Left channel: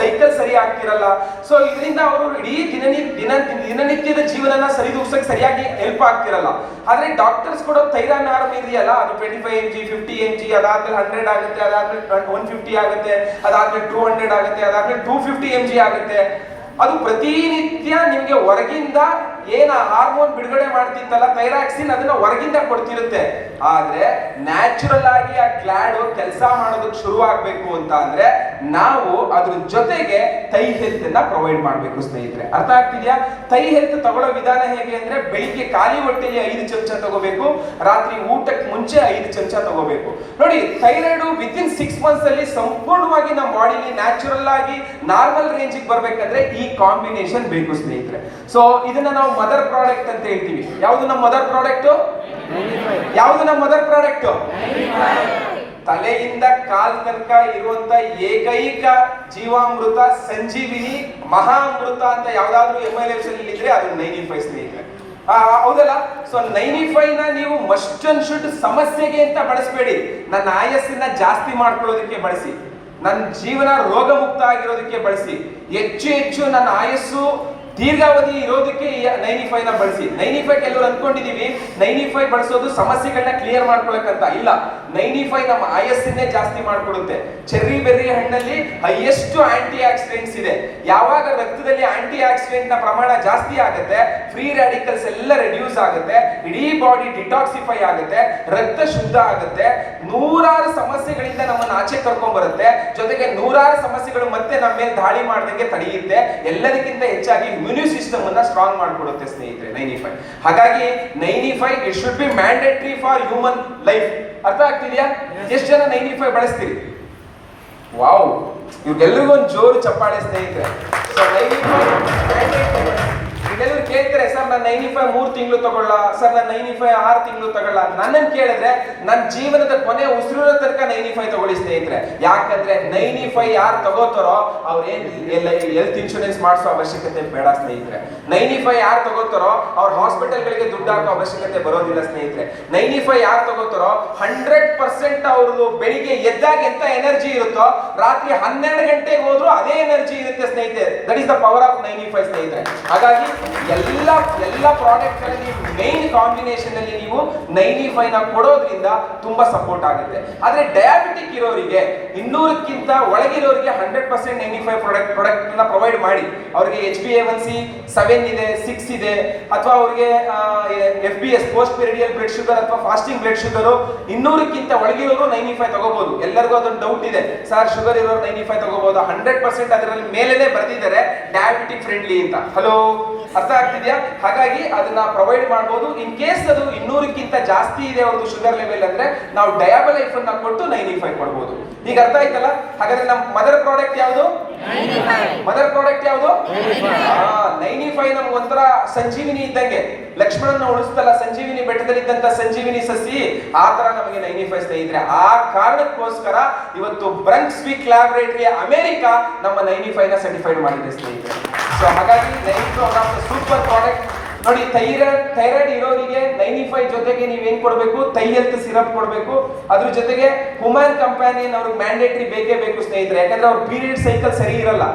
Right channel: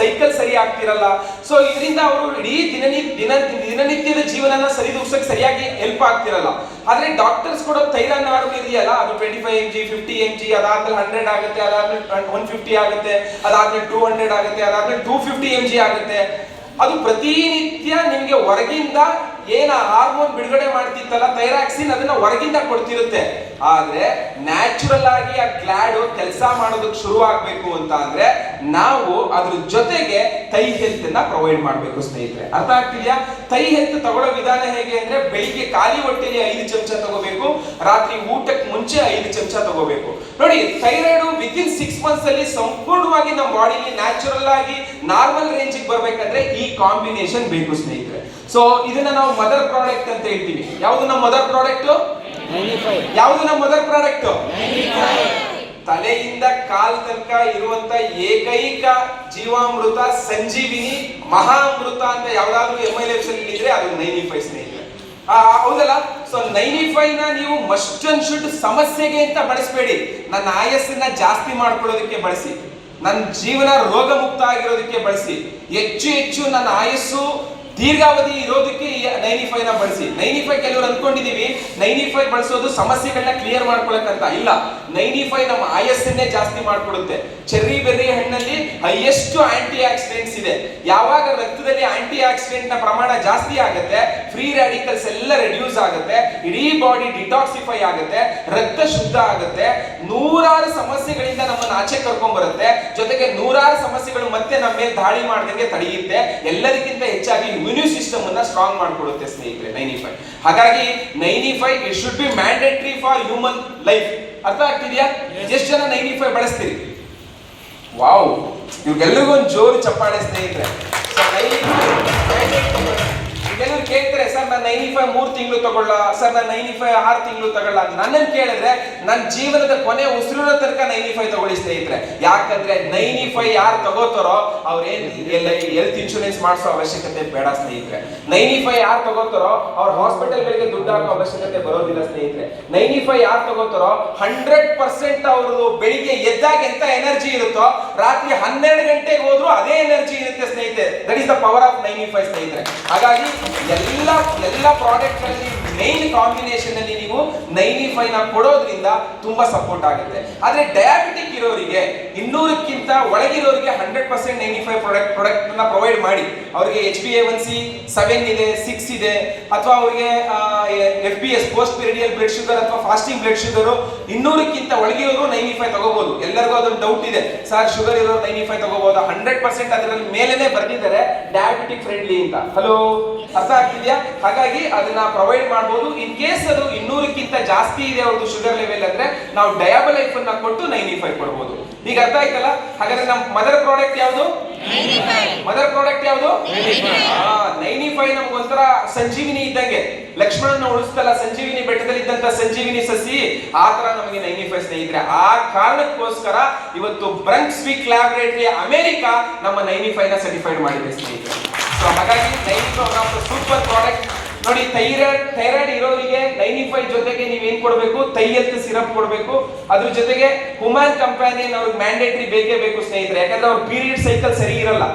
Cycle ಸರಿ ಆಗ್ತಿರಲ್ಲ. So ಇದರಿಂದ ಅವರು ಇಡೀ ದಿನನಿತ್ಯದ ಜೀವನನ ಸರಿದೂಗ್ಸಕ್ಕೆ ಸರಿಯಾಗಿ ಹೆಲ್ಪ್ ಆಗ್ತಿರಲ್ಲ. ಆದ್ರೆ ಡಾಕ್ಟರ್ಸ್ ಕೊಡೋ ಥೈರಾನಾರ್ಮ್ ಇದೆಯಲ್ಲ, ಅದು 25 mg 50 mg, ಅದಾದ್ಮೇಲೆ 100 ಆಗುತ್ತೆ, ಅದಾದ್ಮೇಲೆ 150 ಆಗುತ್ತೆ, ಅದಾದ್ಮೇಲೆ 200 ಆಗುತ್ತೆ, ಅದಾದ್ಮೇಲೆ 250 mg ಆಗುತ್ತೆ. ಅದು ಪ್ರತಿನಿತ್ಯ ನಿಮ್ಗೆ ಹೊರಗಿಂದ ಏನ ಹಾರ್ಮೋನ್ ಬಿಡುಗಡೆ ಮಾಡ್ತಿತ್ತಲ್ಲ ಥೈರಾಕ್ಸಿನ್, ಅದನ್ನ ಹೊರಗಿಂದ ಕೊಡ್ತಿರುತ್ತೆ. ಆದ್ರೆ ನ್ಯಾಚುರಲ್ ಆಗಿ ಆ ಗ್ಲ್ಯಾಡ್ ಕೆಲಸ ಮಾಡೋದಕ್ಕೆ ಶುರು ಆಗ್ಬೇಕು ಅಂತ ಅಂದ್ರೆ ನಾವು ಅದ್ರ ಜೊತೆಗೆ ಥೈ ಹೆಲ್ತ್ ಅನ್ನ ಪ್ರೊವೈಡ್ ಮಾಡ್ಬೇಕು ಸ್ನೇಹಿತರೆ. ಅರ್ಥ ಆಗ್ತಿದ್ಯಾ? ಥೈ ಹೆಲ್ತ್ ತಗೊಳ್ಳೋ ವಿಧಾನ ಹೇಗೆ ಅಂದ್ರೆ ಬೆಳಿಗ್ಗೆ ಖಾಲಿ ಹೊಟ್ಟೆಲಿ 5 ಚಮಚ ತಗೋಬೇಕು, ರಾತ್ರಿ ಊಟಕ್ಕೆ ಮುಂಚೆ 5 ಚಮಚ ತಗೋಬೇಕು. ನೋಡಿ, ಥೈರಾಯ್ಡ್ ವಿತಿನ್ 6 months ಅಲ್ಲಿ ಸಂಪೂರ್ಣವಾಗಿ ನಮ್ಮ ಬಾಡಿಲಿ ನ್ಯಾಚುರಲ್ ಆಗಿ ನಾರ್ಮಲ್ ರೇಂಜ್ ಬರ್ಬೇಕಂದ್ರೆ ಈ ಕಾಂಬಿನೇಷನ್ ಬೇಕು ಸ್ನೇಹಿತರೆ. ಸೊ ಇದನ್ನ ನಾವು ಮದರ್ ಪ್ರಾಡಕ್ಟ್ ಅಂತ ಹೇಳ್ತೀವಿ. ಯಾವುದು ನಮ್ಮ ಮದರ್ ಪ್ರಾಡಕ್ಟ್? ಯಾವುದು ನಮ್ಮ ಮದರ್ ಪ್ರಾಡಕ್ಟ್? ತಲೆಯಿಂದ ಕಾಲ್ ತನಕ ಇರುವಂತ ಏಕೈಕ ಜೀವಾಮೃತ ಸಂಜೀವಿನಿ ಮಹಾಮೃತ ಅಂತ ಯಾವ್ದಾದ್ರು MILFs ಇದ್ರೆ ಅದು 95 ಸ್ನೇಹಿತರೆ. ಹೌದಲ್ಲ? ಸೊ 95 ನ ನೀವು ಮಸ್ಟ್ ಅಂಡ್ ಶುಡ್ ಸಮಸ್ಯೆಗೆ ಅಂತ ಬಳಸಬೇಡಿ, ನನ್ನ ಆಯಸ್ಸನ್ನ ಜಾಸ್ತಿ ಮಾಡ್ಕೊಳ್ಳೋದಕ್ಕೆ ಬಳಸಿ, ನನ್ನ ಜೀವನ ರೋಗ ಮುಕ್ತ ಆಗಿರೋದಕ್ಕೆ ಬಳಸಿ, ಹೆಚ್ಚು ನನ್ನ ಆಯಸ್ಸು ದೀರ್ಘಾವಧಿ ಇರೋದಕ್ಕೆ 95 ನ ಬಳಸಿ. 95 ಕೆಲವರು ಅಂದ್ಕೊಂಡಿದೀವಿ 95 ಬಳಸೋದು ಸಮಸ್ಯೆಗಳನ್ನ ಕ್ಲಿಯರ್ ಮಾಡ್ಕೊಳಕ್ಕಂತ. ಇಲ್ಲ, 95 ನಮ್ಮ ಆಯಸ್ಸನ್ನೇ ಜಾಸ್ತಿ ಮಾಡ್ಕೊಡುತ್ತೆ. ಚೆರ್ರಿ ಬೆರ್ರಿ ಹಣ್ಣಲ್ಲಿ ಹೈಯೆಸ್ಟ್ ಆಂಟಿ ಆಕ್ಸಿಡೆಂಟ್ಸ್ ಇದೆ. ಯಾವಾಗ ರಕ್ತದಲ್ಲಿ ಆಂಟಿ ಆಕ್ಸಿಡೆಂಟ್ ನ ಪ್ರಮಾಣ ಜಾಸ್ತಿ ಆಗುತ್ತೆ, ಫ್ರೀ ರ್ಯಾಡಿಕಲ್ಸ್ ಎಲ್ಲ ರೆಡ್ಯೂಸ್ ಆಗುತ್ತೆ, ಇಡೀ ಬಾಡಿ ಡಿಟಾಕ್ಸಿಫೈ ಆಗುತ್ತೆ, ರಕ್ತ ಶುದ್ಧ ಆಗುತ್ತೆ, ನೂರಾರು ಸಮಸ್ಯೆಗಳಿಂದ ನಮ್ಮನ್ನು ಆಚೆ ಕರ್ಕೊಂಡ್ ಬರುತ್ತೆ, ಜೊತೆಗೆ ನೂರಾರು ಸಮಸ್ಯೆಗಳು ಮತ್ತೆ ನಮ್ಮ ಮೇಲೆ ದಾಳಿ ಮಾಡ್ದಂಗೆ ತಡೆಯುತ್ತೆ. ಎಲ್ಲದಕ್ಕಿಂತ ಹೆಚ್ಚಾಗಿ ಇಮ್ಯೂನ್ ಸಿಸ್ಟಮ್ ಅನ್ನ ಸ್ಟ್ರಾಂಗ್ ಮಾಡ್ಕೊಡುತ್ತೆ ಸ್ನೇಹಿತರೆ 95. ಹಾಗಾಗಿ 95 it should be mandatory for human life. ಅರ್ಥ ಆಗ್ತಿದ್ಯಾ? ಎಷ್ಟು ಜನ 95 ಬಳಸ್ತೀರಿ? ವಾವ್, ಇವ್ರಿಗೆಲ್ಲರಿಗೂ ಒಂದು ಜೋರು ಚಪ್ಪಾಳೆ ಸ್ನೇಹಿತರೆ. ಕೆಲವರು ಕೇಳ್ತಾರೆ, ಸರ್ ನಾನು 95 3 ತಿಂಗಳು ತಗೊಳ್ಳ, ಸರ್ ನಾನು 95 6 ತಿಂಗಳು ತಗೊಳ್ಳ ಅಂತ. ನನ್ನನ್ನು ಕೇಳಿದ್ರೆ ನನ್ನ ಜೀವನದ ಕೊನೆ ಉಸಿರಿನ ತನಕ 95 ತಗೊಳ್ಳಿ ಸ್ನೇಹಿತರೆ. ಯಾಕಂದ್ರೆ 95 ಯಾರು ತಗೋತಾರೋ ಅವ್ರೇನ್ ಹೆಲ್ತ್ ಇನ್ಶೂರೆನ್ಸ್ ಮಾಡಿಸೋ ಅವಶ್ಯಕತೆ ಬೇಡ ಸ್ನೇಹಿತರೆ. 95 ಯಾರು ತಗೋತಾರೋ ಅವ್ರ ಹಾಸ್ಪಿಟಲ್ಗಳಿಗೆ ದುಡ್ಡು ಹಾಕೋ ಅವಶ್ಯಕತೆ ಬರೋದಿಲ್ಲ ಸ್ನೇಹಿತರೆ. 95 ಯಾರು ತಗೋತಾರೋ 100% ಅವರು ಬೆಳಿಗ್ಗೆ ಎದ್ದಾಗ ಎಂತ ಎನರ್ಜಿ ಇರುತ್ತೋ ರಾತ್ರಿ 12 ಗಂಟೆಗೆ ಹೋದ್ರು ಅದೇ ಎನರ್ಜಿ ಇರುತ್ತೆ ಸ್ನೇಹಿತರೆ. That is the power of 95 ಸ್ನೇಹಿತರೆ. ಹಾಗಾಗಿ ಎಲ್ಲ ಪ್ರಾಡಕ್ಟ್ ಗಳಲ್ಲಿ ಮೈನ್ ಕಾಂಬಿನೇಷನ್ ಅಲ್ಲಿ ನೀವು 95 ನ ಕೊಡೋದ್ರಿಂದ ತುಂಬಾ ಸಪೋರ್ಟ್ ಆಗುತ್ತೆ. ಆದ್ರೆ ಡಯಾಬಿಟಿಕ್ ಇರೋರಿಗೆ 200ಕ್ಕಿಂತ ಒಳಗಿರೋರಿಗೆ 100% 95 ಪ್ರಾಡಕ್ಟ್ ನ ಪ್ರೊವೈಡ್ ಮಾಡಿ. ಅವರಿಗೆ HbA1c 7 ಇದೆ, 6 ಇದೆ, ಅಥವಾ ಅವರಿಗೆ FBS post period blood sugar ಅಥವಾ ಫಾಸ್ಟಿಂಗ್ ಬ್ಲಡ್ ಶುಗರ್ 200ಕ್ಕಿಂತ ಒಳಗಿರೋರು 95 ತಗೋಬಹುದು. ಎಲ್ಲರಿಗೂ ಅದೊಂದು ಡೌಟ್ ಇದೆ, ಸರ್ ಶುಗರ್ ಇರೋರು 95 ತಗೋಬಹುದು? 100% ಅದರಲ್ಲಿ ಮೇಲೇನೆ ಬರ್ತಿದ್ದಾರೆ ಡಯಾಬಿಟಿಕ್ ಫ್ರೆಂಡ್ಲಿ ಅಂತ. ಹಲೋ, ಅರ್ಥ ಆಗ್ತಿದ್ಯಾ? ಹಾಗಾಗಿ ಅದನ್ನ ಪ್ರೊವೈಡ್ ಮಾಡಬಹುದು. ಇನ್ ಕೇಸ್ ಅದು 200ಕ್ಕಿಂತ ಜಾಸ್ತಿ ಇದೆ ಅವ್ರದ್ದು ಶುಗರ್ ಲೆವೆಲ್ ಅಂದ್ರೆ ನಾವು ಡಯಾಬಲೈಫ್ ಅನ್ನ ಕೊಟ್ಟು 95 ಕೊಡಬಹುದು. ಈಗ ಅರ್ಥ ಆಯ್ತಲ್ಲ? ಹಾಗಾದ್ರೆ ನಮ್ಮ ಮದರ್ ಪ್ರಾಡಕ್ಟ್ ಯಾವುದು? ಮದರ್ ಪ್ರಾಡಕ್ಟ್ ಯಾವುದು? 95 ನಮ್ಗೆ ಒಂಥರ ಸಂಜೀವಿನಿ ಇದ್ದಂಗೆ. ಲಕ್ಷ್ಮಣನ ಉಳಿಸ್ತಲ್ಲ ಸಂಜೀವಿನಿ ಬೆಟ್ಟದಲ್ಲಿದ್ದಂತ ಸಂಜೀವಿನಿ ಸಸಿ, ಆ ತರ ನಮಗೆ 95 ಸ್ನೇಹಿತರೆ. ಆ ಕಾರಣಕ್ಕೋಸ್ಕರ ಇವತ್ತು ಬ್ರಂಕ್ಸ್ವಿಕ್ ಲ್ಯಾಬೊರೇಟರಿ ಅಮೆರಿಕ ನಮ್ಮ 95 ನ ಸರ್ಟಿಫೈಡ್ ಮಾಡಿದೆ ಸ್ನೇಹಿತರೆ. ಸೊ ಹಾಗಾಗಿ 95 ಸೂಪರ್ ಪ್ರಾಡಕ್ಟ್. ನೋಡಿ, ಥೈರಾಯ್ಡ್ ಇರೋರಿಗೆ 95 ಜೊತೆಗೆ ನೀವೇನ್ ಕೊಡಬೇಕು? ಥೈ ಹೆಲ್ತ್ ಸಿರಪ್ ಕೊಡಬೇಕು. ಅದ್ರ ಜೊತೆಗೆ ಹುಮಾನ್ ಕಂಪ್ಯಾನಿಯನ್ ಅವ್ರಿಗೆ ಮ್ಯಾಂಡೇಟರಿ ಬೇಕೇ ಬೇಕು ಸ್ನೇಹಿತರೆ. ಯಾಕಂದ್ರೆ ಅವ್ರ ಪೀರಿಯಡ್ ಸೈಕಲ್ ಸರಿ ಇರಲ್ಲ.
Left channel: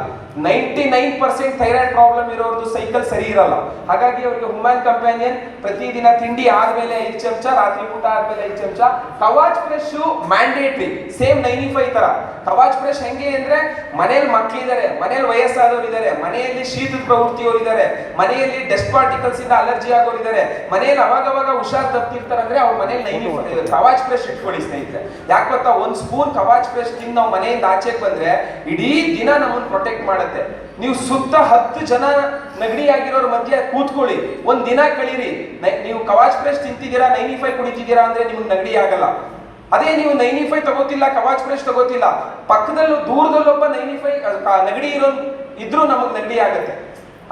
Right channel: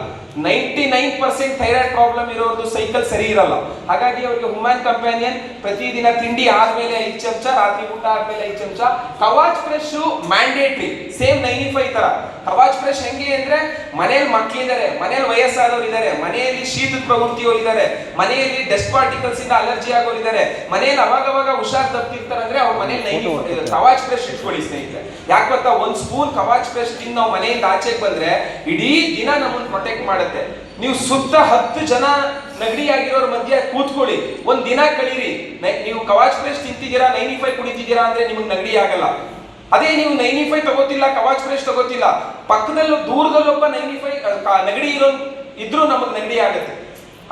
99% ಥೈರಾಯ್ಡ್ ಪ್ರಾಬ್ಲಮ್ ಇರೋದು ಸೈಕಲ್ ಸರಿ ಇರಲ್ಲ. ಹಾಗಾಗಿ ಅವರಿಗೆ ಹುಮಾನ್ ಕಂಪ್ಯಾನಿಯನ್ ಪ್ರತಿದಿನ ತಿಂಡಿ ಆದ್ಮೇಲೆ 5 ಚಮಚ, ರಾತ್ರಿ ಊಟ ಆದ್ಮೇಲೆ 5 ಚಮಚ. ಕವಾಚ್ ಫ್ರೆಶ್ ಮ್ಯಾಂಡೇಟರಿ, ಸೇಮ್ 95 ತರ. ಕವಾಚ್ ಫ್ರೆಶ್ ಹೆಂಗೆ ಅಂದ್ರೆ ಮನೆಯಲ್ಲಿ ಮಕ್ಕಳಿದ್ದಾರೆ, ಮನೆಯಲ್ಲಿ ವಯಸ್ಸಾದವರು ಇದ್ದಾರೆ, ಮನೆಯಲ್ಲಿ ಶೀತದ ಪ್ರವೃತ್ತಿಯವರು ಇದ್ದಾರೆ, ಮನೆಯಲ್ಲಿ ಡಸ್ಟ್ ಪಾರ್ಟಿಕಲ್ಸ್ ಇಂದ ಅಲರ್ಜಿ ಆಗೋರು ಇದ್ದಾರೆ, ಮನೆಯಲ್ಲಿ ಅವಾಗವಾಗ ಹುಷಾರ್ ತಪ್ಪಿರ್ತಾರೆ ಅಂದ್ರೆ ಅವ್ರ ಮನೆಯಲ್ಲಿ 95 ಕವಾಚ್ ಫ್ರೆಶ್ ಇಟ್ಕೊಳ್ಳಿ ಸ್ನೇಹಿತರೆ. ಯಾಕೆ ಗೊತ್ತಾ? 1 ಸ್ಪೂನ್ ಕವಾಚ್ ಫ್ರೆಶ್ ತಿಂದು ನಾವು ಮನೆಯಿಂದ ಆಚೆಗೆ ಬಂದ್ರೆ ಇಡೀ ದಿನ ನಮ್ಮನ್ನು ಪ್ರೊಟೆಕ್ಟ್ ಮಾಡುತ್ತೆ. ನೀವು ಸುತ್ತ 10 ಜನ ನೆಗಡಿ ಆಗಿರೋರ ಮಧ್ಯೆ ಕೂತ್ಕೊಳ್ಳಿ, ಒಂದ್ ದಿನ ಕಳೀರಿ. ನೀವು ಕವಾಚ್ ಫ್ರೆಶ್ ತಿಂತಿದ್ದೀರಾ, 95 ಕುಡಿತಿದ್ದೀರಾ ಅಂದ್ರೆ ನಿಮ್ಗೆ ನೆಗಡಿ ಆಗಲ್ಲ. ಅದೇ ನೀವು 95 ತಗೋತಿಲ್ಲ, ಕವಾಚ್ ಫ್ರೆಶ್ ತಗೋತಿಲ್ಲ, ಪಕ್ಕದಲ್ಲಿ ದೂರದಲ್ಲಿ ಒಬ್ಬ 95 ನೆಗಡಿ ಇರೋ ಇದ್ರೂ ನಮಗೆ ನೆಗಡಿ ಆಗುತ್ತೆ.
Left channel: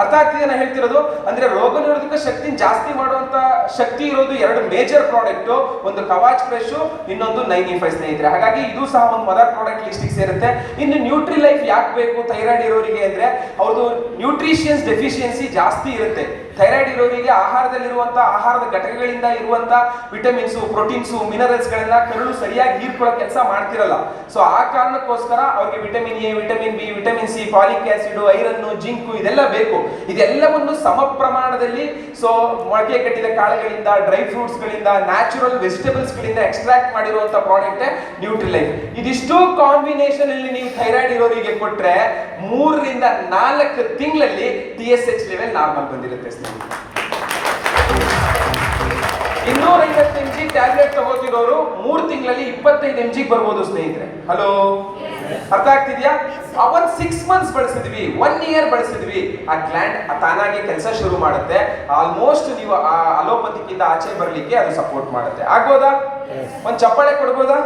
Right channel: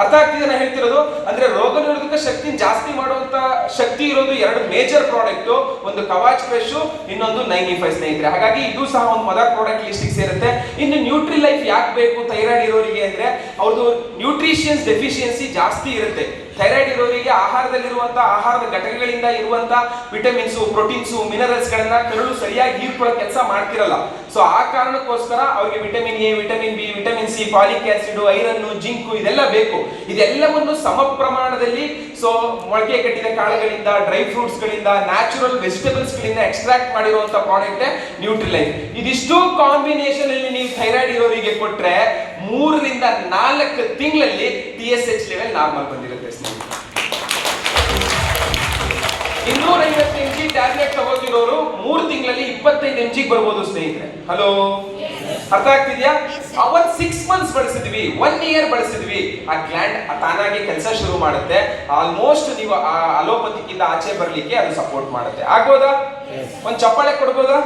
ಅರ್ಥ ಆಗ್ತಿದೆ ನಾನು ಹೇಳ್ತಿರೋದು? ಅಂದ್ರೆ ರೋಗ ನಿರೋಧಕ ಶಕ್ತಿ ಜಾಸ್ತಿ ಮಾಡುವಂತ ಶಕ್ತಿ ಇರೋದು 2 ಮೇಜರ್ ಪ್ರಾಡಕ್ಟ್, ಒಂದು ಕವಾಚ್ ಫ್ರೆಶ್, ಇನ್ನೊಂದು 95 ಸ್ನೇಹಿತರೆ. ಹಾಗಾಗಿ ಇದು ಸಹ ಒಂದು ಮದರ್ ಪ್ರಾಡಕ್ಟ್ ಲಿಸ್ಟಿಗೆ ಸೇರುತ್ತೆ. ಇನ್ನು ನ್ಯೂಟ್ರಿ ಲೈಫ್ ಯಾಕೆ ಬೇಕು ಥೈರಾಯ್ಡ್ ಇರೋರಿಗೆ ಅಂದ್ರೆ ಅವ್ರದ್ದು ನ್ಯೂಟ್ರಿಷಿಯನ್ಸ್ ಡೆಫಿಷಿಯನ್ಸಿ ಜಾಸ್ತಿ ಇರುತ್ತೆ. ಥೈರಾಯ್ಡ್ ಇರೋರಿಗೆ ಆಹಾರದ ಘಟಕಗಳಿಂದ ಇರುವಂತ ವಿಟಮಿನ್ಸ್, ಪ್ರೋಟೀನ್ಸ್, ಮಿನರಲ್ಸ್ ಗಳನ್ನ ಕರಳು ಸರಿಯಾಗಿ ಹೀರ್ಕೊಳ್ಳೋ ಕೆಲಸ ಮಾಡ್ತಿರಲ್ಲ. ಸೊ ಆ ಕಾರಣಕ್ಕೋಸ್ಕರ ಅವ್ರಿಗೆ vitamin A, vitamin B, vitamin C, folic acid, iron, zinc ಇದೆಲ್ಲ ಬೇಕು. ಇದೆಲ್ಲವನ್ನು ಸಮ ಪ್ರಮಾಣದಲ್ಲಿ ಸೊ ಮೊಳಕೆ ಕಟ್ಟಿದ ಕಾಳುಗಳಿಂದ, ಡ್ರೈ ಫ್ರೂಟ್ಸ್ ಗಳಿಂದ, ನ್ಯಾಚುರಲ್ ವೆಜಿಟೇಬಲ್ಸ್ ಗಳಿಂದ ಎಕ್ಸ್ಟ್ರಾಕ್ಟ್ ಮಾಡಿರುವಂತ ಪ್ರಾಡಕ್ಟ್ ನ್ಯೂಟ್ರಿಲೈಫ್. ಇದಿಷ್ಟು ಕಾಂಬಿನೇಷನ್ ಅಲ್ಲಿ ನೀವು ಥೈರಾಯ್ಡ್ ಇರೋರಿಗೆ ಕೊಟ್ರೆ 3 ರಿಂದ 4 ತಿಂಗಳಲ್ಲಿ TSH ಲೆವೆಲ್ ನಾರ್ಮಲ್ ಬಂದಿರುತ್ತೆ ಸ್ನೇಹಿತರೆ. 250 mg ಟ್ಯಾಬ್ಲೆಟ್ ತಗೋತಿರೋರು 3 ತಿಂಗಳಲ್ಲಿ 25 mg ಬರ್ಬೋದು ಸ್ನೇಹಿತರೆ. ಹಲೋ, ಅರ್ಥ ಆಗ್ತಿದ್ಯಾ? ಅವನ್ 6 ಮಂತ್ಸ್ ಬಳಸಿದ್ವಿ, 1 ಇಯರ್ ಬಳಸಿದ್ವಿ, ಆ ಗ್ಲ್ಯಾಂಡ್ ತಾನಾಗೆ ಕೆಲಸ ಶುರು ಮಾಡುತ್ತೆ. ಆಲ್ಮೋಸ್ಟ್ ನೀವು ಆ ಅಲೋಪತಿಕ್ಕಿಂದ ಆಚೆ ಬರ್ಲಿಕ್ಕೆ ಅದು ಸಪೋರ್ಟ್ ಮಾಡುತ್ತೆ. ಆಗ್ಬೋದಾ? ಒಂದ್ ಚಪ್ಪಾಳೆ ಕೊಡ್ಬೋದಾ?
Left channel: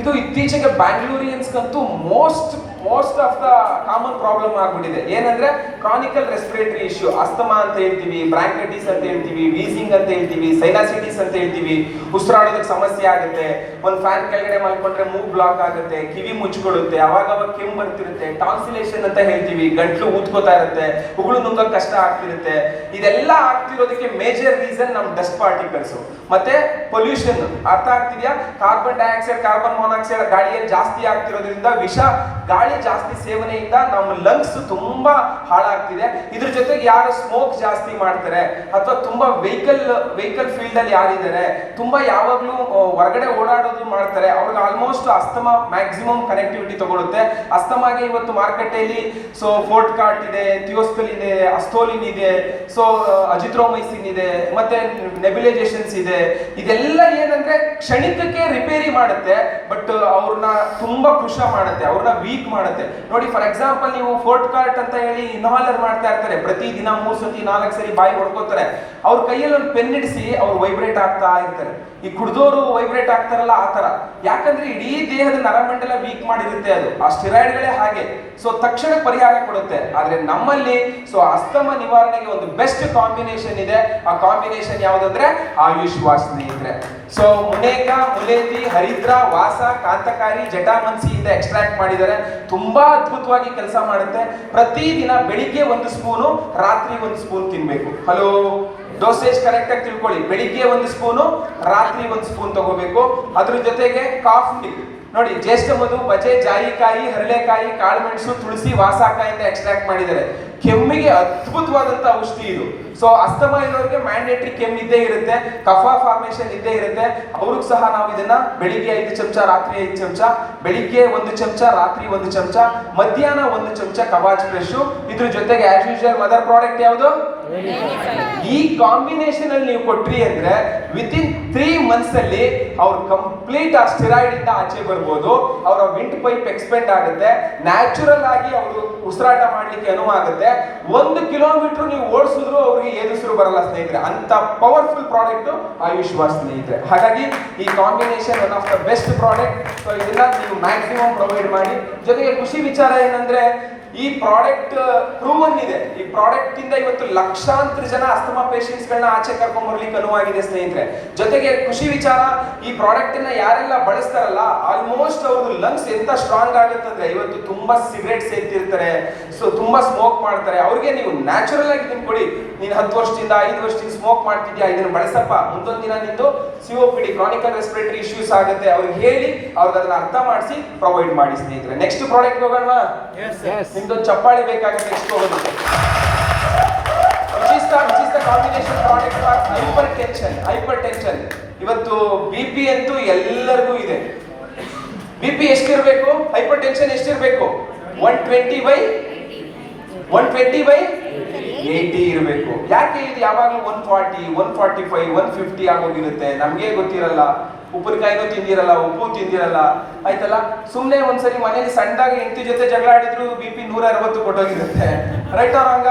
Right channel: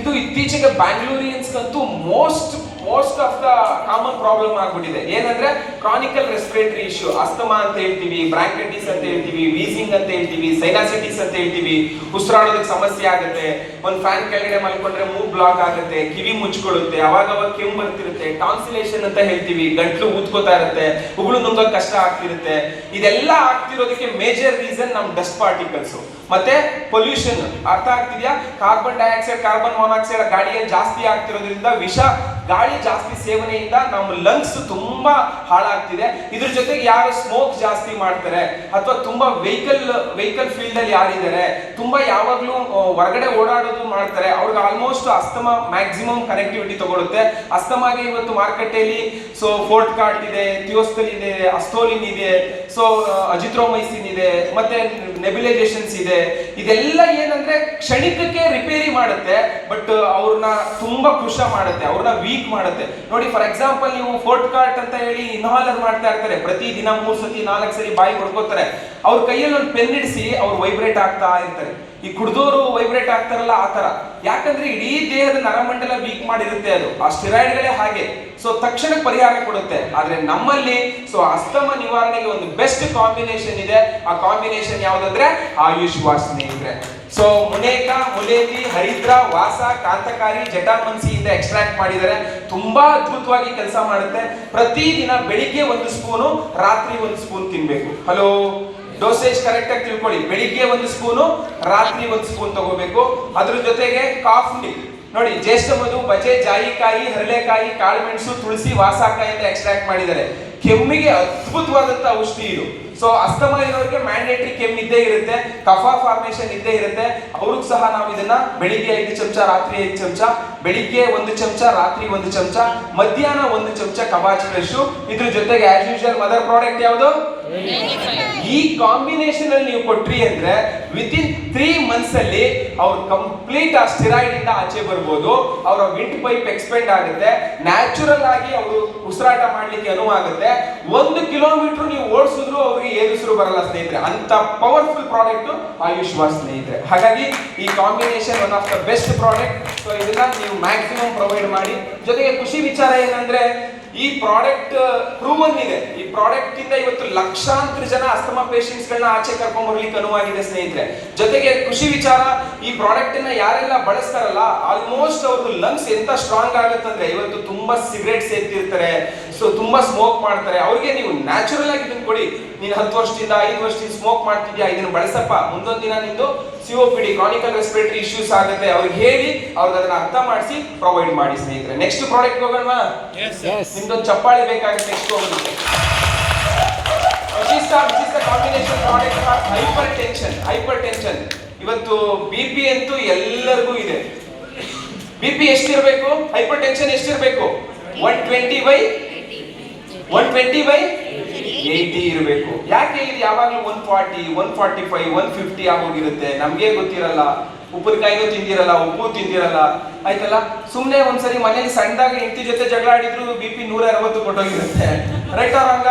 ಇದು ಇತ್ತೀಚೆಗೆ ಬ್ಯಾಂಗ್ಳೂರಿಯನ್ಸ್ಗಂತೂ most of the common problem ಆಗ್ಬಿಟ್ಟಿದೆ. ಏನಂದ್ರೆ ಕ್ರಾನಿಕಲ್ ರೆಸ್ಪಿರೇಟರಿ ಇಶ್ಯೂ, ಅಸ್ತಮಾ ಅಂತ ಹೇಳ್ತೀವಿ, ಬ್ರಾಂಕೈಟಿಸ್ ಅಂತ ಹೇಳ್ತೀವಿ, ವೀಸಿಂಗ್ ಅಂತ ಹೇಳ್ತೀವಿ, ಸೈನಾಸಿಟಿಸ್ ಅಂತ ಹೇಳ್ತೀವಿ. ಉಸಿರಾಡೋದಕ್ಕೆ ಸಮಸ್ಯೆ ಆಗುತ್ತೆ, ಒಂದು ಫ್ಯಾನ್ ಕೆಳಗಡೆ ಮಲ್ಕೊಂಡ್ರೆ ಮೂಗ್ ಬ್ಲಾಕ್ ಆಗುತ್ತೆ, ಕಿವಿ ಮುಚ್ಕೊಳ್ಳುತ್ತೆ, ಅವಾಗ ಕೆಮ್ಮು ಬರ್ತಿರುತ್ತೆ, ಟಾನ್ಸಿಲೇಷನ್ ಅಂತ ಹೇಳ್ತೀವಿ, ಗಂಟ್ಲು ಊದ್ಕೋತಾ ಇರುತ್ತೆ, ಉಗುಳು ನುಂಗೋಕ್ ಕಷ್ಟ ಆಗ್ತಿರುತ್ತೆ. ಇದೆಲ್ಲ ಆಗ್ತಿರೋದಕ್ಕೆ ಮೇಜರ್ ರೀಸನ್ ನಮ್ ಡಸ್ಟ್ ಪಾರ್ಟಿಕಲ್ಸ್ ಮತ್ತೆ ಪೊಲ್ಯೂಷನ್. ಅರ್ಥ ಆಗ್ತಿದ್ಯಾ? ಕಾರ್ಬನ್ ಡೈಆಕ್ಸೈಡ್, ಕಾರ್ಬನ್ ಮಾನಾಕ್ಸೈಡ್ ಗಾಳಿಯಲ್ಲಿ ಜಾಸ್ತಿ ಆಗ್ತಿರೋದ್ರಿಂದ, ವಿಷ ಗಾಳಿ ಜಾಸ್ತಿ ಸೇವನೆಯಿಂದ ನಮ್ಮ ಲಂಗ್ಸ್ ತುಂಬಾ ಹಾಳಾಗ್ತಿದೆ. ಇದ್ರ ಜೊತೆಗೆ ಯಾರು ಸ್ಮೋಕ್ ಜಾಸ್ತಿ ಮಾಡ್ತಾರೆ ಅಥವಾ ತುಂಬಾ ವೆಹಿಕಲ್ ಫೀಲ್ಡ್ ಅಲ್ಲಿ ಯಾರಿದ್ದಾರೆ, ತುಂಬಾ ಯಾವಾಗ್ಲೂ ಹೊರಗಡೆ ಓಡಾಡೋದು ಮಾಡ್ತಾರೆ, ಅವ್ರಿಗೆ ಆಲ್ಮೋಸ್ಟ್ ಅಸ್ತಮಾ ಮ್ಯಾಕ್ಸಿಮಮ್ ಕನೆಕ್ಟಿವಿಟಿ ತಗೊಳುತ್ತೆ. ಅಸ್ತಮಾಗೆ ಇವತ್ತು ಮಾರ್ಕೆಟಲ್ಲಿ ಸೊ ಫೋರ್ಟ್ಕಾರ್ಟ್ ಇದೆ, ಥಿಯೋಸ್ಟಲ್ ಇದೆ, ಅಸ್ತೋಲಿನ್ ಇದೆ, ಸೊ ಅಜಿಥ್ರೋಮೈಸಿನ್ ಇದೆ, ಮತ್ತೆ ನೆಬ್ಯುಲೈಸೇಷನ್ಸ್ ಇದೆ. ಇದೆಲ್ಲ ಏನಂದ್ರೆ ಕ್ಷಣಿಕಕ್ಕೆ ರಿಪೇರಿ ಮಾಡುತ್ತೆ, ಬಟ್ ಅವ್ರನ್ನ ತುಂಬಾ ಕೃಶ ಮಾಡುತ್ತೆ, ಅವ್ರನ್ನ ವೀಕ್ ಮಾಡುತ್ತೆ. ನೋಡಿ, ಫಾರ್ ಎಕ್ಸಾಂಪಲ್ ನೀವು ಫೋರ್ಟ್ಕಾರ್ಟ್ ಅಂತ ಹೇಳಿ ಇನ್ಹಾಲರ್ ಮಾಡ್ತಾ ಇರ್ತಾರೆ, ಪ್ರತಿ ದಿನ 3 ಸತಿ 4 ಸರಿ ಬಾಯಿ ಹೊಡ್ಕೋತಾರೆ. ಅವ್ರ ಕೈಯಲ್ಲಿ ಒಂದು ಪೆನ್ ಇಡಿಸಿ ಅವ್ರು ವೈಬ್ರೇಟ್ ಆಗ್ತಾ ಇರ್ತಾರೆ. ಈ ಕುಡ್ದೋರು ವೈಬ್ರೇಟ್ ಆಗ್ತಾರಲ್ಲ ಆ ತರ. ಯಾಕಂದ್ರೆ ಇಡೀ ದೇಹದ ನರಮಂಡಲ ವೀಕ್ ಮಾಡಿರುತ್ತೆ ಅದು, ಆ ಸ್ಟೆರಾಯ್ಡ್ಗಳೇ ಹಾಗೆ. ಸೊ ತಕ್ಷಣ ಪರಿಹಾರ ಕೊಡುತ್ತೆ. ಆದ್ರೆ ನಮ್ಮಲ್ಲಿ ಸೊ ಅಸ್ತಮ ನಿವಾರಣೆಗೆ ಒಂದು ಬೆಸ್ಟ್ ಕಾಂಬಿನೇಷನ್ ಇದೆ. ಆ ಕಾಂಬಿನೇಷನ್ ಯಾವ್ದಂದ್ರೆ ಆಯುಷ್ ವಾಸನೆ ಇದ್ರೆ. ಸೊ ಮುನೇಕ, ಮುನೇತಿ, ಹರಿದ್ರ, ವಾಸ, ಕಾಂತಕಾರಿ, ಜಟಾಮನ್ಸಿ ಇಂದ ಎಕ್ಸ್ಟ್ರಾಕ್ಟ್ ಮಾಡಿದರೆ ತುಂಬಾ ಅದ್ಭುತವಾಗಿ ಕೆಲಸ ಮಾಡುತ್ತೆ. ಪ್ರತಿದಿನ ಬೆಳಿಗ್ಗೆ 1 ಸ್ಪೂನು, ರಾತ್ರಿ 1 ಸ್ಪೂನ್ ತಿನ್ಬೇಕು. ಹಲೋ, ಡೋಸೇಜ್ ಕರೆಕ್ಟ್ ಆಗಿ ತಿಳ್ಕೊಳ್ಳಿ. ಬೆಳಿಗ್ಗೆ 1 ಸ್ಪೂನು, ರಾತ್ರಿ 1 ಸ್ಪೂನ್ ತಗೋಬೇಕು. ಅದ್ರ ಜೊತೆಗೆ ಕಾಫಿ ನೋಡಿ, ಜ್ಯೇಷ್ಠ ಮಧು, ಬಜೆ, ಜಾಯಿಕಾಯಿ, ಹರಳೆಕಾಯಿ, ಕಾಳುಮೆಣಸು, ತುಳಸಿ, ವಾಸಕಾಯಿಂದ ಎಕ್ಸ್ಟ್ರಾಕ್ಟ್ ಮಾಡಿದ್ದಾರೆ. ಕೆಮ್ಮಿಗೆ ಅದ್ಭುತವಾದಂತ ಔಷಧಿ ಇದು. ಸೊ ಅಸ್ತಮಾ ಇರೋರಿಗೆ ಮ್ಯಾಂಡೇಟರಿ ಕೆಮ್ಮು ಇದ್ದೇ ಇರುತ್ತೆ, ಕಫ ಫಾರ್ಮೇಶನ್ ಇದ್ದೇ ಇರುತ್ತೆ. ಅವ್ರಿಗೂ ಸಹ ನಾವು ಇದನ್ನ ಬೆಳಿಗ್ಗೆ 5 ಚಮಚ, ರಾತ್ರಿ 5 ಚಮಚ, ಬೆಳಿಗ್ಗೆ 1 ಚಮಚ, ರಾತ್ರಿ 1 ಚಮಚ, ಮಧ್ಯಾಹ್ನ 1 ಚಮಚ ಕವಾಚ್ ಫ್ರೆಶ್. ಇದ್ರ ಜೊತೆಗೆ ಆಸ್ ಯೂಶುವಲ್ ಮದರ್ ಪ್ರಾಡಕ್ಟ್ ಯಾವುದು? ಈ ಕಾಂಬಿನೇಷನ್ ಅಲ್ಲಿ ನೀವು ಕೊಟ್ರಿ ಅಂದ್ರೆ ವಿತಿನ್ 3 ಮಂತ್ಸ್ ಅಲ್ಲಿ ಅವ್ರು ಕಂಪ್ಲೀಟ್ ಆ ಸ್ಟೆರಾಯ್ಡ್ ಇಂದ ಆಚೆ ಬರ್ಬೋದು. ಅವರ ವಿಂಡ್ ಪೈಪ್ ಎಕ್ಸ್ಪೆಂಡ್ ಆಗುತ್ತೆ, ನ್ಯಾಚುರಲ್ ಆಗಿ ಅವರು ಉಸಿರಾಟ ಮಾಡ್ಲಿಕ್ಕೆ ಅನುವಾಗುತ್ತೆ. 1 ಕಿಲೋಮೀಟರ್ ನೀವು ಓಡಿಸಿದ್ರು ಅವ್ರಿಗೆ ಏನುಸಿರು ಬರಲ್ಲ ಸ್ನೇಹಿತರೆ. ಅಂತ ಪವರ್ಫುಲ್ ಪ್ರಾಡಕ್ಟ್ ಆಯುಷ್ ವಾಸ್ ಸ್ನೇಹಿತರೆ. ಹಾಗಾಗಿ ಈ combination one of the best product. So ಇದನ್ನ ನೀವು ಮ್ಯಾಕ್ಸಿಮಮ್ ಪ್ರೊವೈಡ್ ಮಾಡಿ. ಜೊತೆಗೆ ಖುಷಿ ವಿಚಾರ ಏನಂದ್ರೆ ಈ ಪ್ರಾಡಕ್ಟ್ ಪ್ರೂವನ್ ಇದೆ. ಈ ಪ್ರಾಡಕ್ಟ್ ಇಂದ ಇವತ್ತು ಲಕ್ಷಾಂತರ ಜನ ಅಸ್ತಮಾ ಪೇಷಂಟ್ಸ್ ಗಳನ್ನ ಆಚೆ ಕರ್ಕೊಂಡ್ ಬರ್ಲಿಕ್ಕೆ ಅನುವಾಗಿದೆ ಸ್ನೇಹಿತರೆ. ಜೊತೆಗೆ ಖುಷಿ ವಿಚಾರ, ಈ ಪ್ರಾಡಕ್ಟ್ ಅನ್ನ ಯಾರೆಲ್ಲ ಬಳಸ್ತಾರಲ್ಲ ಆಲ್ಮೋಸ್ಟ್ ಅವ್ರದ್ದು ಲಂಗ್ಸ್ ಎಂತ ಸ್ಟ್ರಾಂಗ್ ಆಗುತ್ತಂದ್ರೆ, ಇವತ್ತು ತುಂಬಾ ಸಿಗರೇಟ್ ಸೇರ್ತಿರ್ತಾರೆ, ಸೊ ತುಂಬಾ ಸ್ಮೋಕ್ ಮಾಡ್ತಾರೆ, ಅವ್ರಿಗೆ ನೀವು ನ್ಯಾಚುರಲ್ ಆಗಿ ಇದನ್ನ ಕೊಡಿ. ನೀನ್ 10 ವರ್ಷದಿಂದ 5 ವರ್ಷದಿಂದ ಸ್ಮೋಕ್ ಮಾಡ್ತಿದ್ಯಾ, ಇದನ್ನ ಬಳಸಪ್ಪ, ಮುಂದೊಂದು ದಿನ ನಿಂದು COPD ಕ್ರಾನಿಕಲ್ ರೆಸ್ಪಿರೇಟರಿ ಇಶ್ಯೂಸ್ ಆಗುತ್ತೆ, ಅವ್ರಿಗೆ ಹೇಳಿ ಅವ್ರಿಗೆ ಅದನ್ನ ಅರ್ಥ ಮಾಡಿಸಿ ಪ್ರೊವೈಡ್ ಮಾಡಿ ಸ್ನೇಹಿತರೆ. Next product ಹೋಗೋಣವಾ? ನಿಮ್ದೊಂದು ಚಪ್ಪಾಳೆ ಬೇಕಾಗುತ್ತೆ. ನೆಕ್ಸ್ಟ್ ಹೋಗೋದಕ್ಕೆ combination product for hypertension. ಇವತ್ತು BP ಅಂತೂ ಎಲ್ಲರಿಗೂ ಇದೆ. BP ಎಷ್ಟಿರಬೇಕು? ಹೈಪರ್ ಟೆನ್ಷನ್ ಎಷ್ಟಿರಬೇಕು? 120/80 ಇರಬೇಕು. ಯಾಕೆ ಇದು ಯಾವಾಗಲೂ 140, 145, 150 ಆಗೋಗಿರುತ್ತೆ? ನಮ್ಗೆ ಗೊತ್ತಿರಲ್ಲ. ಉಪ್ಪಿನಕಾಯಿನೂ ತಿಂದಿರಲ್ಲ, ಉಪ್ಪು ತಿಂದಿರಲ್ಲ, ಆಯ್ತಲ್ಲ. ಸುಮ್ನೆ ಒಂದ್ಸರಿ ಮನೇಲಿ ಸಣ್ಣದಾಗ ಹೆಂಡತಿ ಜೊತೆ ಜಗಳ ಆಡಿದ್ರು BP 160 ಕೊಟ್ಟೋಗಿರುತ್ತೆ. ರೈಟ್ ಅವ್ರಂಗ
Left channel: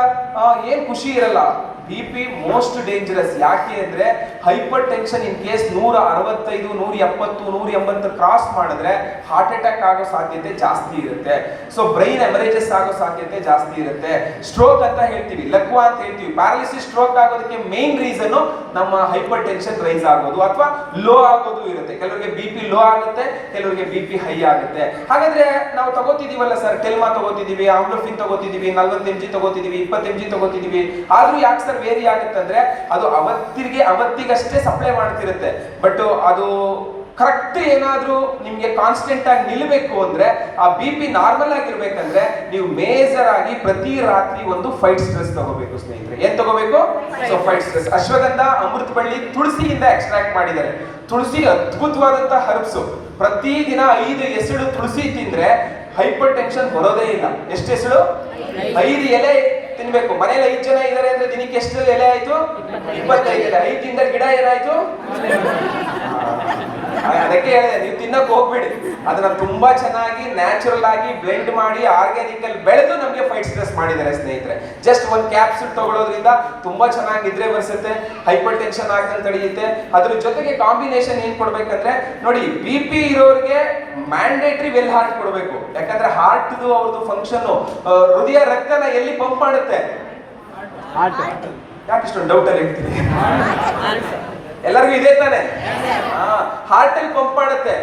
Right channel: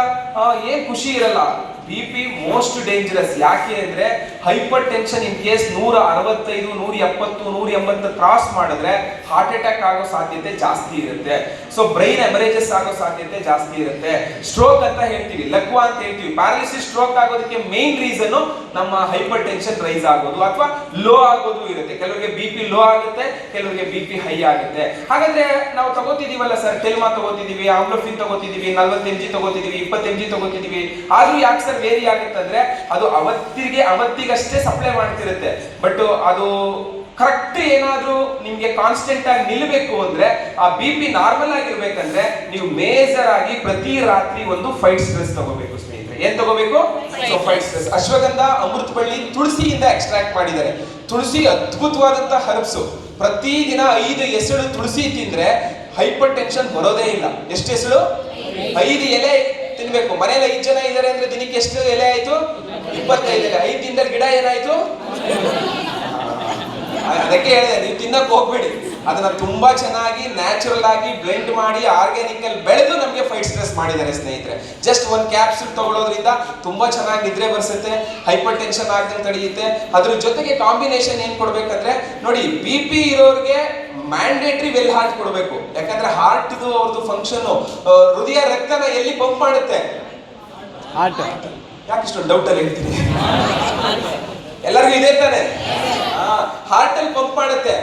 ಏನ್ ಖುಷಿ ಇರಲ್ಲ. BP most dangerous. ಯಾಕೆ ಅಂದ್ರೆ hypertension in case 165, 170, 180 cross ಮಾಡಿದ್ರೆ ಹಾರ್ಟ್ ಅಟ್ಯಾಕ್ ಆಗೋ ಸಾಧ್ಯತೆ ಜಾಸ್ತಿ ಇರುತ್ತೆ. ಸೊ ಬ್ರೈನ್ ಎಮರೇಜಸ್ ಆಗೋ ಸಾಧ್ಯತೆ ಜಾಸ್ತಿ ಇರುತ್ತೆ. ಸ್ಟ್ರೋಕ್ ಅಂತ ಹೇಳ್ತೀವಿ, ಲಕ್ವಾ ಅಂತ ಹೇಳ್ತೀವಿ. ಪ್ಯಾರಾಲಿಸಿಸ್ ಸ್ಟ್ರೋಕ್ ಆಗೋದಕ್ಕೆ ಮೇನ್ ರೀಸನ್ ನಮ್ಮ ಹೈಪರ್ ಟೆನ್ಷನ್ ರೈಸ್ ಆಗೋದು ಅಥವಾ ಲೋ ಆಗೋದು ಇರುತ್ತೆ. ಕೆಲವರಿಗೆ BP ಲೋ ಆಗುತ್ತೆ, ಕೆಲವರಿಗೆ BP ಹೈ ಆಗುತ್ತೆ. ಹಾಗಾದ್ರೆ ನಾವು ತಗೋತಿದೀವಲ್ಲ ಸರ್, ಟೆಲ್ಮಾ ತಗೋತಿದೀವಿ, ಆಮ್ಲೋಫಿನ್ ತಗೋತಿದೀವಿ, 40 mg ತಗೋತಿದೀವಿ, 20 mg ತಗೋತಿದೀವಿ, ಆದ್ರೂ ಯಾಕೆ ಸರ್ ವೇರಿ ಆಗುತ್ತೆ ಅಂದ್ರೆ ಅದು ಅವತ್ತಿಗಷ್ಟೇ ಸಪ್ಲೈ ಮಾಡ್ತಿರುತ್ತೆ. ಬಟ್ ಅದು ಕರೆಕ್ಟ್ ಏನಾದ್ರೂ ನಿಮ್ಗೆ ಕಾನ್ಸ್ಟೆಂಟ್ ಆಗಿ ನಿಲ್ಬೇಕು ಅಂದ್ರೆ, ಆ BP ನಾರ್ಮಲ್ ಆಗಿರ್ಬೇಕಂದ್ರೆ ನೀವು ಮೇಜರ್ ಆಗಿ ಪ್ರತಿ ರಾತ್ರಿ ಒಂದು ಫೈಟ್ ಸ್ಟ್ರೆಸ್ ತಗೋಬೇಕು ಸ್ನೇಹಿತರೆ. ಏನ್ ತಗೋಬೇಕು? So fight stress. ಅಶ್ವಗಂಧ, ಅಮೃತಬಳ್ಳಿ, ತುಳಸಿಯಿಂದ ಎಕ್ಸ್ಟ್ರಾಕ್ಟ್ ಮಾಡಿದ್ದಾರೆ. ತುಳಸಿ ಅದ್ಭುತವಾದಂತ ಹರ್ಬ್ಸ್. ಪ್ರತಿದಿನ 5 ಎಸಳು ತುಳಸಿ ತಿಂದ್ರೆ ಹೈಪರ್ ಟೆನ್ಷನ್ ಬರೋದೇ ಇಲ್ಲ. ಎಷ್ಟು ಎಸಳು? 5 ಎಲೆ ತಿನ್ಬೇಕು. ಮನೇಲಿ 5 ಜನ ಇದಾರೆ ಅಂದ್ರೆ ದಿನಕ್ಕೆ ಎಷ್ಟು ಎಲೆ ಆಯ್ತು? 25 ಎಲೆ. 5 ದಿನದ ಗಿಡ ಏನಾಯ್ತು? ಅದಕ್ಕೆ ಹೇಳಿದೆ, ನೀವು ತಿನ್ನಕ್ ಹೋಗ್ಬಿಡಿ. ಅದನ್ನ ತುಂಬಾ ಚೆನ್ನಾಗಿ ನ್ಯಾಚುರಲ್ ಆಗಿ ಬ್ಲೆಂಡ್ ಮಾಡಿ ಆರ್ಗ್ಯಾನಿಕ್ ಅಲ್ಲಿ ಬೆಳೆದು ನಮಗೆ ಫೈಟ್ ಸ್ಟ್ರೆಸ್ ಮಾಡಿದ್ದಾರೆ ಸ್ನೇಹಿತರೆ. ಜಸ್ಟ್ ಒಂದು ಕ್ಯಾಪ್ಸೂಲ್ ತಗೊಳ್ಳೋದ್ರಿಂದ ತುಂಬಾ ಚೆನ್ನಾಗಿ ನಿದ್ರೆ ಬರ್ಸುತ್ತೆ, ಹೈಪರ್ ಟೆನ್ಷನ್ ಆಗದೆ ತಡೆಯುತ್ತೆ. ಅದ್ರ ಜೊತೆಗೆ ಕಾಂಬಿನೇಷನ್ ಏನ್ ಕೊಡ್ಬೇಕಂದ್ರೆ ನೋಡಿ, BP ಇರೋರಿಗೆ ಮ್ಯಾಂಡೇಟರಿ ವೆಲ್ ಹಾರ್ಟ್ ಕೊಡಬೇಕು. ಯಾಕಂದ್ರೆ ಹಾರ್ಟ್ ಅವ್ರದ್ದು ಫಂಕ್ಷನ್, ಹೃದಯ ರಕ್ತನ ಎಲ್ಲಿ ಪಂಪ್ ಮಾಡುತ್ತೆ? ಯಾಕೆ ಇಷ್ಟೊಂದು ಡೌಟ್ ಅಲ್ಲಿ ಹೇಳ್ತೀನಿ? ಎಲ್ಲರಿಗೂ ಇದೆ ತಾನೆ? ಹಾರ್ಟ್ ಅಲ್ಲಿ ಪಂಪ್ ಮಾಡುತ್ತೆ.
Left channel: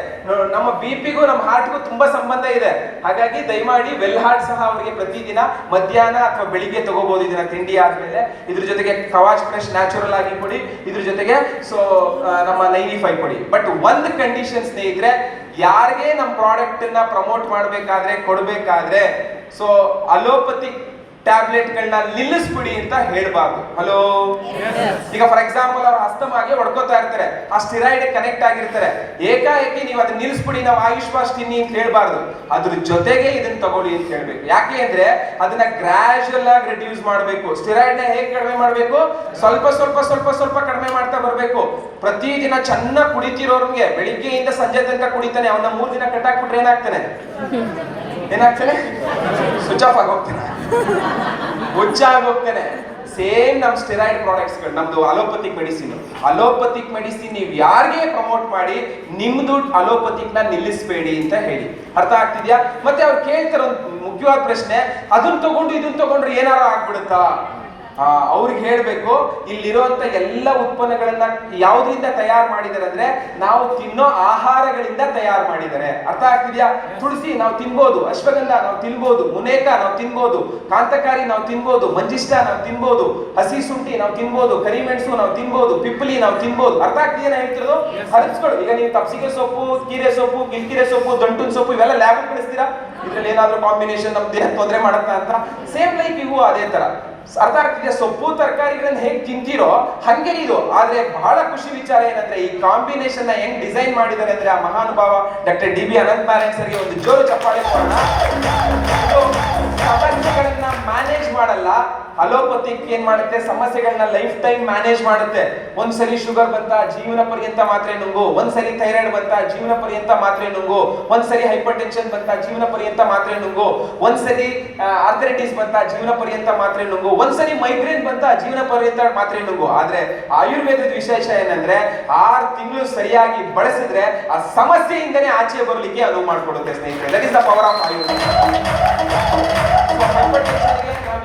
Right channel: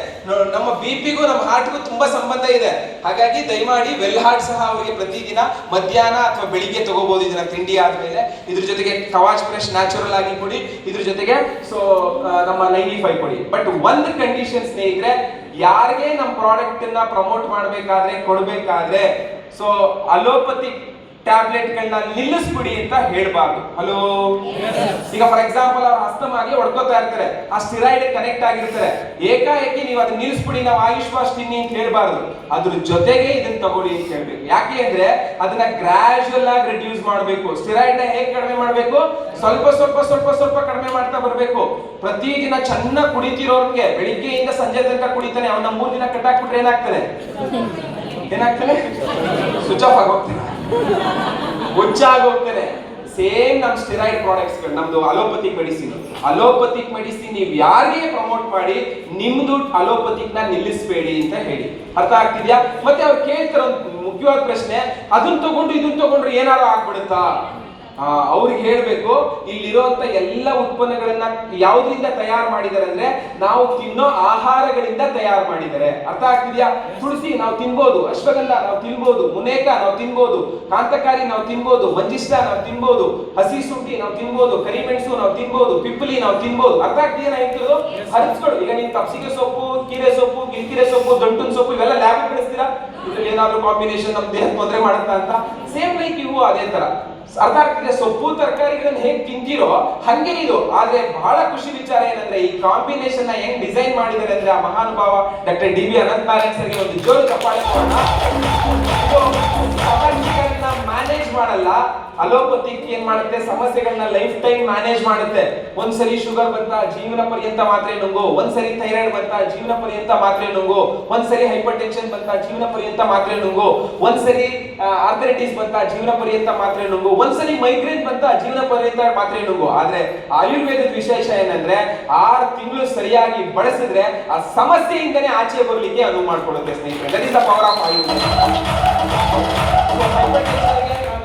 ನಮ್ಮ BPಗೂ ನಮ್ಮ ಹಾರ್ಟ್ಗೂ ತುಂಬಾ ಸಂಬಂಧ ಇದೆ. ಹಾಗಾಗಿ ದಯಮಾಡಿ ವೆಲ್ ಹಾರ್ಟ್ ಸಹ ಅವರಿಗೆ ಪ್ರತಿದಿನ ಮಧ್ಯಾಹ್ನ ಅಥವಾ ಬೆಳಿಗ್ಗೆ ತಗೋಬಹುದು. ಇದನ್ನ ತಿಂಡಿ ಆದ್ಮೇಲೆ ಇದ್ರ ಜೊತೆಗೆ ಕವಾಚ್ ಫ್ರೆಶ್ ನ್ಯಾಚುರಲ್ ಆಗಿ ಕೊಡಿ. ಇದ್ರ ಜೊತೆಗೆ ಸೊ ನಮ್ಮ 95 ಕೊಡಿ. ಬಟ್ ಒಂದು ಕಂಡೀಷನ್ ಸ್ನೇಹಿತರೆ, ಯಾರಿಗೆ ನಮ್ಮ ಪ್ರಾಡಕ್ಟ್ ಅನ್ನ ಪ್ರಮೋಟ್ ಮಾಡ್ಬೇಕಾದ್ರೆ, ಕೊಡ್ಬೇಕಾದ್ರೆ ಸೊ ಅಲೋಪತಿ ಟ್ಯಾಬ್ಲೆಟ್ಗಳನ್ನ ನಿಲ್ಲಿಸ್ಬಿಡಿ ಅಂತ ಹೇಳ್ಬಾರ್ದು. ಹಲೋ, ಈಗ ಫಾರ್ ಎಕ್ಸಾಂಪಲ್ ಅವ್ರ ಅಸ್ತಮಾಗೆ ಹೊಡ್ಕೋತಾ ಇರ್ತಾರೆ, ಆ ಸ್ಟಿರಾಯ್ಡ್ ಕನೆಕ್ಟ್ ಆಗಿರ್ತಾರೆ. ಏಕಾಏಕಿ ನೀವು ಅದನ್ನ ನಿಲ್ಲಿಸ್ಬಿಡಿ, ನಾವು ಆಯುಷ್ಮಾಸ್ ತಿನ್ನಿ ಅಂತ ಹೇಳ್ಬಾರ್ದು. ಅದ್ರ ಜೊತೆಗೆ ಇದನ್ನ ತಗೊಳ್ಳಿ ಅಂತ ಹೇಳ್ಬೇಕು. ಯಾಕೆ ಅಂದ್ರೆ ಅದನ್ನ ಗ್ರಾಜುಯಲ್ ಆಗಿ ರಿಡ್ಯೂಸ್ ಮಾಡಬೇಕು. ಸ್ಟಿರಾಯ್ಡ್ ನ ಹೇಗೆ ಕಡಿಮೆ ಮಾಡಬೇಕು? ಸ್ವಲ್ಪ ಸ್ವಲ್ಪ ಸ್ವಲ್ಪ ಸ್ವಲ್ಪ ಕಡಿಮೆ ಮಾಡ್ತಾ ಬರ್ಬೇಕು. ಪ್ರತಿದಿನ ಚೆನ್ನಾಗಿ ಕುಡಿತಿರೋರ್ಗೆ ಬೆಳಿಗ್ಗೆಯಿಂದ ಸಂಜೆ ತನಕ ಕುಡಿತಾನೆ, ಅವನ 3 ದಿನ ಕಟ್ಟಾಕ್ಬಿಟ್ರೆ ಏನಾಗ್ತಾನೆ? ಸ್ವಿಚ್ ಆಫ್ ಆಗೋಗ್ತಾನೆ, ಹೋಗ್ತಾನೆ. ಸೇಮ್ ನಮ್ ಸ್ಟೆರಾಯ್ಡ್ ಪ್ರಾಡಕ್ಟ್ಸ್ ಗಳು, ನಮ್ದು ಅಲೋಪತಿಕ್ ಮೆಡಿಸಿನ್ ನೀವು ಯಾರಿಗೆ ಪ್ರಮೋಟ್ ಮಾಡಿ ನಿಮ್ದು ಅಲೋಪತಿಕ್ ನ ನಿಲ್ಲಿಸಬೇಡಿ ಅಂತ ಹೇಳಿ. ಅರ್ಥ ಆಗ್ತಿದ್ಯಾ? ಮತ್ತೆ ಅವ್ರು ಕೇಳ್ತಾರ ಒಂದು ಮುಖ್ಯವಾದ ಪ್ರಶ್ನೆ, ಅದನ್ನ ತಗೊಂಡು ಇದನ್ನ ತಗೊಂಡ್ರೆ ಏನಾರು ಆಗ್ಬಿಡುತ್ತಾ? ಅವ್ರಿಗೆ ಹೇಳ್ಬೇಕು, ಇಲ್ಲಿರುವಂತ ಎಲ್ಲ ಉತ್ಪನ್ನಗಳನ್ನ ಯಾವ್ದ್ರಿಂದ ತಯಾರು ಮಾಡಿದ್ದಾರೆ ಅಂದ್ರೆ ನಾವು ತಿನ್ನೋ ಆಹಾರಗಳಿಂದ ತಯಾರು ಮಾಡಿದ್ದಾರೆ. ಅರ್ಥ ಆಗ್ತಿದ್ಯಾ? ತುಳಸಿ ನಾವು ತಿನ್ಬೋದು, ಅಶ್ವಗಂಧ ನಾವು ತಿನ್ಬೋದು, ಮುನೇಕ ನಾವು ತಿನ್ಬೋದು, ಕಾಂತಕಾರಿ ನಾವು ತಿನ್ಬೋದು, ಮಂಜಿಷ್ಟ ನಾವು ತಿನ್ಬೋದು, ಹಸಿ ಶುಂಠಿ ನಾವು ತಿನ್ಬೋದು, ಕರಿಮೆಣಸು ನಾವು ತಿನ್ಬೋದು, ಪಿಪ್ಪಲಿ ನಾವು ತಿನ್ಬೋದು. ಅರ್ಥ ಆಗ್ತಿದೆಯಾ ಹೇಳ್ತಿರೋದು? ಹರಿಸ್ಕೊಡು. ಈಗ ನೀವು ತಪ್ಸಿಗೆ ಸೊಪ್ಪು, ಕೀರೆ ಸೊಪ್ಪು, ಗಿಲ್ಕಿರೆ ಸೊಪ್ಪು, ದಂಟುನ್ ಸೊಪ್ಪು ಇವೆಲ್ಲ ಲ್ಯಾಬ್ ಕಳಿಸ್ತೀರಾ? ಇದ್ರಲ್ಲಿ ಏನಾದ್ರು ಕಾಂಬಿನೇಷನ್ ನಮ್ ದೇಹ ತೊಂದರೆ ಮಾಡುತ್ತಾ ಅಂತ? ಸೇಮ್ ಲೈಕ್ ಇವು ಅದೇ ತರ. ಅರ್ಥ ಆಗ್ತಿದೆ? ಸೊಪ್ಪು ತರಕಾರಿಗಳನ್ನ ಹೇಗೆ ತಿಂತೀರೋ ಹಂಗೆ ಇದು. ಆದ್ರೆ ಬಹಳ ಖುಷಿ ವಿಚಾರ ಏನಂದ್ರೆ ಈ ಕಾಂಬಿನೇಷನ್ ನ ಹೆಂಗ್ ಡಿಸೈನ್ ಮಾಡಿದ್ದಾರೆ ಅಂದ್ರೆ ಆ ಮಹಾನುಭಾವ ಡಾಕ್ಟರ್ DB ಅನಂತ್ ನಾರಾಯಣ್ ಸರ್ಗೆ ಒಂದು ಜೋರು ಚಪ್ಪಾಳೆ ಮಾಡೋಣ. ಸಮಸ್ಯೆಗಳನ್ನ ಮ್ಯಾನೇಜ್ ಮಾಡಲ್ಲ, ಅಲೋಪತಿಕ್ ಏನ್ ಮಾಡುತ್ತೆ? ಸಮಸ್ಯೆಗಳನ್ನ ಲೈಫ್ ಟೈಮ್ ಮ್ಯಾನೇಜ್ ಮಾಡುತ್ತೆ. ಒಂದ್ಸರಿ ಶುಗರ್ ಬಂತ, ಜೀವನ ಪರ್ಯಂತ ಮಾತ್ರೆ ನುಂಗು. ಒಂದ್ಸರಿ ಥೈರಾಯ್ಡ್ ಬಂತ, ಜೀವನ ಪರ್ಯಂತ ಮಾತ್ರೆ ನುಂಗು. ಒಂದ್ಸರಿ ಹೈಪರ್ ಟೆನ್ಷನ್ ಬಂತ, ಜೀವನ ಪರ್ಯಂತ ಮಾತ್ರೆ ನುಂಗು. ಒಂದ್ಸರಿ ಆರ್ಥರೈಟಿಸ್ ಬಂತ, ಜೀವನ ಪರ್ಯಂತ ಮಾತ್ರೆ ನುಂಗು. ಒಂದ್ಸರಿ ಮೈಗ್ರೇನ್ ಬಂತ, ಜೀವನ ಪರ್ಯಂತ ಮಾತ್ರೆ ನುಂಗು. ಆದ್ರೆ ಆಯುರ್ವೇದದ ವಿಶೇಷ ಏನಂದ್ರೆ 6 ತಿಂಗಳು ಸರಿಯಾಗಿ ಬಳಸಿದ್ರೆ ಆ ಸಮಸ್ಯೆಯಿಂದನೇ ಆಚೆ ಬರ್ಲಿಕ್ಕೆ ಅನುವು ಮಾಡ್ಕೊಡುತ್ತೆ ಸ್ನೇಹಿತರೆ. That is the power of Ayurveda.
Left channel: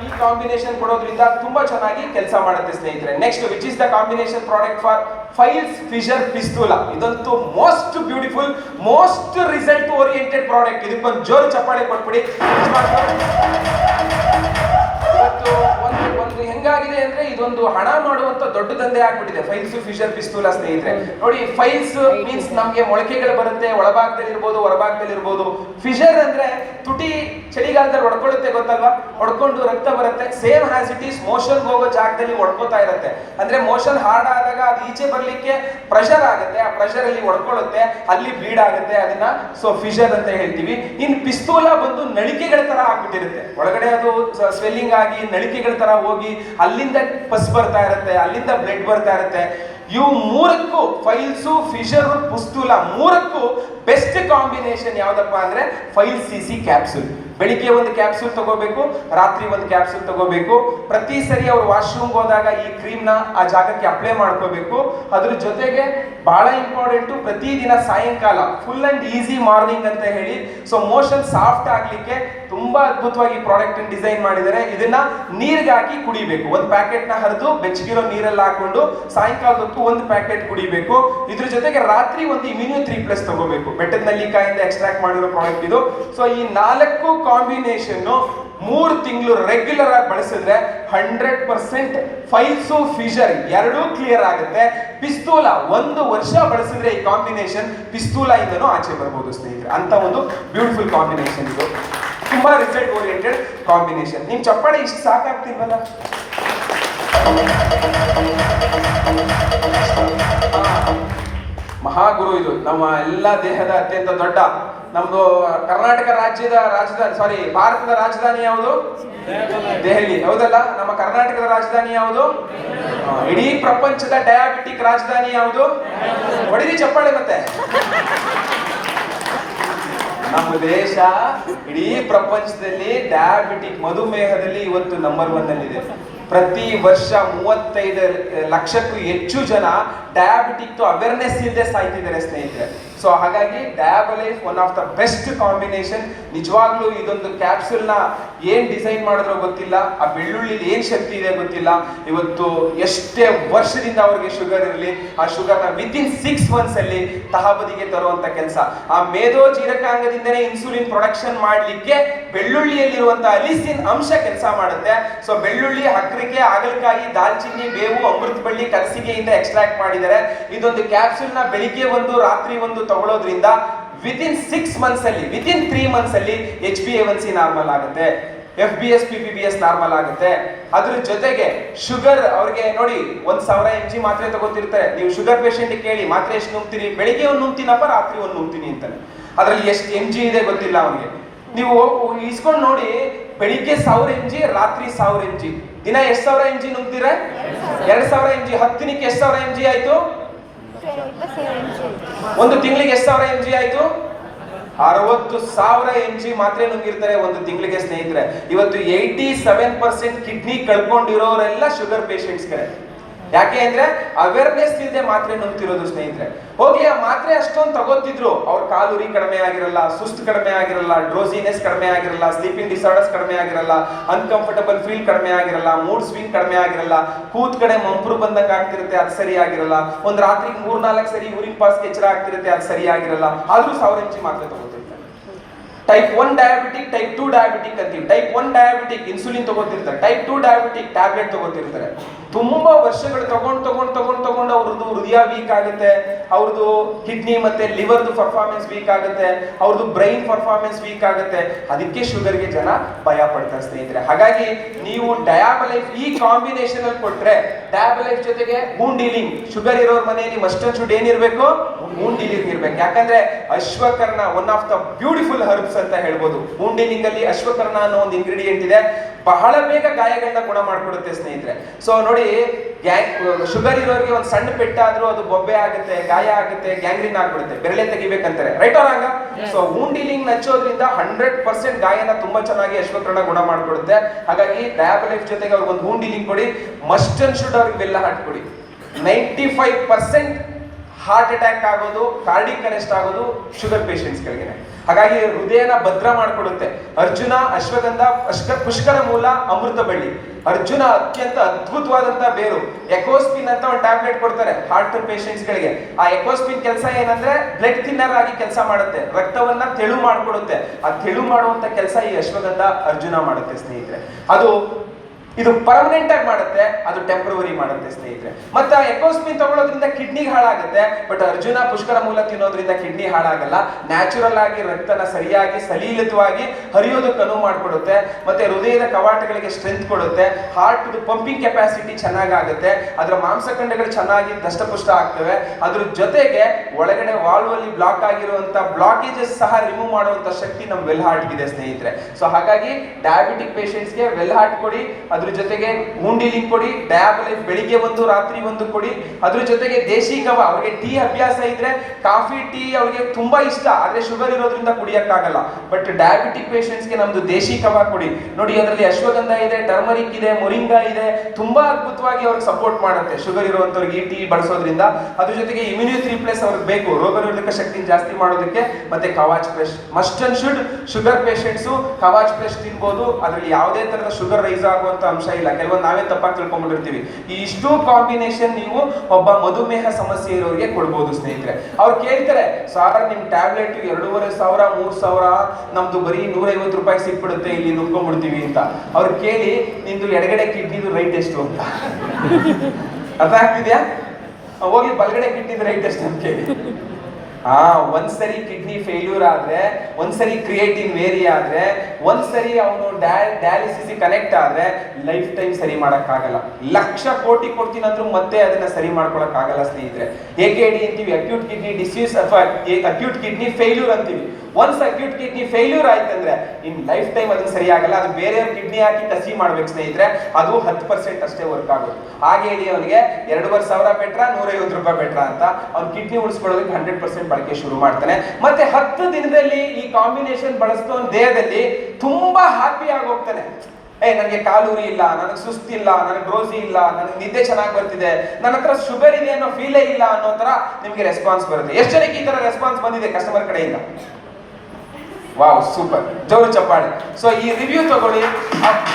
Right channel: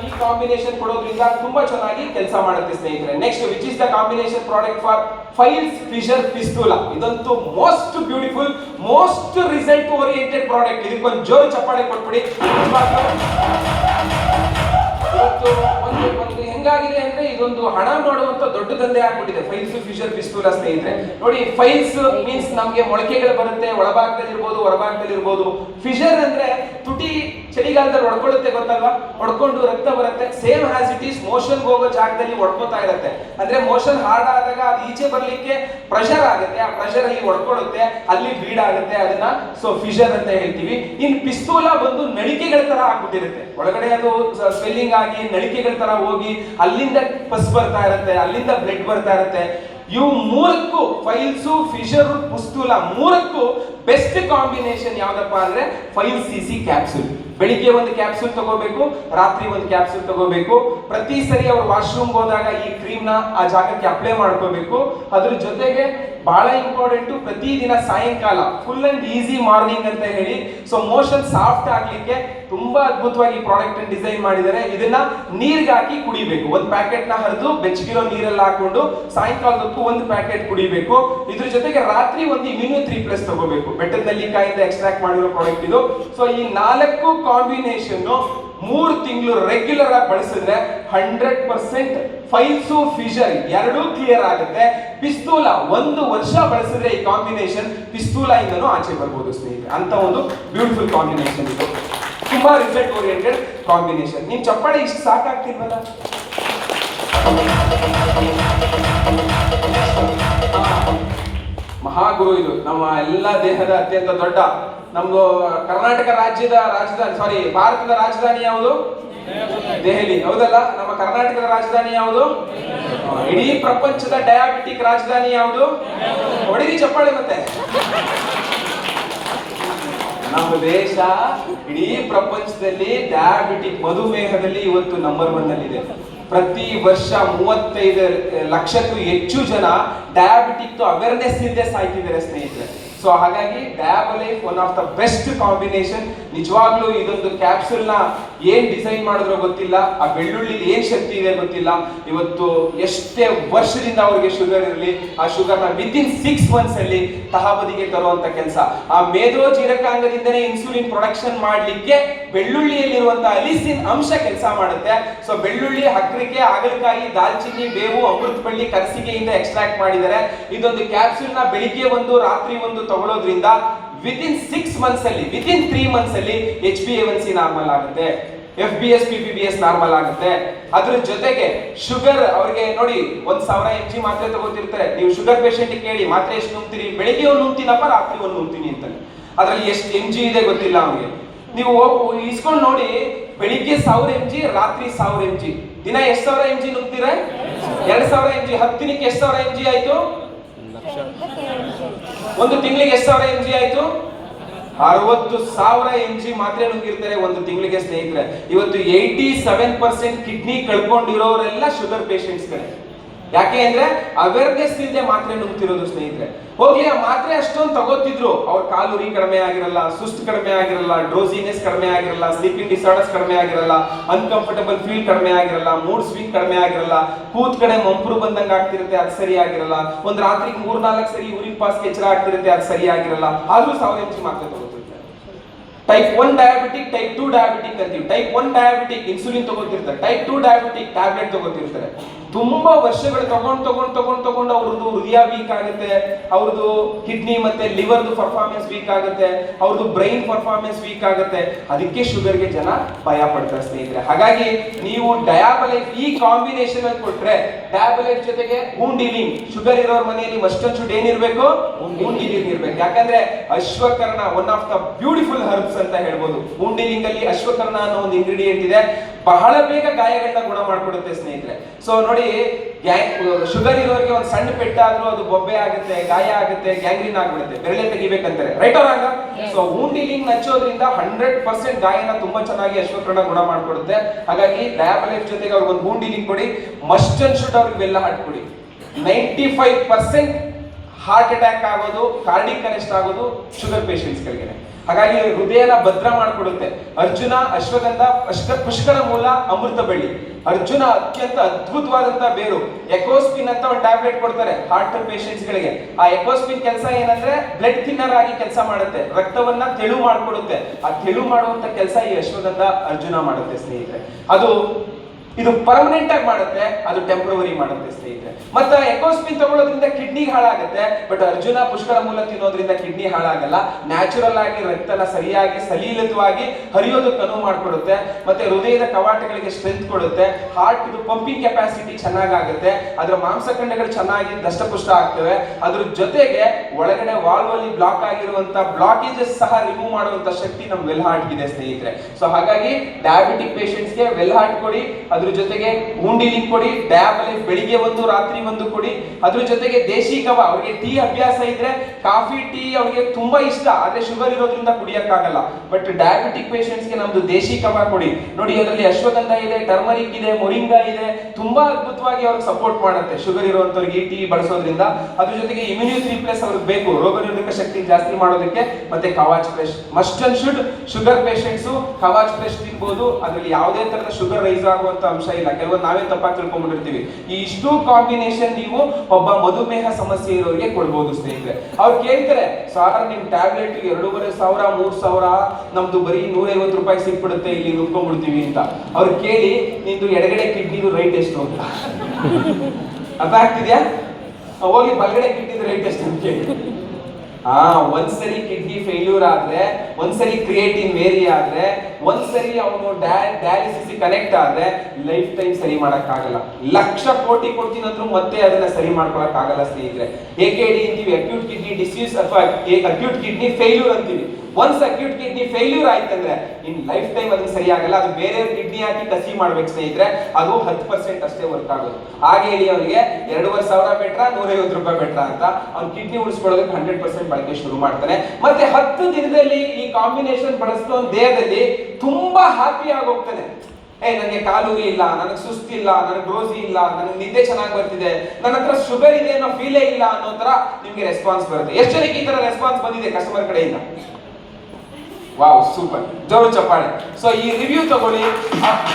ಈ ಕಾಂಬಿನೇಷನ್ ಕೊಡೋದ್ರಿಂದ ತುಂಬಾ ಚೆನ್ನಾಗಿ ಕೆಲಸ ಮಾಡುತ್ತೆ ಸ್ನೇಹಿತರೆ. Next, which is the combination product for piles fissure fistula. ಇದಂತೂ most beautiful, most result oriented product. ಇದಕ್ಕೊಂದು ಜೋರು ಚಪ್ಪಾಳೆ ಕೊಟ್ಬಿಡಿ. ಇವತ್ತು ಒಂದು ಹೆಂಗಾಗಿದೆ ಅಂದ್ರೆ ಇದೊಂದು ಹಣ ಮಾಡುವಂತ ದೊಡ್ಡ ದಂಧೆ ಆಗ್ಬಿಟ್ಟಿದೆ ಫೈಲ್ಸ್ ಫಿಶರ್ ಪಿಸ್ತೂಲಾ ಸ್ನೇಹಿತರೆ. ನೋಡಿ, ಫೈಲ್ಸ್ ಮೀನ್ಸ್ ನಮ್ಗೆ ಮೊಳಕೆಗಳು ಬರುತ್ತೆ, ಒಳಭಾಗದಲ್ಲಿ ಇರ್ಬೋದು, ಹೊರಭಾಗದಲ್ಲಿ ಇರ್ಬೋದು. ಫಿಶರ್ ಅಂದ್ರೆ ತುಟಿ ಚಳಿಗಾಲದಲ್ಲಿ ಹೊಡ್ಕೊಳ್ಳುತ್ತೆ, ಗೊತ್ತಲ್ವಾ? ಹೊಡ್ಕೊಂಡು ರಕ್ತ ಬರುತ್ತೆ. Same has it is motion ಹೋಗೋ ಜಾಗದಲ್ಲಿ ಹೊಡ್ಕೋತಾ ಇರುತ್ತೆ. ಅಂದ್ರೆ ಮೋಷನ್ ಹಾರ್ಡ್ ಆದಾಗ ಅದು ಈಚೆ ಬರ್ಲಿಕ್ಕೆ ಪ್ರೆಷರ್ ಆಗುತ್ತೆ, ಆ ಪ್ರೆಷರ್ ಅಲ್ಲಿ ಹೊಡ್ಕೊಳ್ಳುತ್ತೆ, ಅಲ್ಲಿ ಬ್ಲೀಡ್ ಆಗುತ್ತೆ. ಅದನ್ನ ಸೊ ಫಿಶರ್ ಅಂತ ಹೇಳ್ತೀವಿ. ಇನ್ ಪಿಸ್ತೂಲಾ ಬಂದು ನಳಿಕೆಗಳ ತರ ಆಗ್ಬಿಟ್ಟಿರುತ್ತೆ. ಒಳಗಡೆ ಅದು ಸ್ವೆಲ್ಲಿಂಗ್ ಆಗಿ ನಳಿಕೆಗಳ ತರ ಹೋಗಿ ಅಲ್ಲಿಂದ ಪಸ್ ಬರ್ತಾ ಇರುತ್ತೆ, ಅಲ್ಲಿಂದ ಬ್ಲಡ್ ಬರ್ತಾ ಇರುತ್ತೆ. ಇವು ಮೂರಕ್ಕೂ, ಫೈಲ್ಸು, ಫಿಶರ್, ಪಿಸ್ತೂಲಾ ಮೂರಕ್ಕೂ ಬೆಸ್ಟ್ ಕಾಂಬಿನೇಷನ್ ಯಾವ್ದಪ್ಪ ಅಂದ್ರೆ 5cc ಕ್ಯಾಪ್ಸೂಲ್. ಬೆಳಿಗ್ಗೆ ಒಂದು ಕ್ಯಾಪ್ಸೂಲ್ ತಗೋಬೇಕು, ರಾತ್ರಿ ಒಂದು ಕ್ಯಾಪ್ಸೂಲ್ ತಗೋಬೇಕು. ಪ್ರತಿ ಸರಿ ಅವ್ರು ವಾಶ್ರೂಮ್ ಹೋದಾಗ ಈ ಕ್ರೀಮ್ ನ ಆ ಜಾಗಕ್ಕೆ ಅಪ್ಲೈ ಮಾಡ್ಕೋಬೇಕು. ಅದ್ರ ಜೊತೆಗೆ ಬಹಳ ಇಂಪಾರ್ಟೆಂಟ್. ಪ್ರತಿದಿನ ಸಾಯಂಕಾಲ ಫುಲ್ ಅಂಡ್ ಈಸಿ ಮಾರ್ನಿಂಗ್ ಅಂತ ಹೇಳಿ, ಸೊ ಮೋಷನ್ ಸಾಫ್ಟ್ ಆಗ್ಲಿಕ್ಕೆ ತುಂಬಾ ಅದ್ಭುತವಾಗಿ ಪ್ರಾಡಕ್ಟ್ ಡಿಸೈನ್ ಮಾಡಿದ್ದಾರೆ. ಇದನ್ನ ನೀರ್ಗೆ ಹಾಕಿ ಕುಡಿಬೇಕು. ಒಂದು ಪ್ಯಾಕೆಟ್ ನ ಹರಿದು ಬೆಚ್ಚಗಿರೋ ನೀರಲ್ಲಿ ಹಾಕೊಂಡು ಸಾಯಂಕಾಲದಕ್ಕೂ ಒಂದು ಪ್ಯಾಕೆಟ್ ಕುಡಿಬೇಕು. ಇದ್ರ ಜೊತೆಗೆ ರಾತ್ರಿ ಒಂದು immunity+ ತಗೋಬೇಕು. ಬೆಟ್ಟದ ನೆಲ್ಲಿಕಾಯಿಂದ ಎಕ್ಸ್ಟ್ರಾಕ್ಟ್ ಮಾಡಿರೋ ಪ್ರಾಡಕ್ಟ್ ಇದು. ಸೊ ಈ 4 ಕಾಂಬಿನೇಷನ್ 3 ತಿಂಗಳು ರೆಗ್ಯುಲರ್ ಆಗಿ ಬಳಸಿದ್ರೆ 100% ಫೈಲ್ಸು ಫಿಶರ್ ಎರಡೂ ಕ್ಲಿಯರ್ ಆಗುತ್ತೆ. ಪಿಸ್ತೂಲ 1 ವರ್ಷ ಬಳಸಿದ್ರೆ ಈ ಕಾಂಬಿನೇಷನ್ ಪಿಸ್ತೂಲ ಇಂದನೂ ಆಚೆ ಬರ್ಬೋದು ಸ್ನೇಹಿತರೆ. ಅಂತ ಒಂದು ಬ್ಯೂಟಿಫುಲ್ ಕಾಂಬಿನೇಷನ್ ಇದು. ತುಂಬಾ ರಿಸಲ್ಟ್ ಓರಿಯೆಂಟೆಡ್ ಕಾಂಬಿನೇಷನ್. ನಿಮ್ ಚಪ್ಪಾಳೆ ಇಷ್ಟು ಸಾಕಾಗ್ತಿಲ್ವಲ್ಲ? ಮಹಾಗುರು ಇದು ನಮ್ಮ ಎಲ್ಲ ದೇಹದ ಅತ್ಯಂತ ದೊಡ್ಡ. ನಮ್ದು ಕರ್ನಾಟಕ ರಾಜ್ಯದ ರಾಜಧಾನಿ, ಭಾರತದ ರಾಜಧಾನಿ ಯಾವುದು? ದೆಹಲಿ, ಹೌದಲ್ಲ? ನಮ್ಮ ಕರ್ನಾಟಕದ ರಾಜಧಾನಿ ಯಾವುದು? ಇಡೀ ಪ್ರಪಂಚದ ಡಯಾಬಿಟಿಕ್ ರಾಜಧಾನಿ ಯಾವುದು? ಹೊಡಿರಿ ಚಪ್ಪಾಳೆ ಮತ್ತೆ. ನಮ್ಮ ದೇಶ ಇಡೀ ಪ್ರಪಂಚದಲ್ಲಿ ಡಯಾಬಿಟಿಕ್ ಮಧುಮೇಹದಲ್ಲಿ ಇವತ್ತು ನಂಬರ್ 1 ಅಲ್ಲಿದೆ. ಪ್ರತಿ ವರ್ಷ 35 ಲಕ್ಷಕ್ಕೂ ಹೆಚ್ಚು ಜನ ಡಯಾಬಿಟಿಕ್ ಅವೇರ್ನೆಸ್ ಇಲ್ಲದೆ ಸಾಯ್ತಿದ್ದಾರೆ ಸ್ನೇಹಿತರೆ. ಸೊ ಹಾಗಾಗಿ ಡಯಾಬಲೈಫ್ one of the best combination. ನಿಜವಾಗ್ಲೂ ಇದೊಂದು ಕ್ಯಾಪ್ಸೂಲ್ ನ ಏನ್ ಡಿಸೈನ್ ಮಾಡಿದ್ರು ಗೊತ್ತಿಲ್ಲ, ಆ ಬೆಳ್ಳುಳ್ಳಿ ಏನ್ ಶಕ್ತಿ ಇದೆ ಗೊತ್ತಿಲ್ಲ. ಇವತ್ತು ಎಷ್ಟೇ ವರ್ಷದಿಂದ ಅವ್ರಿಗೆ ಶುಗರ್ ಇರಲಿ, ಆ ಶುಗರ್ ನ ವಿತಿನ್ 6 months ಅಲ್ಲಿ ತಹಬದಿಗೆ ತರುವಂತ ಕೆಲಸ. ಆ ಮೇದೋ ಜೀರಕಾಂಗದಿಂದನೇ ಇನ್ಸುಲಿನ್ ಪ್ರೊಡಕ್ಷನ್ ಮಾಡ್ಲಿಕ್ಕೆ ಬೆಳ್ಳುಳ್ಳಿಯಲ್ಲಿರುವಂತಹ ಅಲಿಸಿನ್ ಅಂಶ ಕೆಲಸ ಮಾಡುತ್ತೆ. ಸೊ ಬೆಳ್ಳುಳ್ಳಿ, ಹಕ್ರಿಕೆ, ಹಾಗಲಕಾಯಿ, ದಾಲ್ಚಿನ್ನಿ, ಬೇವು, ಅಮೃತ ಬಳ್ಳಿ, ಕರಸಿಗೆಯಿಂದ ಎಕ್ಸ್ಟ್ರಾಕ್ಟ್ ಮಾಡಿದರೆ ಇದೊಂದು ಕ್ಯಾಪ್ಸೂಲ್ ನ ಬೆಳಿಗ್ಗೆ 1 ರಾತ್ರಿ 1 ತಗೊಳ್ಳೋದ್ರಿಂದ ವಿತಿನ್ 6 months ಅಲ್ಲಿ, ವಿತಿನ್ 3 months ಅಲ್ಲಿ HbA1c ನಾರ್ಮಲ್ ಆಗುತ್ತೆ, FBS PPBS ನಾರ್ಮಲ್ ಆಗುತ್ತೆ. ಅದ್ರ ಜೊತೆಗೆ ಶುಗರ್ ಅವ್ರಿಗೆ ನೋಡಿ 1000 mg ಮಾತ್ರೆ ತಗೋತಿರ್ತಾರೆ. ನೀವು ಶುಗರ್ ಪೇಷಂಟ್ ಕೇಳಿ ಮಾತ್ರೆ ಎಷ್ಟು ನುಂಗ್ತೀರಿ? ಬೆಳಿಗ್ಗೆ 1 ನುಂಗ್ತೀನಪ್ಪ, ರಾತ್ರಿ 1 ನುಂಗ್ತೀನಿ ಅಂತಾನೆ. ಅದ್ರಲ್ಲಿ ಎಷ್ಟು mg ಇದೆ ಗೊತ್ತಿಲ್ಲ ಅವ್ರಿಗೆ. ನೀವು ಇಸ್ಕೊಂಡು ನೋಡಿ, ಬೆಳಿಗ್ಗೆ 1000 mg, ರಾತ್ರಿ 1000 mg. ದಿನ ಎಷ್ಟು 1000 mg ನುಂಗ್ತೀರಾ? 2000 mg. 10 ದಿನಕ್ಕೆ ಎಷ್ಟು 1000 mg ಆಯ್ತು? 1 ತಿಂಗಳಿಗೆ ಎಷ್ಟು 1000 mg ಆಯ್ತು? 60,000 mg ಮಾತ್ರೆ ನುಂಗಿರ್ತಾರೆ 1 ತಿಂಗಳಿಗೆ ಸ್ನೇಹಿತರೆ. ಇವತ್ತು 87% ಕಿಡ್ನಿ ಕಳ್ಕೊಂಡಿರೋರೆಲ್ಲ ಶುಗರ್ ಪೇಷಂಟ್ಸ್ ಗಳೇ. ಯಾಕೆ ಅಂದ್ರೆ ಅವೇರ್ನೆಸ್ ಇಲ್ಲದೆ ಮಾತ್ರೆ ನುಂಗ್ತಿರೋದು ಸ್ನೇಹಿತರೆ. ಹೋಗ್ಲಿ, ಆ ಮಾತ್ರೆ ಅಷ್ಟೊಂದು ತಗೋತಿದ್ರು, ಅವ್ರ ಕಾಲುರಿ ಕಡಿಮೆ ಆಗಿರಲ್ಲ, ಸುಸ್ತು ಕಡಿಮೆ ಆಗಿರಲ್ಲ, ಡ್ರೋಸಿನೆಸ್ ಕಡಿಮೆ ಆಗಿರಲ್ಲ, ಸ್ಲೀಪಿಂಗ್ ಡಿಸಾರ್ಡರ್ಸ್ ಕಡಿಮೆ ಆಗಿರಲ್ಲ, ಅನ್ಕಂಫರ್ಟಬಲ್ ಫೀಲ್ ಕಡಿಮೆ ಆಗಿರಲ್ಲ, ಮೂಡ್ ಸ್ವಿಂಗ್ ಕಡಿಮೆ ಆಗಿರಲ್ಲ, ಕೂತ್ ಕಡೆ ಮಂಪ್ರು ಬಂದಂಗ ಆಗ್ತಿರುತ್ತೆ, ಅದು ಸರಿ ಆಗಿರಲ್ಲ, ಒಂದ್ ರಾತ್ರಿಗೆ 3-4 ಸರಿ ಯೂರಿನ್ ಪಾಸ್ ಎಚ್ಚರ ಆಗ್ತಿರುತ್ತೆ, ಅದು ಸರಿ ಆಗಿರಲ್ಲ. ಆದ್ರೂ 1000 mg ಮಾತ್ರೆ ತಗೋತಿರ್ತಾರೆ. ಟೈಪ್ 1 ಡಯಾಬಿಟಿಕ್, ಟೈಪ್ 2 ಡಯಾಬಿಟಿಕ್ ಅಂತೀವಿ. ಟೈಪ್ 1 ಡಯಾಬಿಟಿಕ್ ಇನ್ಸುಲಿನ್ ತಗೋತಿರ್ತಾರೆ, ಟೈಪ್ 2 ಡಯಾಬಿಟಿಕ್ ಟ್ಯಾಬ್ಲೆಟ್ ತಗೋತಿರ್ತಾರೆ. ತುಂಬಾ ವರ್ಷಗಳು ತಗೊಂಡು ಅವ್ರದ್ದು ಹೃದಯ ವೀಕ್ ಆಗುತ್ತೆ, ಅವ್ರದ್ದು ಕಿಡ್ನಿ ಮತ್ತೆ ಲಿವರ್ದು ಪರ್ಫಾರ್ಮೆನ್ಸ್ ವೀಕ್ ಆಗುತ್ತೆ, ಅವ್ರದ್ದು ಬ್ರೈನ್ ಪರ್ಫಾರ್ಮೆನ್ಸ್ ವೀಕ್ ಆಗುತ್ತೆ. ಅದಕ್ಕೆ ಶುಗರ್ಗೆ ಜನ ಭಯ ಪಡ್ತಾರೆ ಸ್ನೇಹಿತರೆ. ಹಾಗಾಗಿ ನೀವು ಡಯಾಬಲೈಫ್ ಈ ಕಾಂಬಿನೇಷನ್ ಅಲ್ಲಿ ಕೊಟ್ರೆ, ಡಯಾಬಲೈಫ್ ಜೊತೆಗೆ ವೂಂಡ್ ಹೀಲಿಂಗ್, ಶುಗರ್ ಇರೋರ ಮನೆಯಲ್ಲಿ ಮಸ್ಟ್ ಅಂಡ್ ಶುಡ್ ಏನಿರ್ಬೇಕು? ವೂಂಡ್ ಹೀಲಿಂಗ್ ಇರ್ಬೇಕು. ಯಾಕಂದ್ರೆ ಅಶ್ವಕರ್ಣ one of the beautiful herbs ಅಂತ ಹೇಳ್ಬೋದು. ವೂಂಡ್ ಹೀಲಿಂಗ್ ಅಲ್ಲಿ ಅಶ್ವಕರ್ಣ ಅನ್ನೋ ಒಂದು ಇಂಗ್ರೀಡಿಯೆಂಟ್ ಇದೆ, ಬಹಳ ಬೇಗ ಗಾಯಗಳನ್ನ ಗುಣ ಮಾಡ್ಕೊಡುತ್ತೆ ಸ್ನೇಹಿತರೆ. ಸೊ ನೋಡಿ, ಶುಗರ್ ಇರೋರಿಗೆ ಒಂದು ಸಣ್ಣ ಪೆಟ್ಟಾದ್ರೂ ಅದು ಬೊಬ್ಬೆ ಆಗುತ್ತೆ, ಗಾಯ ಆಗುತ್ತೆ, ಗ್ಯಾಂಗ್ರೀನ್ ಆಗ್ಬಿಡುತ್ತೆ, ಬೆರಳೆ ತೆಗಿಬೇಕಂತಾರೆ, right or wrong? So wound healing ಹಚ್ಚೋದ್ರಿಂದ 100% ಗಾಯನ ತುಂಬಾ ಚೆನ್ನಾಗಿ ಅಶ್ವಕರ್ಣ ಗುಣ ಮಾಡ್ಕೊಡುತ್ತೆ. ಹಾಗಾಗಿ ಡಯಾಬಲೈಫ್ ಜೊತೆಗೆ ಅವ್ರಿಗೆ ಒಂದು ವೂಂಡ್ ಹೀಲಿಂಗ್ ಕೊಡಿ. ಮಸ್ಟ್ ಅಂಡ್ ಶುಡ್ ಅವ್ರಿಗೆ ಬೆಲ್ಲ ಹಾಟ್ ಕೊಡಿ. 95% ಹಾರ್ಟ್ ಅಟ್ಯಾಕ್ ಆಗೋದು, ಕಾರ್ಡಿಯಕ್ ಅರೆಸ್ಟ್ ಆಗೋದು ಶುಗರ್ ಪೇಷಂಟ್ಸ್ ಗಳಿಗೆ. ಹಾಗಾಗಿ ಹೃದಯನ ಭದ್ರ ಮಾಡ್ಕೊಡುತ್ತೆ. ಅರ್ಜುನ, ಅಶ್ವಗಂಧ, ಪುಷ್ಕರ ಮೂಲ, ಅಮೃತ ಬಳ್ಳಿ. ಅರ್ಜುನ ಅತ್ಯಂತ ಅದ್ಭುತವಾದಂತ ಬೇರು. ಎಕೋಸ್ಪಿನ್ ಅಂತ ಒಂದು ಟ್ಯಾಬ್ಲೆಟ್ ಕೊಡ್ತಾರೆ ಹಾರ್ಟ್ ಪೇಷಂಟ್ಸ್ ಗಳಿಗೆ. ಆ ಎಕೋಸ್ಪಿನ್ ಕೆಲಸ ಏನಂದ್ರೆ ಬ್ಲಡ್ ಥಿನ್ನರ್ ಆಗಿ ಕೆಲಸ ಮಾಡುತ್ತೆ, ರಕ್ತವನ್ನ ತೆಳು ಮಾಡ್ಕೊಡುತ್ತೆ. ಆ ತೆಳು ಮಾಡುವಂತ ಕೆಲಸ ಈ ಅಶ್ವಗಂಧ, ಅರ್ಜುನ ಮಾಡುತ್ತೆ ಸ್ನೇಹಿತರೆ. ಇದು ಪರ್ಮನೆಂಟ್ ಆಗಿ ಮಾಡುತ್ತೆ, ಅದು ಟೆಂಪರರಿ ಮಾಡುತ್ತೆ ಸ್ನೇಹಿತರೆ. ಮತ್ತೆ ಎಕೋಸ್ಪಿನ್ ತಗೊಳ್ಳೋದ್ರಿಂದ ಕಿಡ್ನಿ ಹಾಳಾಗುತ್ತೆ, ಬಟ್ ಅರ್ಜುನ, ಪುಷ್ಕರ ಮೂಲ ತಿನ್ನೋದ್ರಿಂದ ಕಿಡ್ನಿ ಹಾಳಾಗಲ್ಲ. ನ್ಯಾಚುರಲ್ ಆಗಿ ರಕ್ತನ ಸರಿಯಾಗಿ ಸಲೀಲತವಾಗಿ ಹರಿಯೋದಕ್ಕೆ ಅನುವು ಮಾಡಿಕೊಡುತ್ತೆ. ಮತ್ತೆ ಹೃದಯದ ಕವಾಟಗಳಿಗೆ ಸ್ಟ್ರೆಂತ್ ಕೊಡುತ್ತೆ. ಹಾರ್ಟ್ ಪಂಪಿಂಗ್ ಕೆಪಾಸಿಟಿ ಚೆನ್ನಾಗುತ್ತೆ. ಅದರ ಮಾಂಸಖಂಡಗಳು ಚೆನ್ನಾಗಿ ದಷ್ಟಪುಷ್ಟ ಆಗ್ತವೆ. ಅದ್ರ ಜೊತೆಗೆ ಒಳಗಡೆ ವಾಲ್ವ್ ಅಲ್ಲಿ ಬ್ಲಾಕ್ ಆಗಿರುವಂತ ಬ್ಲಾಕೇಜಸ್ ಸಹ ರಿಮೂವ್ ಮಾಡುವಂತ ಶಕ್ತಿ ನಮ್ಮ ವೆಲ್ ಹಾರ್ಟ್ ಇದೆ ಸ್ನೇಹಿತರೆ. ಸೊ ಹಾಗಾಗಿ ಡಯಾಬಿಟಿಕ್ ಪೇಷಂಟ್ಸ್ ಗೆ ವೆಲ್ ಹಾರ್ಟ್ ಕೊಡಿ. ಅದ್ರ ಅದ್ರ ಜೊತೆಗೆ ಉಂಡಿ ಲಿಂಕ್ ಕೊಡಿ, ಟ್ಯಾಬ್ಲೆಟ್ ಬೆಳಿಗ್ಗೆ ಒಂದು ರಾತ್ರಿ ಒಂದು ಕೊಡಿ. ಅದ್ರ ಜೊತೆಗೆ ದೇಶಿ ಕವ, ಅವ್ರಿಗೆ ಟೀ ಅಭ್ಯಾಸ ಇದ್ರೆ ಕಾಫಿ ಟೀ ಅವ್ರಿಗೆ ತುಂಬಾ ಇಷ್ಟ, ಆದ್ರೆ ಶುಗರ್ ಇರೋದ್ರಿಂದ ಕುಡಿಯಕ್ಕಾಗಲ್ಲ. ಬಟ್ ಡಯಾಬಿಟಿಕ್ ಪೇಷಂಟ್ಸ್ಗೆ ನಮ್ದು ದೇಶಿ ಕವ ಕೊಡಿ ನೋಡಿ. ಅದರಲ್ಲಿ ಅಶ್ವಗಂಧ ಇದೆ, ಟರ್ಮರಿಕ್ ಇದೆ, ಮೊರಿಂಗಾ ಇದೆ, ತುಂಬಾ ಅದ್ಭುತವಾಗಿ ಅವ್ರಿಗೆ ಸಪೋರ್ಟ್ ಮಾಡುತ್ತೆ ಶುಗರ್ ಇರುವಂತವ್ರಿಗೆ ಈ ಟೀ ಬಳಸೋದ್ರಿಂದ. ಅದ್ರ ಜೊತೆಗೆ ಇಮ್ಯುನಿಟಿ ಪ್ಲಸ್ ಅವ್ರಿಗೆ ಬೇಕು ರೋಗ ನಿರೋಧಕ ಶಕ್ತಿ ಜಾಸ್ತಿ ಮಾಡೋದಕ್ಕೆ. ಮತ್ತೆ Kavach plus must and should sugar patients Kavach plus ತಿನ್ಬೋದು. ಅದ್ರಲ್ಲಿ ಯಾವುದೇ ತರದ ಶುಗರ್ ರೈಸ್ ಆಗುವಂತ ಅಂಶ ಇಲ್ಲ. ಕೆಲವೊಂದು ನಾವೇ ತಪ್ಪಾಗಿ ತಿಳ್ಕೊಂಡ್ಬಿಟ್ಟಿರ್ತೀವಿ. ಈ ಇಷ್ಟು ಕಾಂಬಿನೇಷನ್ ನೀವು ಒಬ್ಬ ಮಧುಮೇಹ ಸಮಸ್ಯೆ ಇರೋರಿಗೆ ಕೊಡ್ಬೋದು ಸ್ನೇಹಿತರೆ. ಅವ್ರು ಕೇಳ್ತಾರೆ, ಸರ್ ನಿಮ್ ಟ್ಯಾಬ್ಲೆಟ್ 2,500 3,000 ನಮ್ದು ಬರೀ 150 ರೂಪಾಯಿ ಸಿಕ್ಬಿಡುತ್ತೆ, ಇಲ್ಲಿ ನುಡ್ಕೊಂಡ್ಬಿಡ್ತೀವಿ ಅಂತ. ಅವ್ರು ಕೇಳಿ ನಿಂದು ಎಡಗಡೆ ಕಿಡ್ನಿದು ರೈಟ್ ಎಷ್ಟು ಅಂತ ಅರ್ಥ ಆಗ್ತಿದ್ಯಾ? ಹೋಗ್ಲಿ ಬಲಗಡೆ ಕಿಡ್ನಿದು ರೈಟ್ ಎಷ್ಟು ಅಂತ ಕೇಳಿ. ಒಂದ್ಸರಿ ಕಿಡ್ನಿ ಫೇಲ್ಯೂರ್ ಆದ್ರೆ, ಒಂದ್ಸರಿ ಕ್ರಿಯೇಟಿನ್ ವೇರಿ ಆದ್ರೆ, ಒಂದ್ಸರಿ ಅವನು ಡಯಾಲಿಸಿಸ್ ಕನೆಕ್ಟ್ ಆದ್ರೆ ಲೈಫ್ ಟೈಮ್ ಸರಿ ಮಾಡಕ್ಕಾಗಲ್ಲ. ಲಕ್ಷ ಕೋಟಿ ಕೊಡ್ತೀನಂದ್ರೂ ಮತ್ತೆ ಅದನ್ನ ಸರಿ ಮಾಡ್ಕೊಳಕ್ ಆಗಲ್ಲ ಸ್ನೇಹಿತರೆ. AKD ಅಂತೀವಿ, ಅಕ್ಯೂಟ್ ಕಿಡ್ನಿ ಡಿಸೀಸ್ ಅಥವಾ ಅಕ್ಯೂಟ್ ಕಿಡ್ನಿ ಫೇಲ್ಯೂರ್ ಅಂತೀವಿ. ಒನ್ಸ್ ಅಕ್ಯೂಟ್ ಕಿಡ್ನಿ ಫೇಲ್ಯೂರ್ ಆಯ್ತಂದ್ರೆ ಇನ್ ಲೈಫ್ ಟೈಮ್ ಅದನ್ನ ಸರಿ ಆಗಲ್ಲ. ಅದು ಬೇರೆ ಕಿಡ್ನಿ ಹಾಕಿ ಕಸಿ ಮಾಡ್ಬೇಕು ಸ್ನೇಹಿತರೆ. ಅದು 10% ಅಷ್ಟೇ ವರ್ಕ್ ಆಗೋದು. ಹಾಗೆ ಹೇಳಿ ಅವನಿಗೆ 2,500 ಬೆಟ್ರ 150 ರೂಪಾಯಿ ಬೆಟ್ರ ಅಂತ ಅವ್ನು ಕಿಡ್ನಿ ಉಳಿಸ್ಕೊಳ್ಳೋದಕ್ಕೆ 100% ಬಳಕೆ ಶುರು ಮಾಡ್ತಾನೆ. ಮತ್ತೆ 10 ದಿನದಲ್ಲಿ ಈ ಕಾಂಬಿನೇಷನ್ ಬಳಸಿದ ದೇಹದಲ್ಲಿ ತುಂಬಾ ಹ್ಯಾಪಿ ಆಗಿ ಹೋಗ್ತಾನೆ. ನನಗೆ ಕಾಲೂರಿ ಇಲ್ಲ, ನನಗೆ ಸುಸ್ತಿಲ್ಲ, ನನಗೆ ರೋಸಿ ಇಲ್ಲ, ನನಗೆ ನಿದ್ದೆ ಚೆನ್ನಾಗಿ ಬರ್ತಿದೆ, ನನ್ನ ಹತ್ರ ಶುಗರ್ ಇದೆ ಅನ್ನೋ ಫೀಲೇ ಇಲ್ಲ ಅನ್ನೋ ತರ ನಿಮ್ಗೆ ರೆಸ್ಪಾನ್ಸ್ ಬರುತ್ತೆ. ಎಷ್ಟು ಜನಕ್ಕೆ ಈ ತರ ರೆಸ್ಪಾನ್ಸ್ ಬಂದಿದೆ ಕಸ್ಟಮರ್ ಕಡೆಯಿಂದ? ವಾವ್, ಸೂಪರ್, ಜೋರು ಚಪ್ಪಾಳೆ. ಸೊ ಈ ರಿವ್ಯೂ ತಗೊಳ್ಳಿ.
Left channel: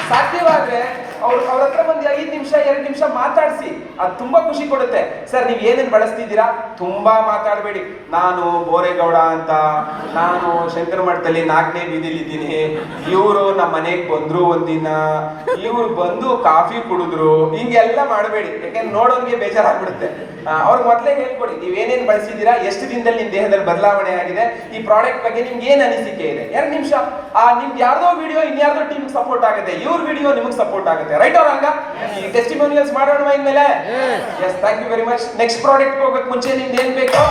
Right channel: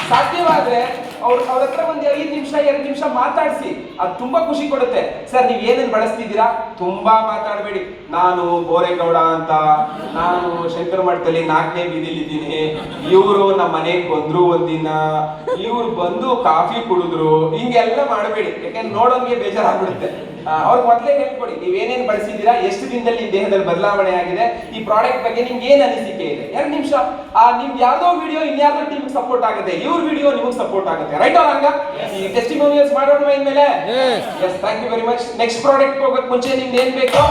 ಸಾಧ್ಯವಾದ್ರೆ ಅವ್ರ ಹತ್ರ ಒಂದು 5 ನಿಮಿಷ 2 ನಿಮಿಷ ಮಾತಾಡಿಸಿ, ಅದು ತುಂಬಾ ಖುಷಿ ಕೊಡುತ್ತೆ. ಸರ್ ನೀವು ಏನೇನು ಬಳಸ್ತಿದ್ದೀರಾ? ತುಂಬಾ ಮಾತಾಡಬೇಡಿ. ನಾನು ಬೋರೇಗೌಡ ಅಂತ, ನಾನು ಶಂಕರ ಮಠದಲ್ಲಿ 4ನೇ ಬೀದಿಲಿ ಇದ್ದೀನಿ, ಇವರು ನಮ್ಮ ಮನೆಗೆ ಬಂದ್ರು ಒಂದಿನ, ಇವ್ರು ಬಂದು ಕಾಫಿ ಕುಡಿದ್ರು, ಹಿಂಗೆಲ್ಲ ಮಾಡಬೇಡಿ. ಯಾಕಂದ್ರೆ ನೋಡೋನ್ಗೆ ಬೇಜಾರಾಗ್ಬಿಡುತ್ತೆ. ಅವ್ರಿಗೆ ಮೊದಲೇ ಹೇಳ್ಕೊಡಿ, ನೀವೇನೇನು ಬಳಸಿದ್ದೀರಾ, ಎಷ್ಟು ದಿನದಲ್ಲಿ ನಿಮ್ಮ ದೇಹದಲ್ಲಿ ಬದಲಾವಣೆ ಆಗಿದೆ, ಈ ಪ್ರಾಡಕ್ಟ್ ಬಗ್ಗೆ ನಿಮ್ಗೆ ಏನ್ ಅನಿಸಿಕೆ ಇದೆ. 2 ನಿಮಿಷ ನಿಮ್ಗೆ ಯಾವ್ದೋ ವಿಡಿಯೋ ಇನ್ಯಾವುದೋ ಟೀಮ್ ಸಪೋರ್ಟ್ ಆಗುತ್ತೆ, ಇವ್ರ ವಿಡಿಯೋ ನಿಮ್ಗೆ ಸಪೋರ್ಟ್ ಆಗುತ್ತೆ. Right or wrong? ಈ ಟೆಸ್ಟಿಮೋನಿಯಲ್ಸ್ ಮಾಡೋಣ ಇನ್ಮೇಲೆ. Yes, thank you very much. Next product ಹೋಗಕ್ಕೆ ಮುಂಚೆ ನಿಮ್ಗೆ ಏನ್ ಬೇಕು?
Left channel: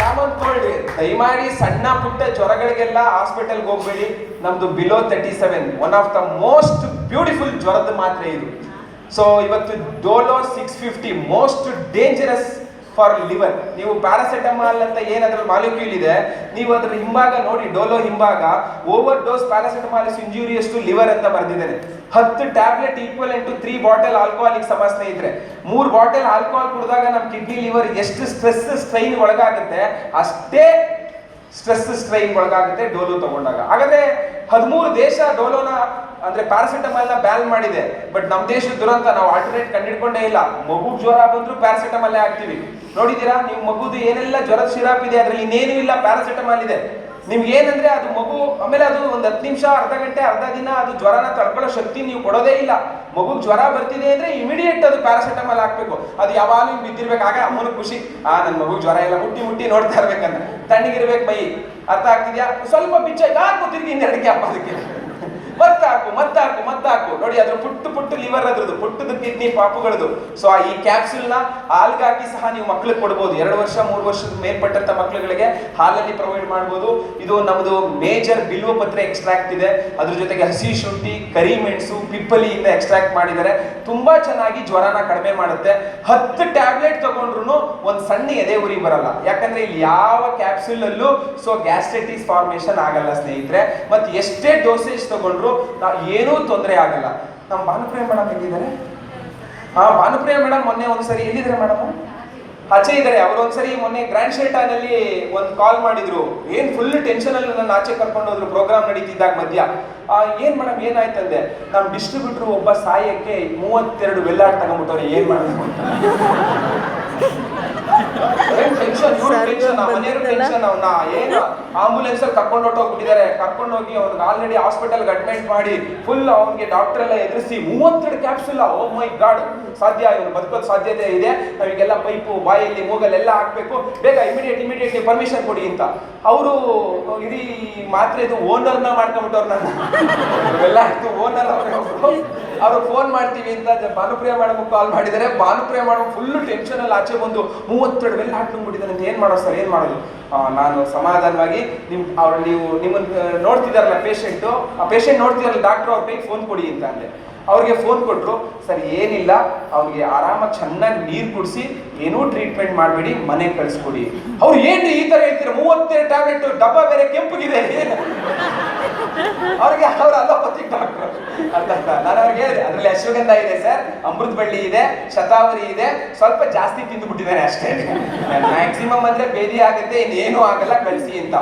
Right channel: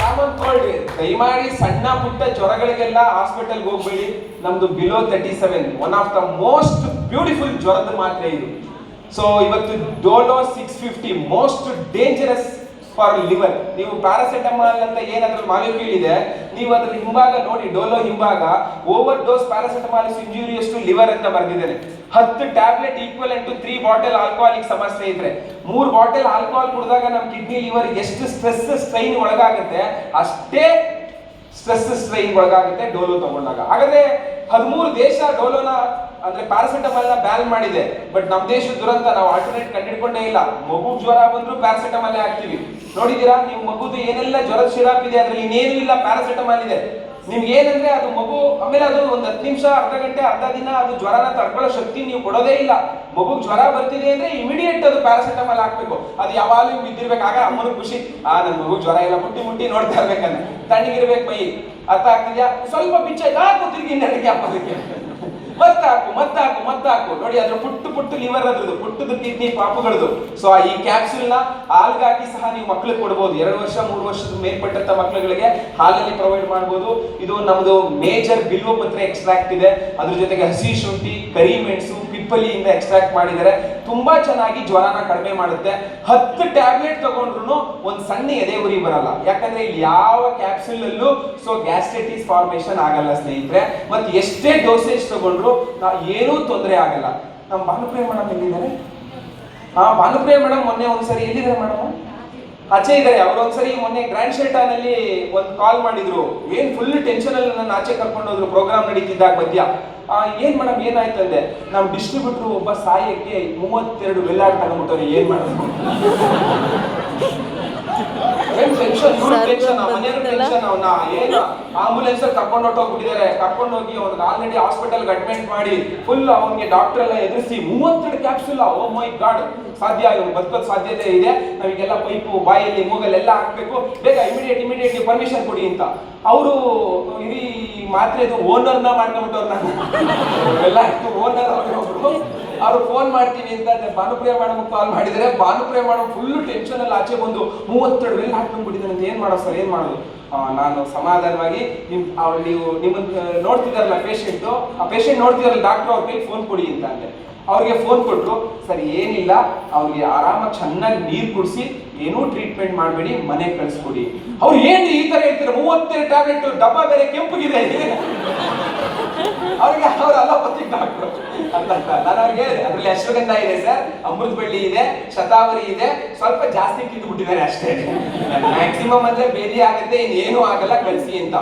Common cold. ದಯಮಾಡಿ ಸಣ್ಣ ಪುಟ್ಟ ಜ್ವರಗಳಿಗೆಲ್ಲ ಹಾಸ್ಪಿಟಲ್ಗೆ ಹೋಗ್ಬೇಡಿ. ನಮ್ದು below 37 one of the most beautiful ಜ್ವರದ ಮಾತ್ರೆ ಇದು. ಸೊ ಇವತ್ತು Dolo 650 most dangerous for liver. ನೀವು ಪ್ಯಾರಾಸಿಟಮಾಲ್ ಅಂತ ಏನಾದ್ರೂ ಮಾಲಿಕ್ಯೂಲ್ ಇದೆ, ನೀವು ಅದ್ರ ಹಿಂಭಾಗ ನೋಡಿ, ಡೋಲೋ ಹಿಂಭಾಗ overdose paracetamol is injurious to liver ಅಂತ ಬರ್ದಿದ್ದೇನೆ. 10 tablet equivalent to 3 bottle alcoholic ಸಮಸ್ಯೆ ಇದ್ರೆ, 3 ಬಾಟಲ್ ಆಲ್ಕೋಹಾಲ್ ಕುಡಿದಾಗ ನಮ್ಮ ಕಿಡ್ನಿ ಲಿವರ್ ಎಷ್ಟು ಸ್ಟ್ರೆಸ್ ಸ್ಟ್ರೈನ್ ಒಳಗಾಗುತ್ತೆ ಅಷ್ಟೇ ಸ್ಟ್ರೆಸ್ ಸ್ಟ್ರೈನ್ ಒಳಗಾಗುತ್ತೆ ಡೋಲೋ ತಗೊಂಡಾಗ. ಹಾಗಾದ್ರೆ 13 ದೇಶ ಡೋಲೋನ ಅಂದ್ರೆ ಪ್ಯಾರಾಸಿಟಮಾಲ್ ನ ಬ್ಯಾನ್ ಮಾಡಿದೆ. ಬಟ್ ನಮ್ ದೇಶದ ದುರಂತ, ನಾವು ಆಲ್ಟರ್ನೇಟ್ ಕಂಡಿಡ್ಕೊಂಡೇ ಇಲ್ಲ. ಮಗು ಜ್ವರ ಬಂದ್ರು ಪ್ಯಾರಾಸಿಟಮಾಲ್ ಹಾಕ್ತಿವಿ. ನೋಡಿದೀರಾ? ನಿಮ್ ಮಗುದು ಏನೆಲ್ಲ ಜ್ವರದ ಸಿರಾಪ್ ಇದೆ, ಅದ್ರಲ್ಲಿ ಇನ್ನೇನು ಇಲ್ಲ, ಪ್ಯಾರಾಸಿಟಮಾಲ್ ಇದೆ. ನಿಮ್ಗೆ ಏನಂದ್ರೆ ಅದು ಮಗು, ಆಮೇಲೆ ಅದು ಒಂದು 10 ನಿಮಿಷ, ಅರ್ಧ ಗಂಟೆ, ಅರ್ಧ ದಿನ ಅದು ಜ್ವರನ ತಡ್ಕೊಳ್ಳೋ ಶಕ್ತಿ ನೀವು ಕೊಡೋದೇ ಇಲ್ಲ. ಮಗು ಜ್ವರ ಬರ್ತಿದೆ ಅಂದ್ರೆ ಇಮಿಡಿಯೇಟ್ ಅದು ಪ್ಯಾರಾಸಿಟಮಾಲ್ ಹಾಕ್ಬೇಕು. ಅದು ಯಾವಾಗಲೂ ಬಿದ್ದಿರ್ಬೇಕು. ಆಗ ಅಮ್ಮನ ಖುಷಿ, ನನ್ನ ಮಗು ಜ್ವರ ಇಲ್ಲ, ಮುಟ್ಟಿ ನೋಡ್ತಾ ಇರ್ಬೇಕಂದ್ರೆ ತಣ್ಣಗಿರ್ಬೇಕು ಮೈ. ಅರ್ಥ ಆಗ್ತಿದ್ಯಾ? ಸ್ವಲ್ಪ ಬಿಚ್ಚ ಗೊತ್ತಿರ್ಗಿ 2ಕ್ಕೆ ಹಾಕೋದಕ್ಕೆ ಮತ್ತಾಕು ನೋಡಿ. ಅದ್ರ ಪುಟ್ಟು ಲಿವರ್, ಅದ್ರದ್ದು ಪುಟ್ಟದ ಕಿಡ್ನಿ ಪಾಪುಗಳದು. ಸೊ ಈ ಕ್ಯಾಪ್ಸೂಲ್ ನ ಹಾಲ್ಗಾಗಿ ಸಹ ನೀವು ಮಕ್ಳಿಗೆ ಕೊಡ್ಬೋದು. 2 ವರ್ಷ 3 ವರ್ಷದ ಮೇಲ್ಪಟ್ಟಂತ ಮಕ್ಳುಗಳಿಗೆ ಹಾಲಲ್ಲಿ ಪ್ರೊವೈಡ್ ಮಾಡ್ಬೋದು. ಇದು ನಮ್ದು ಮೇಜರ್ ಬಿಲ್ವಪತ್ರೆ ಎಕ್ಸ್ಟ್ರಾಕ್ಟ್ ಇದೆ. ಅದ್ರ ಜೊತೆಗೆ ಹಸಿ ಶುಂಠಿ, ಕರಿಮೆಣಸು, ಪಿಪ್ಪಲಿಯಿಂದ ಎಕ್ಸ್ಟ್ರಾಕ್ಟ್ ಮಾಡಿದ್ದಾರೆ. ತುಂಬಾ ಚೆನ್ನಾಗಿ ಜ್ವರನ ಕಡಿಮೆ ಮಾಡುತ್ತೆ. 10 ಟ್ಯಾಬ್ಲೆಟ್ ತಗೊಂಡ್ರು ಒಂದ್ ಸಣ್ಣ ಎದೆ ಉರಿ ಬರಲ್ಲ. ಯಾಕಂದ್ರೆ ಇಲ್ಲಿ ಯಾವ ಕ್ಯಾಪ್ಸೂಲ್ ಅಲ್ಲೂ ಗ್ಯಾಸ್ಟ್ರೈಟಿಸ್ ಫಾರ್ಮೇಶನ್ ಆಗಲ್ಲ ಸ್ನೇಹಿತರೆ. ಮತ್ತೆ ಎಷ್ಟೇ ಡೋಸೇಜ್ ತಗೊಂಡ್ರು ಏನೂ ತೊಂದರೆ ಆಗಲ್ಲ. ನಮ್ಮ ಭಾನುಪ್ರಿಯ ಮೇಡಮ್ ಎಲ್ಲಿದ್ದಾರೆ? ಭಾನುಪ್ರಿಯ ಮೇಡಮ್ ಮೊನ್ನೆ ಒಂದ್ಸರಿ ಎಲ್ಲಿದ್ದಾರೆ ಮೇಡಮ್? ಆಚೆ ಇದ್ದಾರೆ. ಅವರು ಒಂದ್ಸರಿ ಮೊನ್ನೆ ಗ್ರ್ಯಾಂಡ್ ಶೆಲ್ಟರ್ ನಲ್ಲಿ ಒಂದು ಕಾಲ್ ಮಾಡಿದ್ರು. ಏನ್ ಫುಲ್ ಟೆನ್ಷನ್ ಅಲ್ಲಿ ನನ್ನ ಆಚೆ ಕರ್ಕೊಂಡು ಹೋದ್ರು ಪ್ರೋಗ್ರಾಮ್ ನಡೀತಿದ್ದಾಗ ಮಧ್ಯ. ಏನ್ ಮೇಡಮ್ ಏನಾಯ್ತಂದೆ? ನಮ್ ಡಿಸ್ಟ್ರಿಬ್ಯೂಟರ್ ಒಬ್ಬ ಸಾಯಕ್ಕೆ 32 ವೆಲ್ಲಾಡ್ ತಗೊಂಡ್ಬಿಟ್ಟವ್ರೆ, ಏನ್ ಮಾಡೋದು? ಆಂಬುಲೆನ್ಸ್ ಅಲ್ಲಿ ಕರ್ಕೊಂಡು ಹೊಟ್ಟೋಗ್ಬಿಟ್ಟಿದ್ದಾರೆ. ಕರ್ಕೊಂಡು ಹೋಗಿ ಅವ್ನಿಗೆ ಆಲ್ರೆಡಿ ಹಾಸ್ಪಿಟಲ್ ಅಡ್ಮಿಟ್ ಮಾಡಿ ಫುಲ್ ಅವ್ನಿಗೆ ಡಾಕ್ಟರ್ ಎಲ್ಲ ಎದುರಿಸಿ 32 ಕ್ಯಾಪ್ಸೂಲ್. ಓ ಮೈ ಗಾಡ್, ಸಾಧ್ಯ, ಇವ್ರು ಬದುಕೋದ್ ಸಾಧ್ಯತೆ ಇದೆ, ನಾವೀಗೆಲ್ಲ ಪೈಪು ಬಾಯಲ್ಲಿ ಮೂಗಲ್ಲೆಲ್ಲ ಹಾಕ್ಬೇಕು, ಬೇಗ ಇಮಿಡಿಯೇಟ್ಲಿ ಪರ್ಮಿಷನ್ ಕೊಡಿ ಅಂತ. ಅವರು ಇಡೀ ಮಾತ್ರೆದು ಓನರ್ನ ಮಾಡ್ಕೊಂಡ್ಬಿಟ್ಟವ್ರು. ನಾನು ಎಲ್ಲ ಓನರ್ ಅವ್ರು ಫೋನ್ ಮಾಡ್ತೀವಿ ಅಂತ ಭಾನುಪ್ರಿಯ ಮೇಡಮ್ ಕಾಲ್ ಮಾಡಿದರೆ, ಭಾನುಪ್ರಿಯ ಮೇಡಮ್ ಫುಲ್ ಟೆನ್ಷನ್ ಅಲ್ಲಿ ಆಚೆ ಬಂದು 32 ವೆಲ್ ಹಾಕೊಂಡ್ಬಿಟ್ಟಿದ್ದಾರೆ, ಏನ್ ಮಾಡೋದು ಸರ್, ಏನ್ ಮಾಡೋದು? ನಾನು ಸಮಾಧಾನವಾಗಿ ನೀವು ನಿಮ್ಮನ್ನ ನೋಡ್ತಿದಾರಲ್ಲ ಪೇಷಂಟು, ಆ ಪೇಷಂಟ್ ನೋಡ್ತಿದಾರಲ್ಲ ಡಾಕ್ಟರ್, ಅವ್ರ ಕೈಗೆ ಫೋನ್ ಕೊಡಿ ಅಂತ ಅಂದೆ. ಅವ್ರಿಗೆ ಫೋನ್ ಕೊಟ್ಟರು. ಸರಿ ಏನಿಲ್ಲ, ಅವ್ರಿಗೆ ಆರಾಮಾಗಿ ಚೆನ್ನಾಗಿ ನೀರು ಕುಡಿಸಿ, ಏನೂ ಟ್ರೀಟ್ಮೆಂಟ್ ಮಾಡಬೇಡಿ, ಮನೆಗೆ ಕಳಿಸ್ಕೊಡಿ. ಅವ್ರು ಏನ್ರಿ ಈ ತರ ಹೇಳ್ತೀರ, 32 ಟ್ಯಾಬ್ಲೆಟ್, ಡಬ್ಬ ಬೇರೆ ಕೆಂಪಗಿದೆ. ಅವ್ರಿಗೆ ಅವ್ರ ಅಲೋಪತಿಕ್ ಡಾಕ್ಟರ್ ಅಂತ ನಾನು ಅವ್ರಿಗೆ ಹೇಳಿದೆ, ಅದ್ರಲ್ಲಿ ಅಶ್ವಗಂಧ ಇದೆ ಸರ್, ಅಮೃತ ಬಳ್ಳಿ ಇದೆ, ಶತಾವರಿ ಇದೆ, ಸ್ವಲ್ಪ ಜಾಸ್ತಿ ತಿಂದು ಬಿಟ್ಟಿದ್ದಾರೆ ಅಷ್ಟೇ, ಮ್ಯಾಕ್ಸಿಮಮ್ ಅಂದ್ರೆ ಬೇದಿ ಆಗುತ್ತೆ, ಇನ್ನೇನು ಆಗಲ್ಲ, ಕಳಿಸಿ ಅಂತ.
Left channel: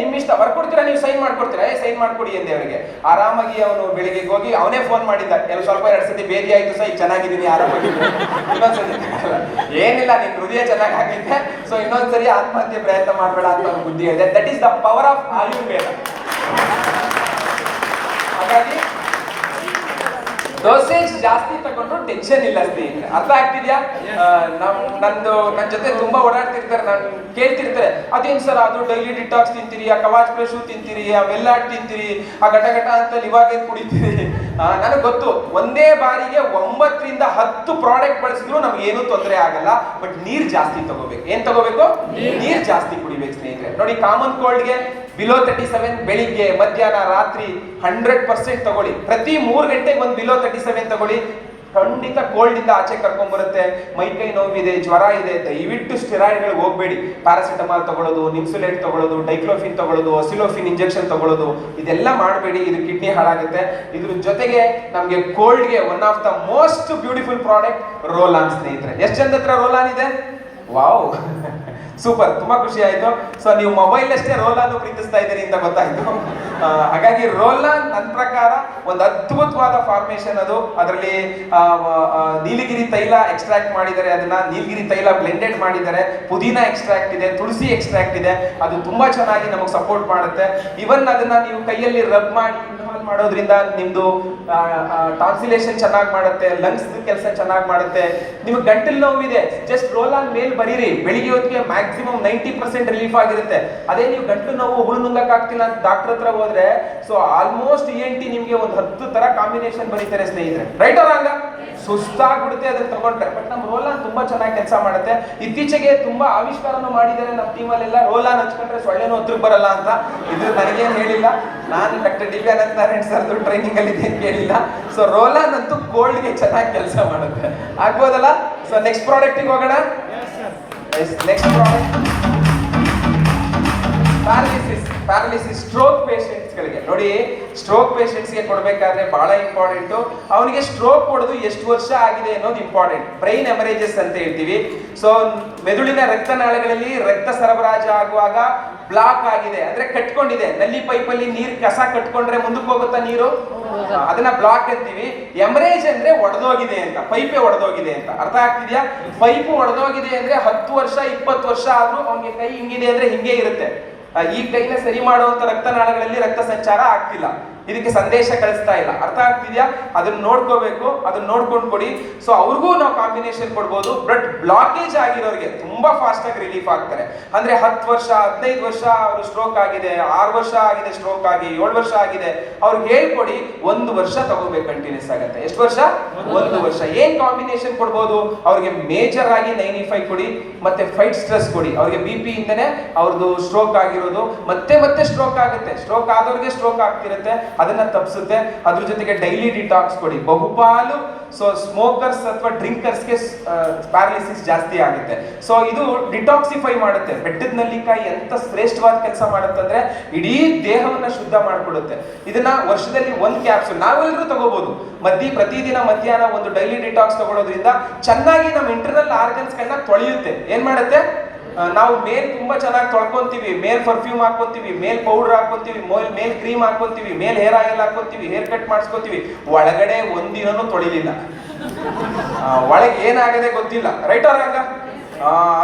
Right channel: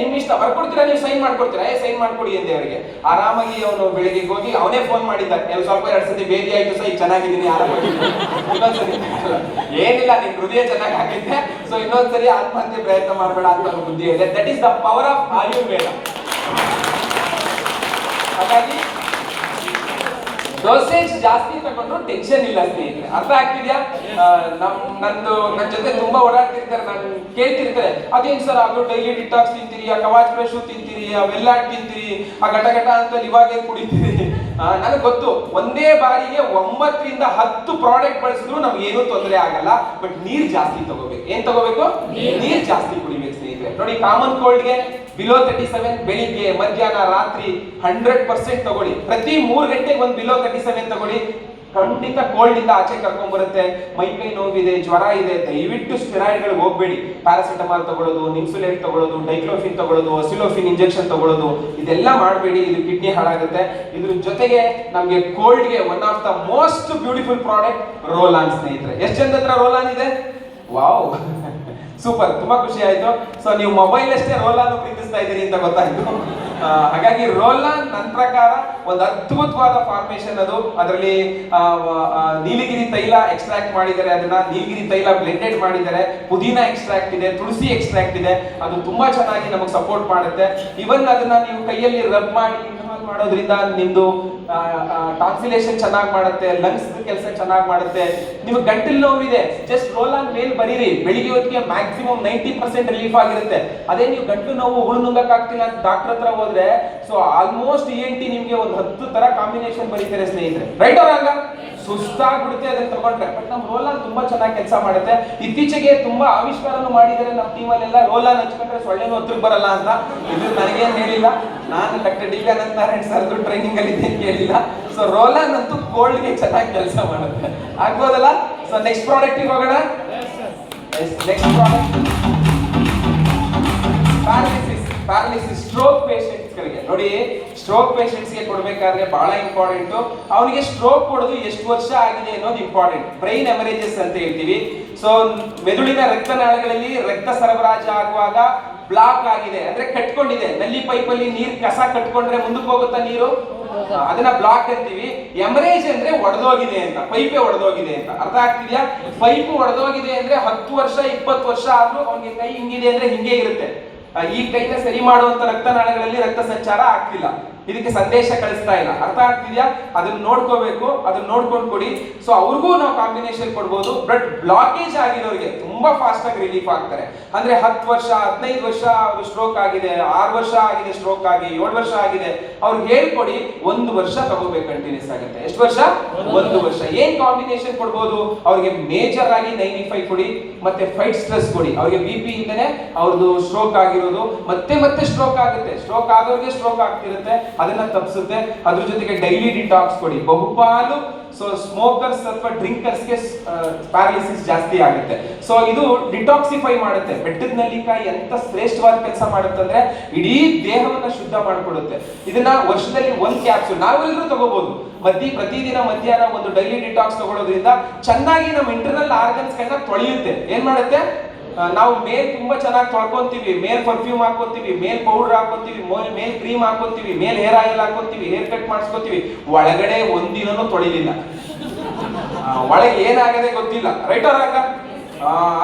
ನಿಮ್ ಇಷ್ಟ, ಬರ್ಕೊಡ್ತೀರಾ, ನೀವು ಸೈನ್ ಮಾಡ್ಕೊಡ್ತೀರಾ, ಸೈನ್ ಮಾಡ್ಕೊಡಿ ಅಂದೆ ಅವರಿಗೆ. ಆರಾಮಾಗಿ ಅವರು ಬೆಳಿಗ್ಗೆ ಹೋಗಿ ಅವನೇ ಫೋನ್ ಮಾಡಿದ್ದ, ಕೆಲವು ಸ್ವಲ್ಪ 2 ಸತಿ ಬೇದಿ ಆಯ್ತು ಸರ್, ಈಗ ಚೆನ್ನಾಗಿದ್ದೀನಿ, ಆರಾಮಾಗಿ. ಇನ್ನೊಂದ್ಸತಿ ಏನಿಲ್ಲ, ನಿನ್ ಹೃದಯ ಚೆನ್ನಾಗಿ ಆಗಿದ್ದೆ, ಸೊ ಇನ್ನೊಂದ್ಸರಿ ಆತ್ಮಹತ್ಯೆ ಪ್ರಯತ್ನ ಮಾಡಬೇಡ ಅಂತ ಬುದ್ಧಿ ಇದೆ. That is the power of Ayurveda. ಹಾಗಾಗಿ ಡೋಸೇಜ್ ಜಾಸ್ತಿ ತಗೊಂಡ್ರು ಟೆನ್ಷನ್ ಇಲ್ಲ ಸ್ನೇಹಿತರೆ, ಅರ್ಥ ಆಗ್ತಿದ್ಯಾ? ನನ್ನ ಜೊತೆ ತುಂಬಾ ಓಡಾಡ್ತಿರ್ತಾರೆ, ನಾನು ಕೇಳ್ತಿರ್ತಾರೆ, ಅದೇನ್ ಸರ್ ಅದು ಡೈಲಿ ಡಿಟಾಕ್ಸ್ ತಿಂತೀರಿ, ಆ ಕವಾಚ್ ಫ್ರೆಶ್ ತಿಂತೀರಿ, ಆ ವೆಲ್ಲಾಟ್ ತಿಂತೀರಿ, ಆ ಘಟ ಅಂತ ಇವಾಗೇ ಕುಡಿತೀರಿ. ನನಗೆ ಗೊತ್ತು, ಒಂದೇ ಬಾರಿಗೆ 9 ರಿಂದ 10 ಪ್ರಾಡಕ್ಟ್ ಬಳಸಿದ್ರು ನಮ್ಗೆ ಏನೂ ತೊಂದರೆ ಆಗಲ್ಲ. ಬಟ್ ನೀರ್ ಜಾಸ್ತಿ ತಗೋಬೇಕು. ಏನ್ ತಗೋಬೇಕು? ನೀರ್ ಜಾಸ್ತಿ ಕುಡಿಬೇಕು ಸ್ನೇಹಿತರೆ. ನೋಡಿ, ಕಾಮನ್ ಕೋಲ್ಡ್ಗೆ ಬಿಲೋ 37 ಬೆಳಿಗ್ಗೆ, ಮಧ್ಯಾಹ್ನ, ರಾತ್ರಿ 100% ತಗೊಳ್ಳಿ. ಪ್ರತಿ 3 ಗಂಟೆಗೆ ಒಂದು ಬಿಲೋ 37 ತಗೊಳ್ಳಿ. ಖಂಡಿತ ಕೋಲ್ಡ್ ಇಂದ ಆಚೆ ಕರ್ಕೊಂಡ್ ಬರುತ್ತೆ. ಮೈಕೈ ನೋವಿದೆ, ಜ್ವರ ಇದೆ, ದಯವಿಟ್ಟು ಸ್ಟೆರಾಯ್ಡ್ಗಳಿಗೆ ಹೋಗ್ಬೇಡಿ. ಪ್ಯಾರಾಸಿಟಮಾಲ್ ತಗೊಳ್ಳೋದು, ನಿಮ್ಸುಲೇಟ್ ತಗೊಳ್ಳೋದು, ಡೈಕ್ಲೋಫಿನ್ ತಗೊಳ್ಳೋದು, ಅಸಿಲೋಫಿನ್ ಇಂಜೆಕ್ಷನ್ ತಗೊಳ್ಳೋದು, ಇದೆಲ್ಲ ಮಾಡಬೇಡಿ. ಇದು ಕಿಡ್ನಿ ಹಾಳಾಗುತ್ತೆ. ಇದ್ರ ಜೊತೆಗೆ ನಮ್ಗೆ ಕೋಲ್ಡ್ಗೆ one of the most beautiful product roll on ಸ್ನೇಹಿತರೆ. ಎಷ್ಟು ಜನದ ಹತ್ರ ರೋಲಾನ್ ಇದೆ? ವಾವ್, ಸೂಪರ್, ತುಂಬಾ ಖುಷಿ ಆಯ್ತು. ಸೊ ನೀವು ಮೊಬೈಲ್ ಅಷ್ಟೇ ರೋಲಾನ್ ಪ್ರೀತಿಸ್ತಾ ಇದ್ದೀರಿ ಅಂತ ಗೊತ್ತಾಯ್ತು. ಹಾಗಾಗಿ ರೋಲಾನ್ ನನ್ನ ಪ್ರಕಾರ ಒಂದು ಅದ್ಭುತವಾದ ಫಾರ್ಮೇಶನ್ ಅದು. ಅದರಲ್ಲಿ ನೀಲಗಿರಿ ತೈಲ ಎಕ್ಸ್ಟ್ರಾಕ್ಟ್ ಮಾಡಿದ್ದಾರೆ, ಅದನ್ನ ನೀಲಗಿರಿ ತೈಲ ಬ್ಲೆಂಡೆಡ್ ಮಾಡಿದ್ದಾರೆ, ಪುದೀನ ಎಕ್ಸ್ಟ್ರಾಕ್ಟ್ ಇದೆ, ತುಳಸಿ ಎಕ್ಸ್ಟ್ರಾಕ್ಟ್ ಇದೆ. ಅದು ತುಂಬಾ ಚೆನ್ನಾಗಿ ನಮಗೆ ಸಪೋರ್ಟ್ ಮಾಡುತ್ತೆ. ಇವನ್ ಅದನ್ನ ನೀವು ಕೈಯಲ್ಲಿ ರಬ್ ಮಾಡಿ ಮಾಡೋದ್ರಿಂದ ನಿಮ್ದು ಟಾನ್ಸಿಲೇಷನ್ ಚೆನ್ನಾಗಿ ಮಾಡುತ್ತೆ, ಲಂಗ್ಸ್ ಕೆಲಸ ಚೆನ್ನಾಗಿ ಮಾಡುತ್ತೆ. ನಿಮ್ಗೆ ಗಂಟಲು ನೋವಿದೆ, ಜಸ್ಟ್ ರೋಲಾನ್ ಮೇಲ್ ಬರೀರಿ, ಬೆಳಿಗ್ಗೆ ಹೊತ್ತಿಗೆ ಮ್ಯಾಕ್ಸಿಮಮ್ 90% ರಿಲೀಫ್ ಆಗಿರುತ್ತೆ. ಅದೇ ನೀವು ಗಂಟಲು ನೋವು ಹುಳುನುಂಗಕ್ ಆಗ್ತಿಲ್ಲ ಅಂತ ಡಾಕ್ಟರ್ ಹತ್ರ ಹೋದ್ರೆ, ಸೊ ಆಲ್ಮೋಸ್ಟ್ ENT ನಿಮ್ಗೆ ಒಂದು 10 ತರ ಕಾಂಬಿನೇಷನ್ ಬರೀತಾರೆ ಸ್ನೇಹಿತರೆ. ರೈಟ್ ಅವರಂಗ ಸುಸ್ತಾಗ್ಬಿಡುತ್ತೆ ಅದನ್ನ ತಗೊಂಡ್ರೆ. ಬಟ್ ನಮ್ಮ ರೋಲಾನ್ ತುಂಬಾ ಚೆನ್ನಾಗಿ ಕೆಲಸ ಮಾಡುತ್ತೆ. ಇತ್ತೀಚೆಗೆ ತುಂಬಾ ಆವಿಷ್ಕಾರನು ಮಾಡಿದ್ದಾರೆ ನಮ್ಮ ಟೀಮಲ್ಲೆಲ್ಲ. ರೋಲಾನ್ ಹಚ್ಕೊಂಡ್ರೆ ಸೊಳ್ಳೆನೂ ಹತ್ತಿರ ಬರಲ್ಲ ಅಂತ. ಇದು ನನಗೇನು ಹೇಳಿಲ್ಲ, ನಾನು ಡಾಕ್ಟರ್ ದಿವ್ಯಾನಂದ ನಾರಾಯಣ್ ಸರ್ದು ಟ್ರೈನಿಂಗ್ ಅಲ್ಲಿ ಇದ್ದೇನೆ ಕೇಳಿಲ್ಲ. ಸೊ ರೋಲಾನ್ ಅಂತೂ ಕೋಲ್ಡ್ಗೆ ಚೆನ್ನಾಗಿ ಕೆಲಸ ಮಾಡುತ್ತೆ. ಆಗ್ಬೋದಲ್ಲ? ಸೊ ನೆಕ್ಸ್ಟ್ ಪ್ರಾಡಕ್ಟ್ ಹೋಗೋಣ. Next product paralysis stroke patients ಗಳಿಗೆ. ನೋಡಿ, ಸ್ಟ್ರೋಕ್ ಪೇಷಂಟ್ಸ್ ಗೆ ಕೊಡಬೇಕಾದ್ರೆ ಬಹಳ ಇಂಪಾರ್ಟೆಂಟ್. ಅವನಿಗೆ ಸ್ಟ್ರೋಕ್ ಕೊಡೋದು ಎಷ್ಟು ವರ್ಷ ಆಗಿದೆ ಅನ್ನೋದು ಇಂಪಾರ್ಟೆಂಟ್. ಬ್ರೈನ್ ಎಮರೇಜಸ್ ಅಂತ ಹೇಳ್ತೀವಿ. ಸೊ ಮೆದುಳಿನ ರಕ್ತನಾಳಗಳಲ್ಲಿ ರಕ್ತ ಸರಬರಾಜು ಆಗುವಾಗ ಬ್ಲಾಕ್ ಆಗಿದೆ ಅಂದ್ರೆ ಕಟ್ಕೊಂಡಿದೆ. ನಲ್ಲಿ ಪೈಪ್ ಅಲ್ಲಿ ನೀರ್ ಕಸ ಕಟ್ಕೊಂಡ್ರೆ ಮುಂದಕ್ಕೆ ಹೋಗುತ್ತಾ ನೀರು, ಅದನ್ನ ಬ್ಲಾಕ್ ಅಂತೀವಿ. ಎಮರೇಜ್ ಅಂದ್ರೆ ಒಡೆದೋಗಿದೆ ಅಂತ, ಪೈಪೇ ಒಡೆದೋಗಿದೆ ಅಂತ. ಅರ್ಥ ಆಗ್ತಿದ್ಯಾ? ಪೈಪ್ ಒಡೆದೋಗಿದೆ ಅಂದ್ರೆ 10 ವರ್ಷ 20 ವರ್ಷ ಆದ್ರೂ ಅವನಿಗೆ ಕೈ ಹಿಂಗಿದೆ ಅಂದ್ರೆ ಹಿಂಗೆ ಇರುತ್ತೆ. ಈ ಕೈನ ಸರಿ ಮಾಡುವಂತ ರಕ್ತನಾಳಗಳಲ್ಲಿ ರಕ್ತ ಸಂಚಾರ ಆಗ್ತಿಲ್ಲ, ಇದಕ್ಕೆ ಸಂದೇಶ ಕಳಿಸ್ತಾ ಇಲ್ಲ. ಅರ್ಥ ಆಗ್ತಿದ್ಯಾ? ಅದನ್ನ ನೋಡ್ಕೋಬೇಕು, ಅದನ್ನ ನೋಡ್ಕೊಂಡು ಕೊಡಿ. ಸೊ ಅವ್ರಿಗೂ ನಾವು ಕಾಂಬಿನೇಷನ್ ಕೊಡ್ಬೋದು. ಬಟ್ ಬ್ಲಾಕೇಜ್ ಆಗಿರೋರಿಗೆ ತುಂಬಾ ಫಾಸ್ಟ್ ಆಗಿ ರಿಲೀಫ್ ಆಗ್ತಾರೆ. ಅಂದ್ರೆ 10 ವರ್ಷ 15 ವರ್ಷ ಅವರು ಸ್ಟ್ರೋಕ್ ಆಗಿದೆ, 6 ವರ್ಷ ಆಗಿದೆ ಸ್ಟ್ರೋಕ್ ಆಗಿ, 7 ವರ್ಷ ಆಗಿದೆ, ಅವ್ರಿಗೆ ಹೇಳ್ಕೊಡಿ. 1 ವರ್ಷ ತಗೋಬೇಕು, ಕಂಟಿನ್ಯೂಸ್ ಆಗುತ್ತೆ. ಎಷ್ಟು ವರ್ಷ? 1 ವರ್ಷ. ಏನ್ ಕಾಂಬಿನೇಷನ್ ಕೊಡ್ಬೋದು ಅವ್ರಿಗೆ? ಮೇಜರ್ ಆಗಿ 95 ಕೊಡಿ, ಮತ್ತೆ ಫೈಟ್ ಸ್ಟ್ರೆಸ್ ಕೊಡಿ. ಅವ್ರಿಗೆ BP ಇಂದನೇ ಅವ್ರದ್ದು ಸ್ಟ್ರೋಕ್ ಆಗಿರೋದು, ಮತ್ತೆ ಮತ್ತೆ ಸ್ಟ್ರೋಕ್ ಆಗುತ್ತೆ. ಸ್ಟ್ರೋಕ್ ಆದವ್ರಿಗೆ ಸ್ಟ್ರೋಕ್ ಆಗ್ತಿರುತ್ತೆ, ಅದನ್ನ ತಪ್ಪಿಸುತ್ತೆ. ಅದ್ರ ಜೊತೆಗೆ ಡೈಲಿ ಡಿಟಾಕ್ಸ್ ಕೊಡಿ. ಬಹುಪಾಲು ಸೊ ಸ್ಮೋಕರ್ಸ್ ಅಥವಾ ಡ್ರಿಂಕರ್ಸ್ಗೆ ಪ್ಯಾರಾಲಿಸಿಸ್ ಜಾಸ್ತಿ ಆಗುತ್ತೆ. ಸೊ ಇದು ಡಿಟಾಕ್ಸಿಫೈ ಮಾಡುತ್ತೆ. ಬೆಟ್ಟದ ನೆಲ್ಲಿಕಾಯಿ ಎಂತ ಶ್ರೇಷ್ಠವಾದ ಕೆಲಸ ಮಾಡುತ್ತೆ ಅಂದ್ರೆ ಇಡೀ ದೇಹವನ್ನ ಶುದ್ಧ ಮಾಡಿಕೊಡುತ್ತೆ. ಇದನ್ನ ವರ್ಷದಲ್ಲಿ 1 ಕ್ಯಾಪ್ಸೂಲ್ ನಾವೆಲ್ಲರೂ ತಗೋಬಹುದು. ಪ್ರತಿದಿನ ಮಧ್ಯಾಹ್ನ ಒಂದು ಡೈಲಿ ಡಿಟಾಕ್ಸ್ ತಗೊಳ್ಳೋದ್ರಿಂದ ಚೆನ್ನಾಗಿ ನಮ್ಮ ಇಂಟರ್ನಲ್ ಆರ್ಗನ್ಸ್ ಗಳನ್ನ ತೊಳೆಯುತ್ತೆ. ಏನ್ ಮಾಡುತ್ತೆ? ನಾವು ಮೇಲ್ ತುಂಬಾ ಚೆನ್ನಾಗಿ ತೊಳ್ಕೊಂತೀವಿ, ಮೇಲ್ ಪರ್ಫ್ಯೂಮ್ ಹಾಕೋತೀವಿ, ಮೇಲ್ ಪೌಡರ್ ಹಾಕೋತೀವಿ, ಮೇಲ್ ಕ್ರೀಮ್ ಹಾಕೋತೀವಿ, ಮೇಲ್ ಹೇರ್ ಆಯಿಲ್ ಹಾಕೋತೀವಿ, ಹೇರ್ ಕಟ್ ಮಾಡಿಸ್ಕೋತೀವಿ. ಒಳಗಡೆ ಒಂದಿನೂ ತೊಳಿಲಿಲ್ಲ, ಒಳಗೆ ಏನಾಗದೆ ಗೊತ್ತಿಲ್ಲ. ರೈಟ್ ಅವ್ರಾಗ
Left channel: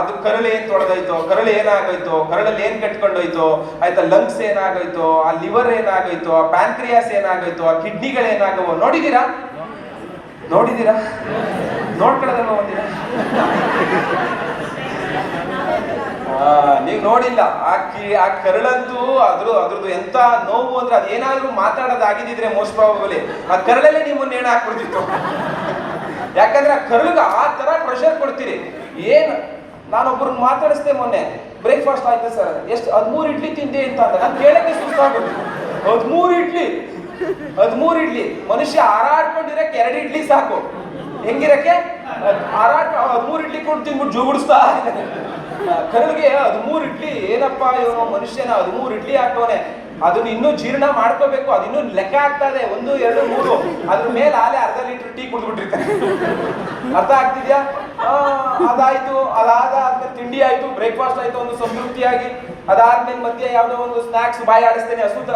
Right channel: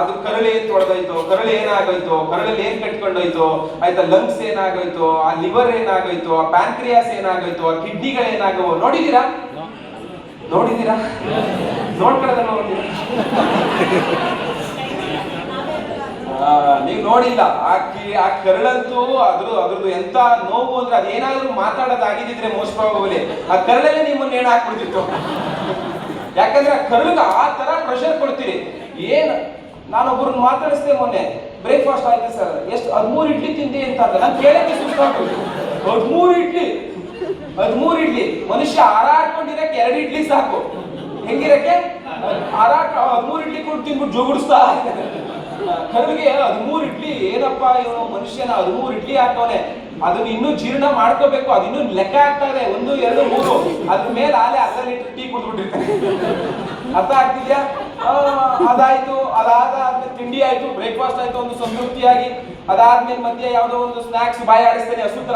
ಅದು ಕರಳು ಏನ್ ತೊಳೆದೋಯ್ತೋ, ಕರಳು ಏನಾಗೋಯ್ತೋ, ಕರಳಲ್ಲಿ ಏನ್ ಕಟ್ಕೊಂಡೋಯ್ತೋ, ಆಯ್ತಾ, ಲಂಗ್ಸ್ ಏನಾಗೋಯ್ತೋ, ಆ ಲಿವರ್ ಏನಾಗೋಯ್ತೋ, ಆ ಪ್ಯಾಂಕ್ರಿಯಾಸ್ ಏನಾಗೋಯ್ತೋ, ಆ ಕಿಡ್ನಿಗಳು ಏನಾಗೋ ನೋಡಿದೀರಾ? ನೋಡ್ಕೊಳ್ಳೋದ ನೋಡಿದೀರಾ? ನೀವು ನೋಡಿಲ್ಲ. ಆ ಕರಳಂತೂ ಅದ್ರದ್ದು ಎಂತ ನೋವು ಅಂದ್ರೆ ಅದೇನಾದ್ರೂ ಮಾತಾಡೋದಾಗಿದ್ರೆ ಮೋಸ್ಟ್ ಪ್ರಾಬಬ್ಲಿ ಆ ಕರಳಲ್ಲಿ ನಿಮ್ಮನ್ನ ನೇಣು ಹಾಕ್ಬಿಡ್ತಾರೆ. ಆಗ್ಬಿಡ್ತಿತ್ತು. ಯಾಕಂದ್ರೆ ಕರುಳಿಗೆ ಆ ತರ ಪ್ರೆಷರ್ ಕೊಡ್ತೀರಿ. ಏನ್ ನಾನೊಬ್ಬರನ್ನ ಮಾತಾಡಿಸ್ದೆ ಮೊನ್ನೆ, ಬ್ರೇಕ್ಫಾಸ್ಟ್ ಆಯ್ತು ಸರ್, ಎಷ್ಟು 13 ಇಡ್ಲಿ ತಿಂದೆ ಅಂತ. ನಾನು ಕೇಳಕ್ಕೆ ಸುಸ್ತಾಗೋದು. 13 ಇಡ್ಲಿ ಮನುಷ್ಯ ಹಾರಾಡ್ಕೊಂಡಿರಕ್ಕೆ 2 ಇಡ್ಲಿ ಸಾಕು. ಹೆಂಗಿರಕ್ಕೆ 13 ಇಡ್ಲಿ ಕೊಟ್ಟು ತಿನ್ಬಿಟ್ಟು ಜೋಗುಡಿಸ್ತಾ ಕರುಳಿಗೆ 13 ಇಡ್ಲಿ. ಏನಪ್ಪಾ ಇವನು ಮನುಷ್ಯನ 13 ಇಡ್ಲಿ ಹಾಕೋನೆ, ಅದನ್ನ ಇನ್ನೂ ಜೀರ್ಣ ಮಾಡ್ಕೋಬೇಕು, ಅದು ಇನ್ನೂ ಲೆಕ್ಕ ಆಗ್ತದೆ 1, 2, 3, ಅದ್ರ ಮೇಲೆ ಆಲೆ ಅರ್ಧ ಲೀಟರ್ ಟೀ ಕುಡ್ಬಿಟ್ಟಿರ್ತಾನೆ. ಅರ್ಥ ಆಗ್ತಿದ್ಯಾ? ಅದಾಯ್ತು, ಅದಾದ್ಮೇಲೆ ತಿಂಡಿ ಆಯ್ತು, ಬ್ರೇಕ್ಫಾಸ್ಟ್ ಆಯ್ತು, ಒಂದು ಸಂತೃಪ್ತಿಯಾಗಿ. ಅದಾದ್ಮೇಲೆ ಮಧ್ಯೆ ಯಾವ್ದೋ ಒಂದು ಸ್ನಾಕ್ಸ್ ಬಾಯಿ ಆಡಿಸ್ತೇನೆ, ಹಸುತ್ರ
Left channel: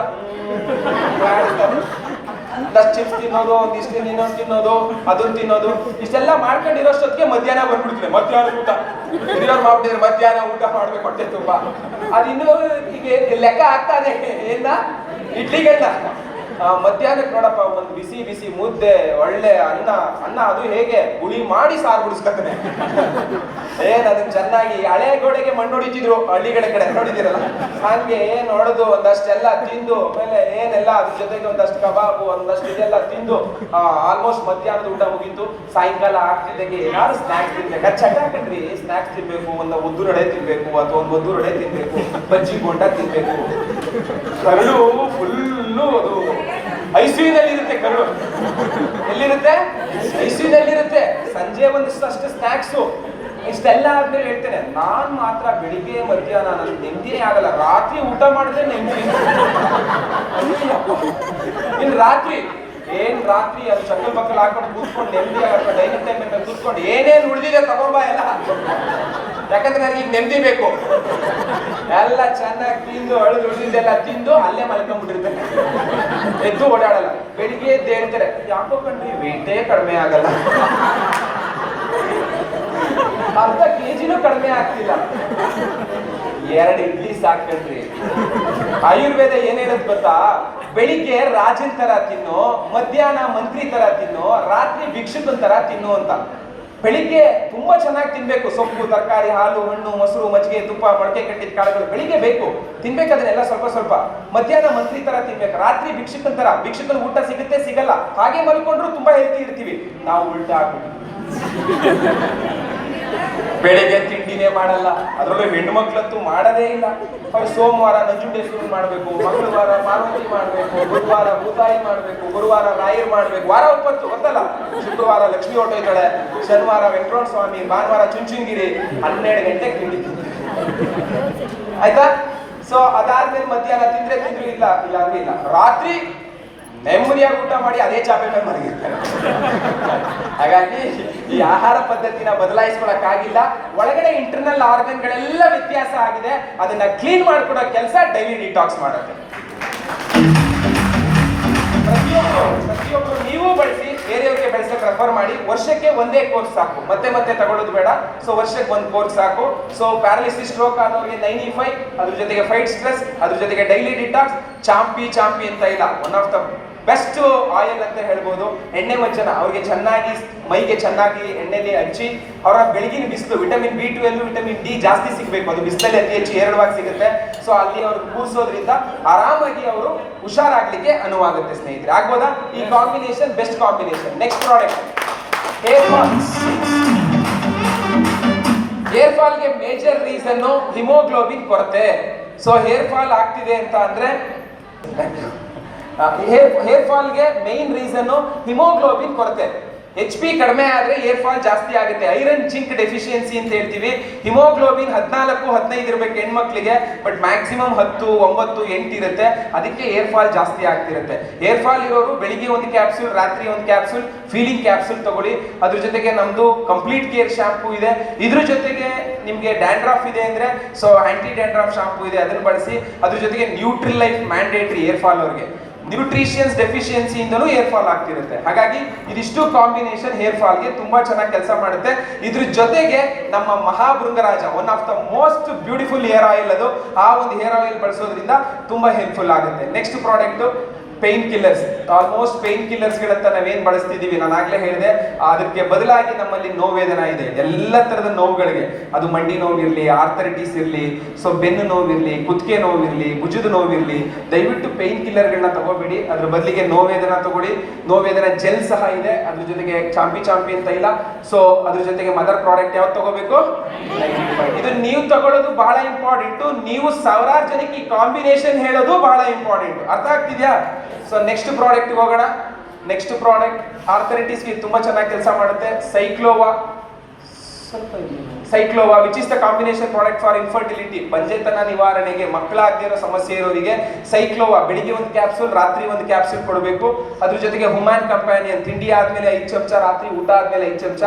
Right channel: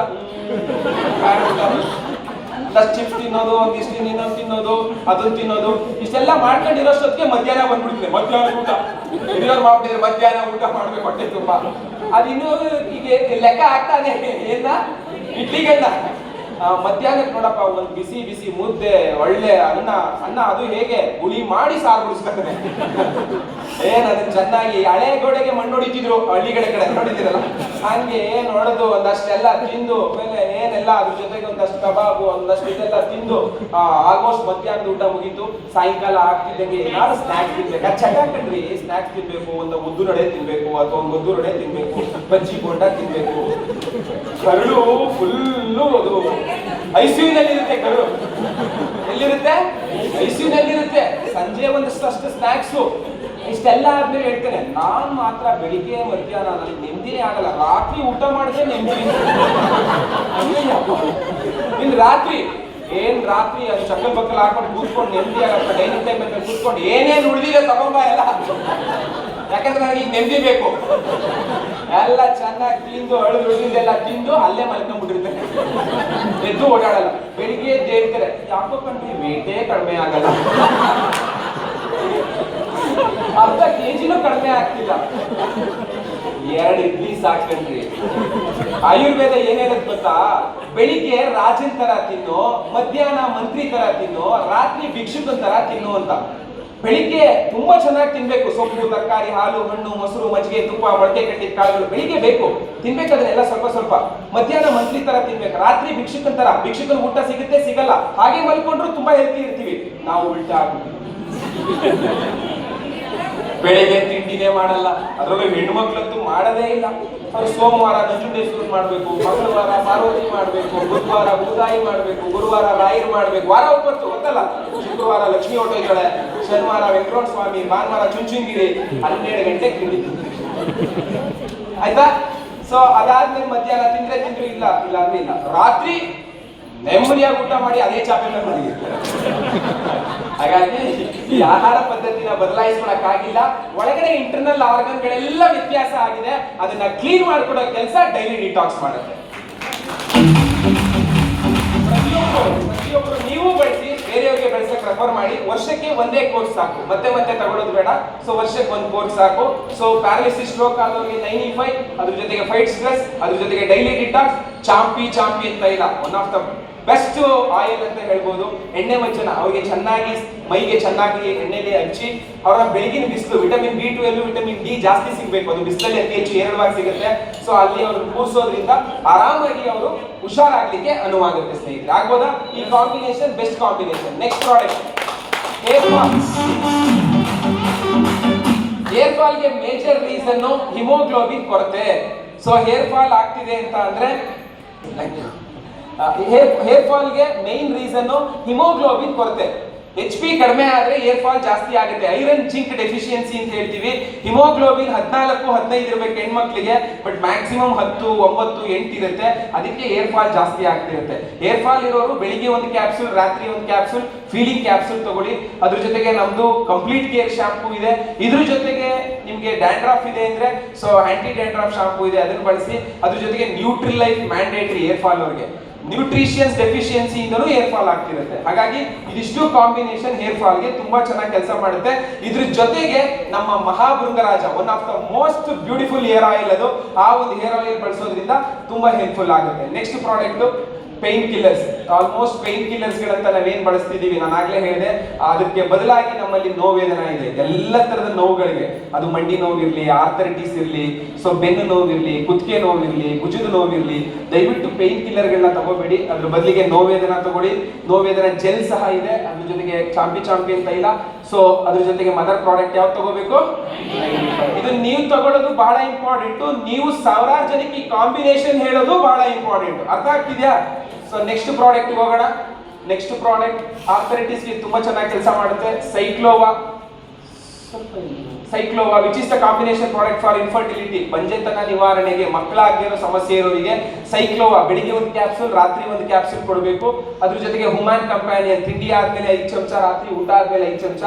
ಚಿಪ್ಸ್ ತಿನ್ನೋದು, ಒಂದಿಷ್ಟು ಇನ್ನೊಂದು ತಿನ್ನೋದು, ಅದನ್ನ ತಿನ್ನೋದು, ಇಷ್ಟೆಲ್ಲ ಮಾಡ್ಕೊಂಡಿರೋಷ್ಟೊತ್ತಿಗೆ ಮಧ್ಯಾಹ್ನ ಬಂದ್ಬಿಡ್ತದೆ. ಮಧ್ಯಾಹ್ನ ಊಟ ಮಾಡ್ಬಿಟ್ಟಿದ್ರೆ ಮಧ್ಯಾಹ್ನ ಊಟ ಮಾಡ್ಬೇಕು ಹೊಟ್ಟೆ ತುಂಬಾ. ಅದಿನ್ನೂ ಈಗ ಲೆಕ್ಕ ಆಗ್ತಾನೆ. ಏನ ಇಡ್ಲಿಗೆಲ್ಲ ಮಧ್ಯಾಹ್ನಕ್ಕೆ ನೋಡಪ್ಪ ಒಂದು ಬಿಸಿ ಬಿಸಿ ಮುದ್ದೆ, ಒಳ್ಳೆ ಅನ್ನ ಅದು ಹೇಗೆ ಹುಳಿ ಮಾಡಿ ಸಾರು ಬಿಡಿಸ್ಕೊತಾನೆ. ಏನ್ ಅದನ್ನ ಚೆನ್ನಾಗಿ ಹಳೆ ಗೋಡೆಗೆ ಮಣ್ಣು ಹೊಡಿತಿದ್ರು ಹಳ್ಳಿ ಕಡೆ ನೋಡಿದಿರಲ್ಲ, ಹಂಗೆ ನೋಡೋದು ಒಂದಷ್ಟೆಲ್ಲ ತಿಂದು ಆಮೇಲೆ ಏನೆಲ್ಲ ಅದ್ರ ಜೊತೆಗೆ ಒಂದಷ್ಟು ಕಬಾಬು, ಒಂದಷ್ಟು ಇದೆಲ್ಲ ತಿಂದು ಆಲ್ಮೋಸ್ಟ್ ಮಧ್ಯಾಹ್ನದ ಊಟ ಮುಗೀತು. ಸಾಯಂಕಾಲ ಆಗ್ತಿದ್ದಂಗೆ ಏನಾದ್ರು ಸ್ನಾಕ್ಸ್ ತಿನ್ಬೇಕು. ಅದು ಚಟಾಕಂಡ್ರಿ, ಸ್ನಾಕ್ಸ್ ತಿನ್ಬೇಕು, ಒಂದು ಉದ್ದು ರಡೆ ತಿನ್ಬೇಕು, ಅಥವಾ ಒಂದು ಒದ್ದು ರಡೆ ತಿನ್ಬೇಕು, ಬಜ್ಜಿ ಬೋಂಡ ತಿನ್ಬೇಕು. ಕರಳು ಫುಲ್ಲು ಅದು ಐಸಿಯುನಲ್ಲಿರುತ್ತೆ. ಕರಳು ಎಲ್ಲಿರುತ್ತೆ? ಐಸಿಯುನಲ್ಲಿರುತ್ತೆ. ಸಂಜೆ ಒಂದಷ್ಟು ಅಷ್ಟು ಸ್ನಾಕ್ಸು. ಇಷ್ಟೆಲ್ಲ ಆದ್ಮೇಲೆ ಹೇಳ್ತೇನೆ, ನಾನ್ ಮಾತ್ರ ಬೆಳಿಗ್ಗೆ ಮಧ್ಯಾಹ್ನ ನನಗೆ ನೆಮ್ಮದಿನೇ ಆಗಲ್ಲ. ರಾತ್ರಿ ಊಟ ಮಾಡಿದ್ರೆ ನೆಮ್ಮದಿ. ಇನ್ನು ರಾತ್ರಿ ಅದು ಚಕ್ಕಲ್ ಬಕ್ಕಲ್ ಹಾಕೊಂಡು ಕೂತ್ಕೊಂಡು ನೆಮ್ಮದಿ ಆಗತ್ತೆ. ಡೈನಿಂಗ್ ಟೈಮ್ ಅಂತ ಕೂತ್ಕೊಂಡು ಏನೇನು ಉಳಿದಿದೆ ತಗೊಂಬ ಎಲ್ಲ, ಯಾಕಂದ್ರೆ ನನಗೆ ಈಗ ನೆಮ್ಮದಿ ಬೇಕು. ಎಲ್ಲ ಚೆನ್ನಾಗಿ ತಿಂದು ಅಳಿದು ಉಳಿದಿದ್ದೆಲ್ಲ ತಿಂದು ಅಲ್ಲೇ ಮಲ್ಕೊಂಡ್ಬಿಟ್ಟಿರ್ತೇನೆ. ಎದ್ದು ಓಡಾಡಲ್ಲ. ಬೆಳಿಗ್ಗೆ ಎದ್ದು ಹೇಳ್ತಾರೆ, ಯಾಕೋ ಕಣ್ರಿ ವೇಟೇ ಕಡಿಮೆ ಆಗಲ್ಲ, ಅರ್ಧ ಕೆಜಿನೂ ಕಡಿಮೆ ಆಗ್ತಿಲ್ಲ. 2 ಇಡ್ಲಿ ಸಾಕಂಡ್ರಿ. ಆಯುರ್ವೇದ ಏನೇನಂತ ಗೊತ್ತಾ? ಬೆಳಿಗ್ಗೆ ರಾಜನ್ ತರ ತಿನ್ನು, ಮಧ್ಯಾಹ್ನ ಮಂತ್ರಿ ತರ ತಿನ್ನು, ರಾತ್ರಿ ಭಿಕ್ಷುಕನ್ ತರ ತಿನ್ನು ಅಂತ. ಬೆಳಿಗ್ಗೆ ತುಂಬಾ ಚೆನ್ನಾಗಿ ತಿನ್ಬೇಕು. ಸೊಪ್ಪು, ತರಕಾರಿ, ಹಾಲು, ಹಣ್ಣು, ಮೊಸರು, ಮಜ್ಜಿಗೆ, ತುಪ್ಪ, ಮೊಳಕೆ ಕಟ್ಟಿದ ಕಾಳುಗಳು ಬೆಳಿಗ್ಗೆ ಬೇಕು, ತಿನ್ಬೇಕು. ಅದನ್ನೆಲ್ಲ ಸ್ವಲ್ಪ ಸ್ವಲ್ಪ. ಮಧ್ಯಾಹ್ನ ಮಂತ್ರಿ ತರ ತಿನ್ಬೇಕು, ರಾತ್ರಿ ಭಿಕ್ಷುಕನ್ ತರ. ಭಿಕ್ಷುಕನ ಊಟ ಸಿಗುತ್ತೆ ಸಿಗಲ್ಲ, ಹಾಗೆ ಮಲ್ಕೊಂಡ್ರು ತುಂಬಾ ಹೆಲ್ತಿ ಇರ್ತೀವಿ. ನಾವು ಉಲ್ಟಾ ಆಗ್ಬಿಟ್ಟು ಬೆಳಿಗ್ಗೆ ತಿಂಡಿನೇ ಮಾಡಲ್ಲ. ಅದರಲ್ಲೂ ಹೆಣ್ಮಕ್ಳಂತೂ ಮಾಡದೇ ಇಲ್ಲ. ಸೋಮವಾರ ನಂಜುಂಡೇಶ್ವರಿ ಮಾಡ್ಬೇಕು, ಮಂಗಳವಾರ ಪಾರ್ವತಿ ಮಾಡ್ಬೇಕು, ಬುಧವಾರ ಭೂತಾಯಿ ಮಾಡ್ಬೇಕು, ಗುರುವಾರ ರಾಯರ್ ಮಾಡ್ಬೇಕು, ವಾರ 9 ಗೊತ್ತಲ್ಲ. ಶುಕ್ರವಾರ ಲಕ್ಷ್ಮೀ ಹೊಟ್ಟೋಯ್ತಾಳೆ, ಶನಿವಾರ ವೆಂಕಟರಮಣ ಸ್ವಾಮಿ, ಭಾನುವಾರ ಚುಂಚುಂಗಿರಿ. 12 ಗಂಟೆಗೆ ತಿಂಡಿ ಆಯ್ತಾ? ಸೊ ಅದಾದ್ಮೇಲೆ ಮಧ್ಯಾಹ್ನ ತಿಂದ್ರು ಇಲ್ಲ ಅಂದ್ರೆ ಇಲ್ಲ. ರಾತ್ರಿ ನೆಮ್ಮದಿಯಾಗಿ ಊಟ ಮಾಡಿ ಅದೇ ಚಾಪೆ ಮೇಲೆ ಮಲಗಿರ್ತಾರೆ. ಹಾಗಾಗಿ ಈ ಆಹಾರ ಪದ್ಧತಿನ ಬದಲಾಯಿಸ್ಕೊಳಕ್ಕಾಗಿಲ್ಲ. ಒಳಗಡೆ ಇಂಟರ್ನಲ್ ಆರ್ಗನ್ಗಳೆಲ್ಲ ವ್ಯತ್ಯಾಸ ಆಗಿದೆ. ಅದನ್ನ ಕ್ಲೀನ್ ಮಾಡ್ಕೊಡೋ ಕೆಲಸ ಡೈಲಿ ಡಿಟಾಕ್ಸ್ ಮಾಡುತ್ತೆ. ಪ್ರತಿಯೊಬ್ಬರು ನೀವು ಬಳಸಿ, ಬೇರೆಯವರಿಗೆ ಬಳಸಕ್ಕೆ ರೆಫರ್ ಮಾಡಿ. ವರ್ಷಕ್ಕೆ ಒಂದೇ ಕೋರ್ಸ್ ಸಾಕು, ಮತ್ತೆ ತಗೊಳ್ಳೋದು ಬೇಡ. ಸೊ ವರ್ಷಕ್ಕೆ ಒಂದು ಕೋರ್ಸ್ ಸಾಕು. ಸೊ ಪ್ಯಾರಾಲಿಸಿಸ್, ಸ್ಟ್ರೋಕ್ ಆದವರಿಗೆ 95, ಅದ್ರ ಜೊತೆಗೆ ಫೈಟ್ ಸ್ಟ್ರೆಸ್, ಅದ್ರ ಜೊತೆಗೆ ಡೈಲಿ ಡಿಟಾಕ್ಸ್. ಚಾಂಪಿ ಅಂತ ಇಲ್ಲ, one of the best oil ಅಂತ ಹೇಳ್ಬೋದು. ಎಣ್ಣೆ ಮಜ್ಜನ ಅವ್ರಿಗೆ ಚೆನ್ನಾಗಿ ಮೈಗೆ ಚೆನ್ನಾಗಿ ಎಣ್ಣೆಲಿ ಹಚ್ಚಿ, ಅವರ ಬೆಳಗಿನ ಬಿಸಿಲು ವಿಟಮಿನ್ B12, ವಿಟಮಿನ್ D ಜಾಸ್ತಿ ಸಿಗ್ಬೇಕು. ಅದು ಬಿಸಿಲಲ್ಲಿ ಅತಿ ಹೆಚ್ಚು ಹೇರಳವಾಗಿ ಸಿಗುತ್ತೆ. ಸೊ ಅಲ್ಲಿ ಅವರು ಕೂರಿಸೋದ್ರಿಂದ ಆರಾಮಾಗಿ ಅವರು ಹುಷಾರಾಗ್ಲಿಕ್ಕೆ ಅನುವಾಗುತ್ತೆ. ಸ್ನೇಹಿತರೆ, ಆಗ್ಬೋದಾ? ಈ combination best combination. Next product, hair falls. Hair ಫಾಲ್ಗೆ ಮೇಜರ್ ರೀಸನ್ ಹಿಮೋಗ್ಲೋಬಿನ್ ಕೊರತೆ. ಸೊ ಹೇರ್ ಫಾಲ್ ಆಗ್ತಿದೆ ಅಂತ ಅಂದ್ರೆ ಹೇರ್ ಫಾಲ್ಗೆ ಮೇನ್ ರೀಸನ್ ಹಿಮೋಗ್ಲೋಬಿನ್ ಕೊರತೆ. HP ಕಡಿಮೆ ಆದ್ರೆ ಹೇರ್ ಫಾಲ್ ಜಾಸ್ತಿ ಆಗುತ್ತೆ. ಐರನ್ ಜಿಂಕ್ ಡೆಫಿಷಿಯನ್ಸಿ ಅಂತ ಹೇಳ್ತೀವಿ. ಹಿಮೋಗ್ಲೋಬಿನ್ 14, 15 ಇರಬೇಕು ಹೆಣ್ಮಕ್ಳಿಗೆ, ಬಟ್ ಮ್ಯಾಕ್ಸಿಮಮ್ 10, 9, 8 ಇರುತ್ತೆ. ಅದಕ್ಕೆ ಹೇರ್ ಫಾಲ್ ಜಾಸ್ತಿ ಆಗ್ತಿರುತ್ತೆ. ಹೇರ್ ಫಾಲ್ ಇರೋರು ಬೆಳಿಗ್ಗೆ ಒಂದು ಕ್ಯಾಪ್ಸೂಲ್, ರಾತ್ರಿ ಒಂದು ಕ್ಯಾಪ್ಸೂಲ್, ಫೀಲಿಂಗ್ ಕ್ಯಾಪ್ಸೂಲ್ ತಗೊಳ್ಳಿ. ಅದ್ರ ಜೊತೆಗೆ ನಮ್ದು ಕಂಪ್ಲೀಟ್ ಕೇರ್ ಶಾಂಪೂ ಇದೆ. ಇದ್ರ ಜೊತೆಗೆ ನಿಮ್ಗೆ ಡ್ಯಾಂಡ್ರಾಫ್ ಇದೆ ಅಂದ್ರೆ ಸೊ ಆಂಟಿ ಡ್ಯಾಂಡ್ರಾಫ್ ಶಾಂಪೂ ಇದೆ, ಅದನ್ನ ಬಳಸಿ. ಅದ್ರ ಜೊತೆಗೆ nutri life mandatory hair fall ಅವ್ರಿಗೆ. ನ್ಯೂಟ್ರಿಷಿಯನ್ಸ್ ಡೆಫಿಷಿಯನ್ಸಿ ಇಂದನೂ ಹೇರ್ ಫಾಲ್ ಆಗ್ತಿರುತ್ತೆ. ಹಾಗಾಗಿ ಇದಿಷ್ಟು ಕಾಂಬಿನೇಷನ್ ಹೇರ್ ಫಾಲ್ಗೆ ತುಂಬಾ ಚೆನ್ನಾಗಿ ಕೆಲಸ ಮಾಡುತ್ತೆ. ಇದ್ರ ಜೊತೆಗೆ ನಮ್ಮ Mahabhringraj, one of the most beautiful hair oil ಅದು. ಆ ಒಂದು ಹೇರ್ ಆಯಿಲ್ ಬಳಸೋದ್ರಿಂದ ತುಂಬಾ ಹೆಲ್ಪ್ಫುಲ್ ಆಗುತ್ತೆ. Next product pain killers, almost pain killers ಗಳಂತ ನಾವೇನ್ ಬಳಸ್ತಿದೀವಿ, ನಾನು ಆಗ್ಲೇ ಹೇಳಿದೆ, ಅದಕ್ಕೆ ಬದಲಾಗಿ ನಮ್ಮಲ್ಲಿ ನೋವೇದನ ಇದೆ. ಎಲ್ಲ ತರದ ನೋವುಗಳಿಗೆ, ಅದು ಮಂಡಿ ನೋವಿರ್ಲಿ, ಆರ್ಥರೈಟಿಸ್ ಇರ್ಲಿ, ಸೊ ಬೆನ್ನು ನೋವಿರ್ಲಿ, ಕುತ್ತಿಗೆ ನೋವಿರ್ಲಿ, ಭುಜದ ನೋವಿರ್ಲಿ, ದಯವಿಟ್ಟು ಪೇನ್ ಕಿಲ್ಲರ್ ಗಳನ್ನ ತಗೋಬೇಡಿ. ಅದ್ರ ಬದಲಿಗೆ ನೋವೇದನ ತಗೊಳ್ಳಿ. ನೋವೇದನ ಜೆಲ್ ಸಹ ಇದೆ, ಅದ್ರ ಜೊತೆಗೆ ಚಾಂಪಿಯನ್ ತೈಲ. ಸೊ ಅದ್ರ ಜೊತೆಗೆ ಮದರ್ ಪ್ರಾಡಕ್ಟ್ ಯಾವ್ದು ತಗೋಬೇಕು, ಇದು ನೀವು ತಗೊಳ್ಳೋದು ಬಹಳ ಇಂಪಾರ್ಟೆಂಟ್. ನೀವು ಸಾವಿರಾರು ಜನಕ್ಕೆ ಈ ಕಾಂಬಿನೇಷನ್ ಹೇಳೋದು ಬಹಳ ಇಂಪಾರ್ಟೆಂಟ್. ಅರ್ಥ ಆಗ್ತಿದ್ಯಾ? ಸೊ ನೆಕ್ಸ್ಟ್ ಪ್ರಾಡಕ್ಟ್ ಹೋಗೋಣ. ನೆಕ್ಸ್ಟ್ ಪ್ರಾಡಕ್ಟ್ ಆರ್ಥರೈಟಿಸ್ಗೆ ತುಂಬಾ ಚೆನ್ನಾಗಿ ಕೆಲಸ ಮಾಡುತ್ತೆ. ಸೈಕ್ಲೋವಾ which is the combination product for infertility, ಬಂಜೆತನ ನಿವಾರಣೆಗೆ, ಮಕ್ಕಳಾಗದಿರೋ ಸಮಸ್ಯೆ ಇರೋರಿಗೆ ಸೈಕ್ಲೋವಾ ಬೆಳಿಗ್ಗೆ ಒಂದು ಕ್ಯಾಪ್ಸೂಲ್, ರಾತ್ರಿ ಒಂದು ಕ್ಯಾಪ್ಸೂಲ್ ಕೊಡಬೇಕು. ಅದ್ರ ಜೊತೆಗೆ ಹುಮಾನ್ ಕಂಪ್ಯಾನಿಯನ್, ತಿಂಡಿ ಆದ್ಮೇಲೆ 5 ಚಮಚ, ರಾತ್ರಿ ಊಟ ಆದ್ಮೇಲೆ 5 ಚಮಚ.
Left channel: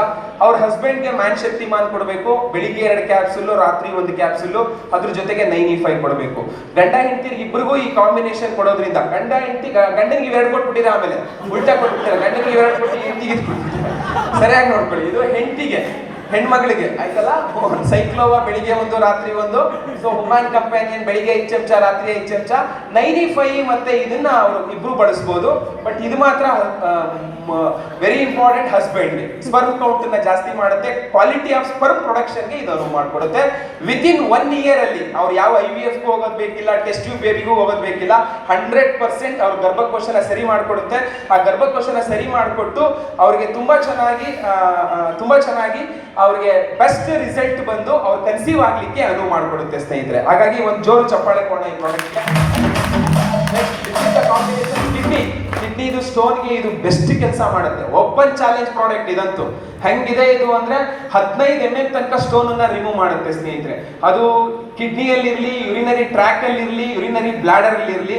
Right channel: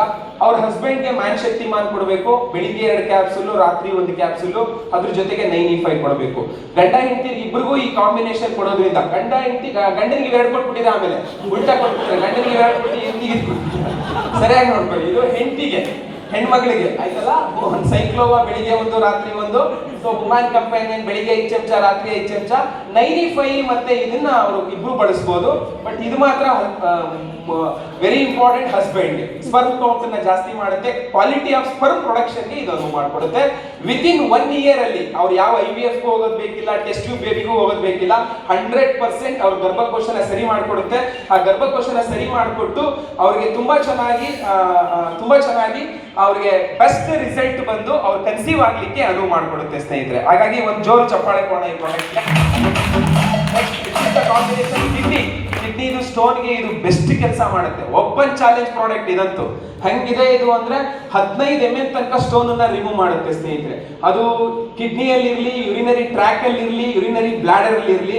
ಅವ್ರ ಹಸ್ಬೆಂಡ್ಗೆ ಮ್ಯಾನ್ ಶಕ್ತಿಮಾನ್ ಕೊಡಬೇಕು, ಬೆಳಿಗ್ಗೆ 2 ಕ್ಯಾಪ್ಸೂಲ್, ರಾತ್ರಿ 1 ಕ್ಯಾಪ್ಸೂಲ್. ಅದ್ರ ಜೊತೆಗೆ 95 ಕೊಡಬೇಕು. ಗಂಡ ಹೆಂಡತಿ ಇಬ್ಬರಿಗೂ ಈ ಕಾಂಬಿನೇಷನ್ ಕೊಡೋದ್ರಿಂದ, ಗಂಡನಿಗೆ 2 ಕೊಟ್ಬಿಟ್ಟಿದೆ, ಆಮೇಲೆ ಉಲ್ಟಾ ಕೊಟ್ಬಿಡ್ತಾರೆ, ಗಂಡನಿಗೆ 2 ಕೊಟ್ಟು ಹೆಂಡತಿಗೆ ಸರಿಯಾಗಿ ನೋಡ್ಕೊಳ್ಳಿ. ಇದು ಹೆಂಡತಿಗೆ, ಹೆಣ್ಮಗಳಿಗೆ ಆಯ್ತಲ್ಲ. ಸೈಕ್ಲೋವಾ ಬೆಳಿಗ್ಗೆ 1, ರಾತ್ರಿ 1. ಸೊ ಹುಮಾನ್ ಕಂಪ್ಯಾನಿಯನ್ ಬೆಳಿಗ್ಗೆ 5 ಚಮಚ, ರಾತ್ರಿ 5 ಚಮಚ. 95 ಮತ್ತೆ ಇದನ್ನ ಅವರು ಇಬ್ರು ಬಳಸಬಹುದು. ಬಟ್ ಇದು ಮಾತ್ರ very important husband, sperm count ನ ಜಾಸ್ತಿ ಮಾಡುತ್ತೆ, ಕ್ವಾಲಿಟಿ ಆಫ್ ಸ್ಪರ್ಮ್ ಪ್ರೊಡಕ್ಷನ್ ಗೆ ಇದನ್ನು ಮಾಡಿಕೊಡುತ್ತೆ. ವಿತಿನ್ 1 ಇಯರ್ ಅಲ್ಲಿ ಅವ್ರು ಯಾವ IVF ಹೋಗೋದು ಬೇಕಿಲ್ಲ, ಟೆಸ್ಟ್ ಟ್ಯೂಬ್ ಬೇಬಿಗೂ ಹೋಗೋದು ಬೇಕಿಲ್ಲ. 100% ಅವ್ರ ಗರ್ಭಕೋಶನ ಸರಿ ಮಾಡಿಕೊಡುತ್ತೆ. ಆ ಗರ್ಭಕೋಶನ ಸರಿ ಮಾಡಿಕೊಟ್ಟು ಅವ್ರಿಗೆ ತುಂಬಾ ಚೆನ್ನಾಗಿ ಅವ್ರಿಗೆ ಬೆಸ್ಟ್ ರಿಸಲ್ಟ್ ಬಂದು ಅವ್ರು ಕನ್ಸೀವ್ ಆಗ್ಲಿಕ್ಕೆ ಅನುವು ಮಾಡಿಕೊಡುತ್ತೆ ಸ್ನೇಹಿತರೆ. ಹಾಗಾಗಿ ಒಂದು ಜೋರು ಚಪ್ಪಾಳೆ ಕೊಡೋಣ ಈ ಪ್ರಾಡಕ್ಟ್ಗೆ. ಕಿಡ್ನಿ ಸ್ಟೋನ್ಗೆ ಇದು ಬೆಸ್ಟ್ ಕೆಲಸ ಮಾಡುತ್ತೆ. ಓಪನ್ ಚಾಲೆಂಜ್ ಪ್ರಾಡಕ್ಟ್ ಇದಂತೂ. ಹೆಂಗಿದೆ ಇದು ಅಂದ್ರೆ 15 mm ತನಕ ಸ್ಟೋನ್ ಅನ್ನ ರಿಮೂವ್ ಮಾಡುತ್ತೆ ಸ್ನೇಹಿತರೆ. ಅದು ಕಿಡ್ನಿಯಲ್ಲಿ ಇರ್ಲಿ, ಯುರಿನರಿ ಟ್ರ್ಯಾಕ್ ಅಲ್ಲಿ ಇರ್ಲಿ, ಯುರಿನರಿ ಬ್ಲಾಡರ್ ಅಲ್ಲಿ ಇರ್ಲಿ,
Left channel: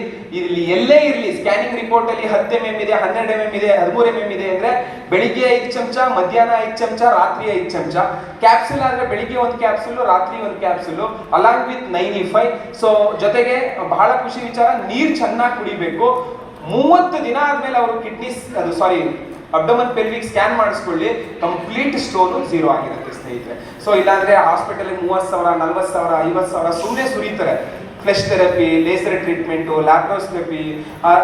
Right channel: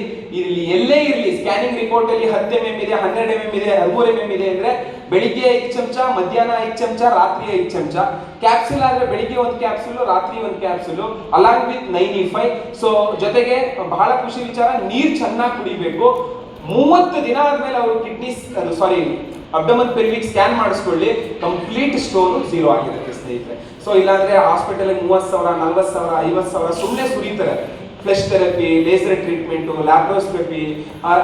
ಎಲ್ಲೇ ಇರ್ಲಿ. ಸ್ಕ್ಯಾನಿಂಗ್ ರಿಪೋರ್ಟ್ ಅಲ್ಲಿ 10 mm ಇದೆ, 12 mm ಇದೆ, 13 mm ಇದೆ ಅಂದ್ರೆ ಬೆಳಿಗ್ಗೆ 5 ಚಮಚ, ಮಧ್ಯಾಹ್ನ 5 ಚಮಚ, ರಾತ್ರಿ 5 ಚಮಚ. ಕ್ಯಾಪ್ಸೂಲ್ ಆದ್ರೆ ಬೆಳಿಗ್ಗೆ 1 ಕ್ಯಾಪ್ಸೂಲ್, ರಾತ್ರಿ 1 ಕ್ಯಾಪ್ಸೂಲ್, ಅಲಾಂಗ್ ವಿತ್ 95. ಸೊ ಜೊತೆಗೆ ಬಹಳ ಖುಷಿ ವಿಚಾರ, ನೀರ್ ಚೆನ್ನಾಗಿ ಕುಡಿಬೇಕು. 30 ದಿನ ಆದ್ಮೇಲೆ ಅವರು ಅಬ್ಡಮನ್ ಪೆಲ್ವಿಕ್ ಸ್ಕ್ಯಾನ್ ಮಾಡಿಸ್ಕೊಳ್ಳಿ, ಕಂಪ್ಲೀಟ್ ಸ್ಟೋನ್ 0 ಆಗಿರುತ್ತೆ ಸ್ನೇಹಿತರೆ. ಸೊ ಇಲ್ಲಾಂದ್ರೆ ಹಾಸ್ಪಿಟಲ್ 30,000, 40,000, 50,000 ಸುಮ್ಮನೆ ಸುರಿತಾರೆ. Flesh therapy, laser treatment, laparoscopy,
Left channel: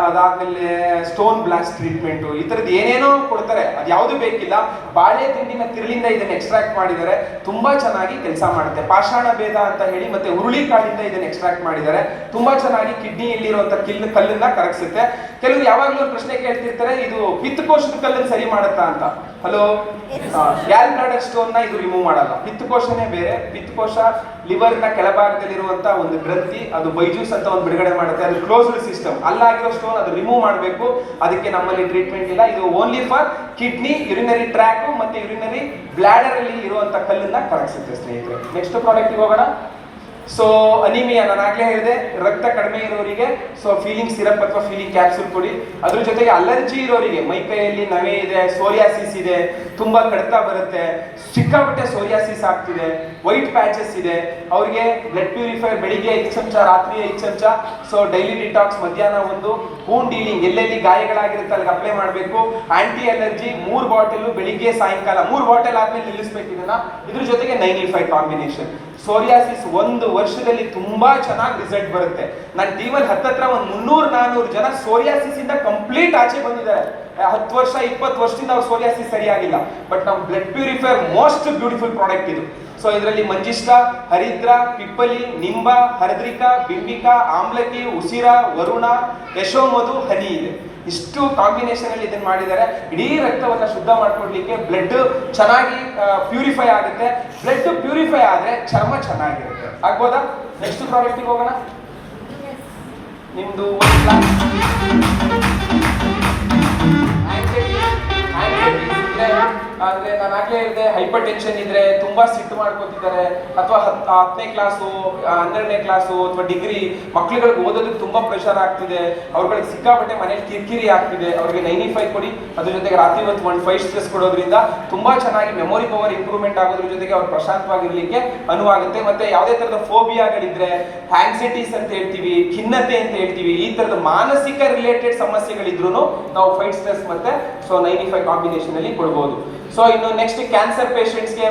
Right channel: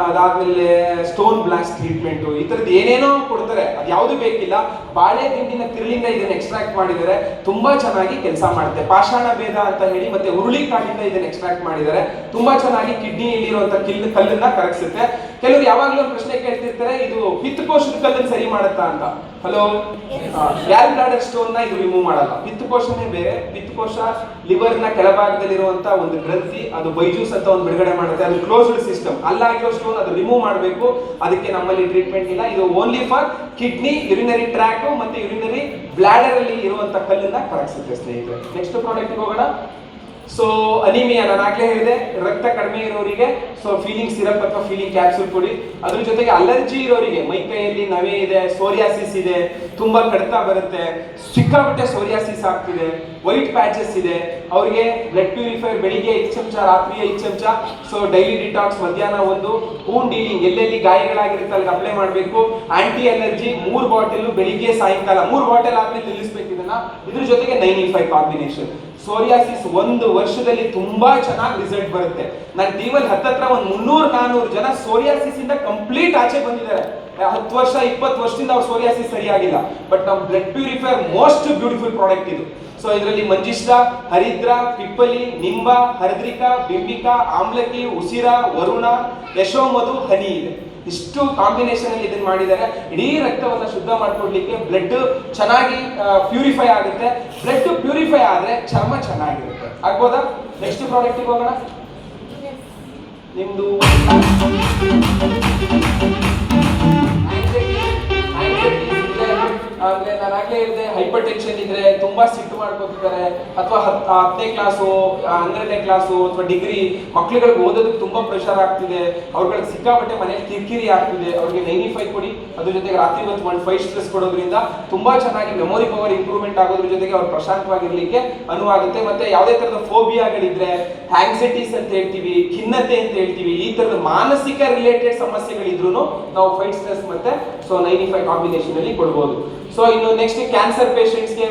ಅದಾದ್ಮೇಲೆ ಸ್ಟೋನ್ ಬ್ಲಾಸ್ಟ್ ಟ್ರೀಟ್ಮೆಂಟ್, ಈ ತರದ್ದು ಏನೇನೋ ಕೊಡ್ತಾರೆ. ಅದು ಯಾವುದು ಬೇಕಿಲ್ಲ. ಬಾಳೆ ದಿಂಡಿನ ತಿರುಳಿಂದ ಇದನ್ನ ಎಕ್ಸ್ಟ್ರಾಕ್ಟ್ ಮಾಡಿದರೆ ತುಂಬಾ ಚೆನ್ನಾಗಿ ಕೆಲಸ ಮಾಡುತ್ತೆ. ಪಾಷಾಣ ಭೇದ ಅಂತ ಹೇಳಿ ಮತ್ತೆ ಹುರುಳಿಕಾಳಿಂದ ಇದನ್ನ ಎಕ್ಸ್ಟ್ರಾಕ್ಟ್ ಮಾಡಿದ್ದಾರೆ. ತುಂಬಾ ಚೆನ್ನಾಗಿ ಕಿಡ್ನಿಯಲ್ಲಿರುವಂತ ಕಲ್ಲನ್ನ ಕರಗಿಸುತ್ತೆ. ಕೆಲವರು ಯಾವಾಗ್ಲೂ ಒಂದು ಪ್ರಶ್ನೆ ಕೇಳ್ತಿರ್ತಾರೆ, ಇದು ಪಿತ್ತಕೋಶದ ಕಲ್ಲನ್ನು ಸರಿ ಮಾಡುತ್ತಾ ಅಂತ. ಹಲೋ, ಗ್ಯಾಲ್ ಬ್ಲಾಡರ್ ಸ್ಟೋನ್ ನ ಇದು ರಿಮೂವ್ ಮಾಡಲ್ಲ. ಪಿತ್ತಕೋಶನೇ ಬೇರೆ. ಪಿತ್ತಕೋಶ ಲಿವರ್ ನ ಕೆಳಭಾಗದಲ್ಲಿರುವಂತ ಒಂದು ಗ್ರಂಥಿ, ಅದು ಬೈಜೂಸ್ ಅಂತ ಒಂದು ಬಿಡುಗಡೆ ಮಾಡುತ್ತೆ. ಅದು ಕ್ಲೋಸ್ಡ್ ಸಿಸ್ಟಮ್. ಅಲ್ಲಾಗಿರೋ ಸ್ಟೋನ್ ಅದು ರಿಮೂವ್ ಮಾಡಬೇಕು. ಅದಕ್ಕೆ ನಮ್ಮಲ್ಲಿ ಟ್ರೀಟ್ಮೆಂಟ್ ಇಲ್ಲ. ಇದು only for kidney, urinary track ಮತ್ತೆ ಯುರಿನರಿ ಬ್ಲಾಡರ್ ಅಲ್ಲಿ ಇರುವಂತ ಕಲ್ಲನ್ನ ಕರಗಿಸುತ್ತೆ ಸ್ನೇಹಿತರೆ. ನೆಕ್ಸ್ಟ್ ಪ್ರಾಡಕ್ಟ್ ಹೋಗೋಣ. ಸೊ ಅನಿಮಿಯಾ, ನಾನು ಆಗ್ಲೇ ಹೇಳಿದೆ, ರಕ್ತ ಕಡಿಮೆ ಇರೋರಿಗೆ ಸೊ ಫೀಲಿಂಗ್ ಸಿರಪ್ ಅಥವಾ ಫೀಲಿಂಗ್ ಕ್ಯಾಪ್ಸೂಲ್ ಕೊಡಿ. ಅದ್ರ ಜೊತೆಗೆ ಅಲರ್ಜಿ ಇರೋರಿಗೆ, ಮೈ ಕೈಯಲ್ಲಿ ನವೆ ಇದೆ, ಸೋರಿಯಾಸಿಸ್ ಇದೆ, ತುಂಬಾ ಕಡ್ತ ಬರುತ್ತೆ, ಸಿಕ್ಕಾಪಟ್ಟೆ ಸೋರಿಯಾಸಿಸ್ ಆಗ್ತಿದೆ, ವೈಟ್ ಪ್ಯಾಚಸ್ ಇದೆ, ಅವರಿಗೆ ಬ್ಲಡ್ ಪ್ಯೂರಿಫೈರ್ ಬೆಳಿಗ್ಗೆ 5 ಚಮಚ, ರಾತ್ರಿ 5 ಚಮಚ. ಸೊ ಡೈಲಿ ಡಿಟಾಕ್ಸ್ ಮಧ್ಯಾಹ್ನ 1. ವೂಂಡ್ ಹೀಲಿಂಗ್, ಎಲ್ಲೆಲ್ಲಿ ಗಾಯಗಳಾಗಿರುತ್ತೆ ಅಲ್ಲಿ ಅಪ್ಲೈ ಮಾಡಬೇಕು. ಆಂಟಿ ಅಲರ್ಜಿ 3 ಬಾಟಲ್ ಬೆಳಿಗ್ಗೆ ಸಾಯಂಕಾಲ, 3 ಬಾಟಲ್ ಆದ್ಮೇಲೆ ನಿಲ್ಲಿಸ್ಬೇಕು ಇದನ್ನ. ಇದ್ರ ಜೊತೆಗೆ 95 ಕಾಂಬಿನೇಷನ್. ಸೋರಿಯಾಸಿಸ್ 1 ವರ್ಷದಲ್ಲಿ ತುಂಬಾ ಚೆನ್ನಾಗಿ ರಿಸಲ್ಟ್ ಬರುತ್ತೆ. ನನ್ನ ಟೀಮಲ್ಲಿ ಹತ್ತತ್ರ ಒಂದು 300-400 ಜನ ಸೋರಿಯಾಸಿಸ್ ಇಂದ ಕಂಪ್ಲೀಟ್ ಆಚೆ ಬಂದಿದ್ದಾರೆ. 10 ವರ್ಷ 20 ವರ್ಷದಿಂದ ಅವ್ರ ಸೋರಿಯಾಸಿಸ್ ಸರಿಯಾಗಿಲ್ಲ. ಬಟ್ ನಮ್ಮ blood purifier most beautiful product ಇದು. ಸೊ ಇದರಲ್ಲಿ ಮಂಜಿಷ್ಟ, ಹರಿದ್ರ, ಪಿಪ್ಪಲಿ, ನಿಂಬ, ಹರದ್ರಿಕಾ, ಬಿಂಬಿಕಾ, ಆಮ್ಲಕಿ, ಉಸಿರ, ವರುಣ, ಯಶೋಮಧು, ಹನಿ ಇದೆ. ಇಷ್ಟು ಕಾಂಬಿನೇಷನ್ ಅಲ್ಲಿ ಇದನ್ನ ಮಾಡಿದ್ದಾರೆ. ಇಡೀ ರಕ್ತವನ್ನ ಶುದ್ಧ ಮಾಡ್ಕೊಡ್ಲಿಕ್ಕೆ ಬ್ಲಡ್ ಚೆನ್ನಾಗಿ ಪ್ಯೂರಿಫೈ ಆಗುತ್ತೆ. ಬ್ಲಡ್ ಪ್ಯೂರಿಫೈ ಆದ್ರೆ ಚರ್ಮ ಚೆನ್ನಾಗಿರುತ್ತೆ. ಆಗ್ಬೋದಾ? ನೆಕ್ಸ್ಟ್ ಪ್ರಾಡಕ್ಟ್ ಹೋಗೋಣ. ನಿಮ್ದು ಅಂದ್ರೆ ನಾನು ಆಗ್ಲೇ ಹೇಳಿದೆ, ಹೈಪರ್ ಟೆನ್ಷನ್ ಇದ್ರೆ, ತುಂಬಾ ಸಿಟ್ಟು ಮಾಡ್ಕೊತಿದ್ದಾರೆ, ಅಥವಾ 10ನೇ ಕ್ಲಾಸು, 12ನೇ ಕ್ಲಾಸು ಅಥವಾ ಡಿಗ್ರಿ ಮಕ್ಳುಗಳಿಗೆ ಓದೋದಕ್ಕೆ ತುಂಬಾ ಪ್ರೆಷರ್ ಆಗ್ತಿದೆ, ಅವ್ರಿಗೆ ಸಿಕ್ಕಾಪಟ್ಟೆ ಮನೇಲಿ ಕಿರಿಕಿರಿ ಆಗ್ತಿದೆ, ಅವ್ರಿಗೆ 95 ಕೊಡಿ. ಅದ್ರ ಜೊತೆಗೆ ರಾತ್ರಿ ಹೊತ್ತು 5 ಸ್ಟ್ರೆಸ್ ಕೊಡೋದ್ರಿಂದ ತುಂಬಾ ಚೆನ್ನಾಗಿ ಮೆಮೊರಿ ಪವರ್ ಇಂಪ್ರೂವ್ಮೆಂಟ್ ಆಗೋದ್ರ ಜೊತೆಗೆ ಅವ್ರು ಪ್ರಶಾಂತವಾಗಿರ್ಲಿಕ್ಕೆ ಅನುವಾಗುತ್ತೆ. ಮತ್ತೆ ಯಾವುದೇ ತರದ ಫೋಬಿಯಾಗಳಿದ್ರೆ, ಆಂಗ್ಸೈಟೀಸ್ ಅಂತ ಹೇಳ್ತೀವಿ, ಖಿನ್ನತೆ ಅಂತ ಹೇಳ್ತೀವಿ, ಈ ತರದ ಮಾನಸಿಕ ರಿಲೇಟೆಡ್ ಸಮಸ್ಯೆಗಳಿದ್ರು ನಾವು 5 ಸ್ಟ್ರೆಸ್ ಮತ್ತೆ 95 ಕಾಂಬಿನೇಷನ್ ಅಲ್ಲಿ ಕೊಡಬಹುದು. ಸೊ ಇನ್ನು ನೆಕ್ಸ್ಟ್ ಮೋಸ್ಟ್ಲಿ ಕ್ಯಾನ್ಸರ್ ಪೇಷಂಟ್ಸ್ಗೆ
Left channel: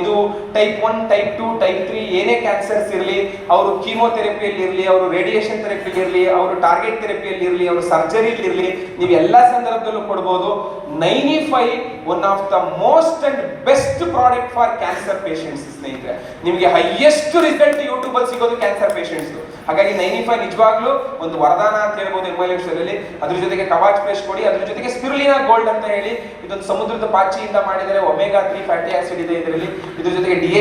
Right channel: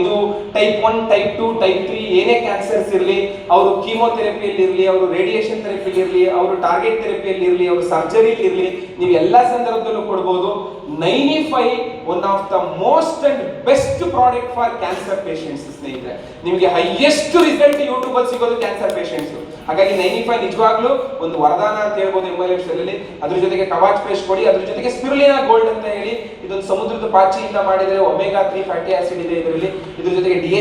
ಇದು ಟೈಪ್ 1 ಟೈಪ್ 2 ಟೈಪ್ 3 ಏನೇ ಕ್ಯಾನ್ಸರ್ಸ್ ಇರಲಿ, ಅವರು ಕೀಮೋಥೆರಪಿಯಲ್ಲಿ ಇರಲಿ, ಅವರು ರೇಡಿಯೇಷನ್ ಥೆರಪಿಯಲ್ಲಿ ಇರಲಿ, ಅವರು ಟಾರ್ಗೆಟ್ ಥೆರಪಿಯಲ್ಲಿ ಇರಲಿ, ಅವರು ಸರ್ಜರಿಲಿ ಇರಲಿ, ನೀವು ಎಲ್ಲಾ ಸಂದರ್ಭದಲ್ಲೂ ಕೊಡಬಹುದು. 95 one of the most and best product for cancer patients ಸ್ನೇಹಿತರೆ. ನಿಮಗೆ ಹೈಯೆಸ್ಟ್ ರಿಸಲ್ಟ್ ಯೂಟ್ಯೂಬ್ ಅಲ್ಲಿ ಸಿಗೋದು ಕ್ಯಾನ್ಸರ್ ಪೇಷಂಟ್ಸ್. ಹಾಗಾಗಿ 95 ನಿಜವಾಗ್ಲೂ ಒಂದು ವರದಾನ ಅಂತ ಹೇಳ್ಬೋದು ಎಮ್ಎಲ್ಎಫ್ನಲ್ಲಿ. ಅದ್ರ ಜೊತೆಗೆ ಕವಾಚ್ ಪೇಸ್ಟ್ ಕೊಡಿ, ಅದ್ರ ಜೊತೆಗೆ ಸ್ಪಿರುಲಿನಾ ಗೋಲ್ಡ್ ಅಂತ ಹೇಳಿ ಇದೊಂದು ಸಮುದ್ರದ ಪಾಚಿಯಿಂದ ಮಾಡಿದರೆ ಒಮೆಗಾ 3 ಫ್ಯಾಟಿ ಆಸಿಡ್ ಇದೆ ಇದರಲ್ಲಿ. ಇದ್ರ ಜೊತೆಗೆ DHA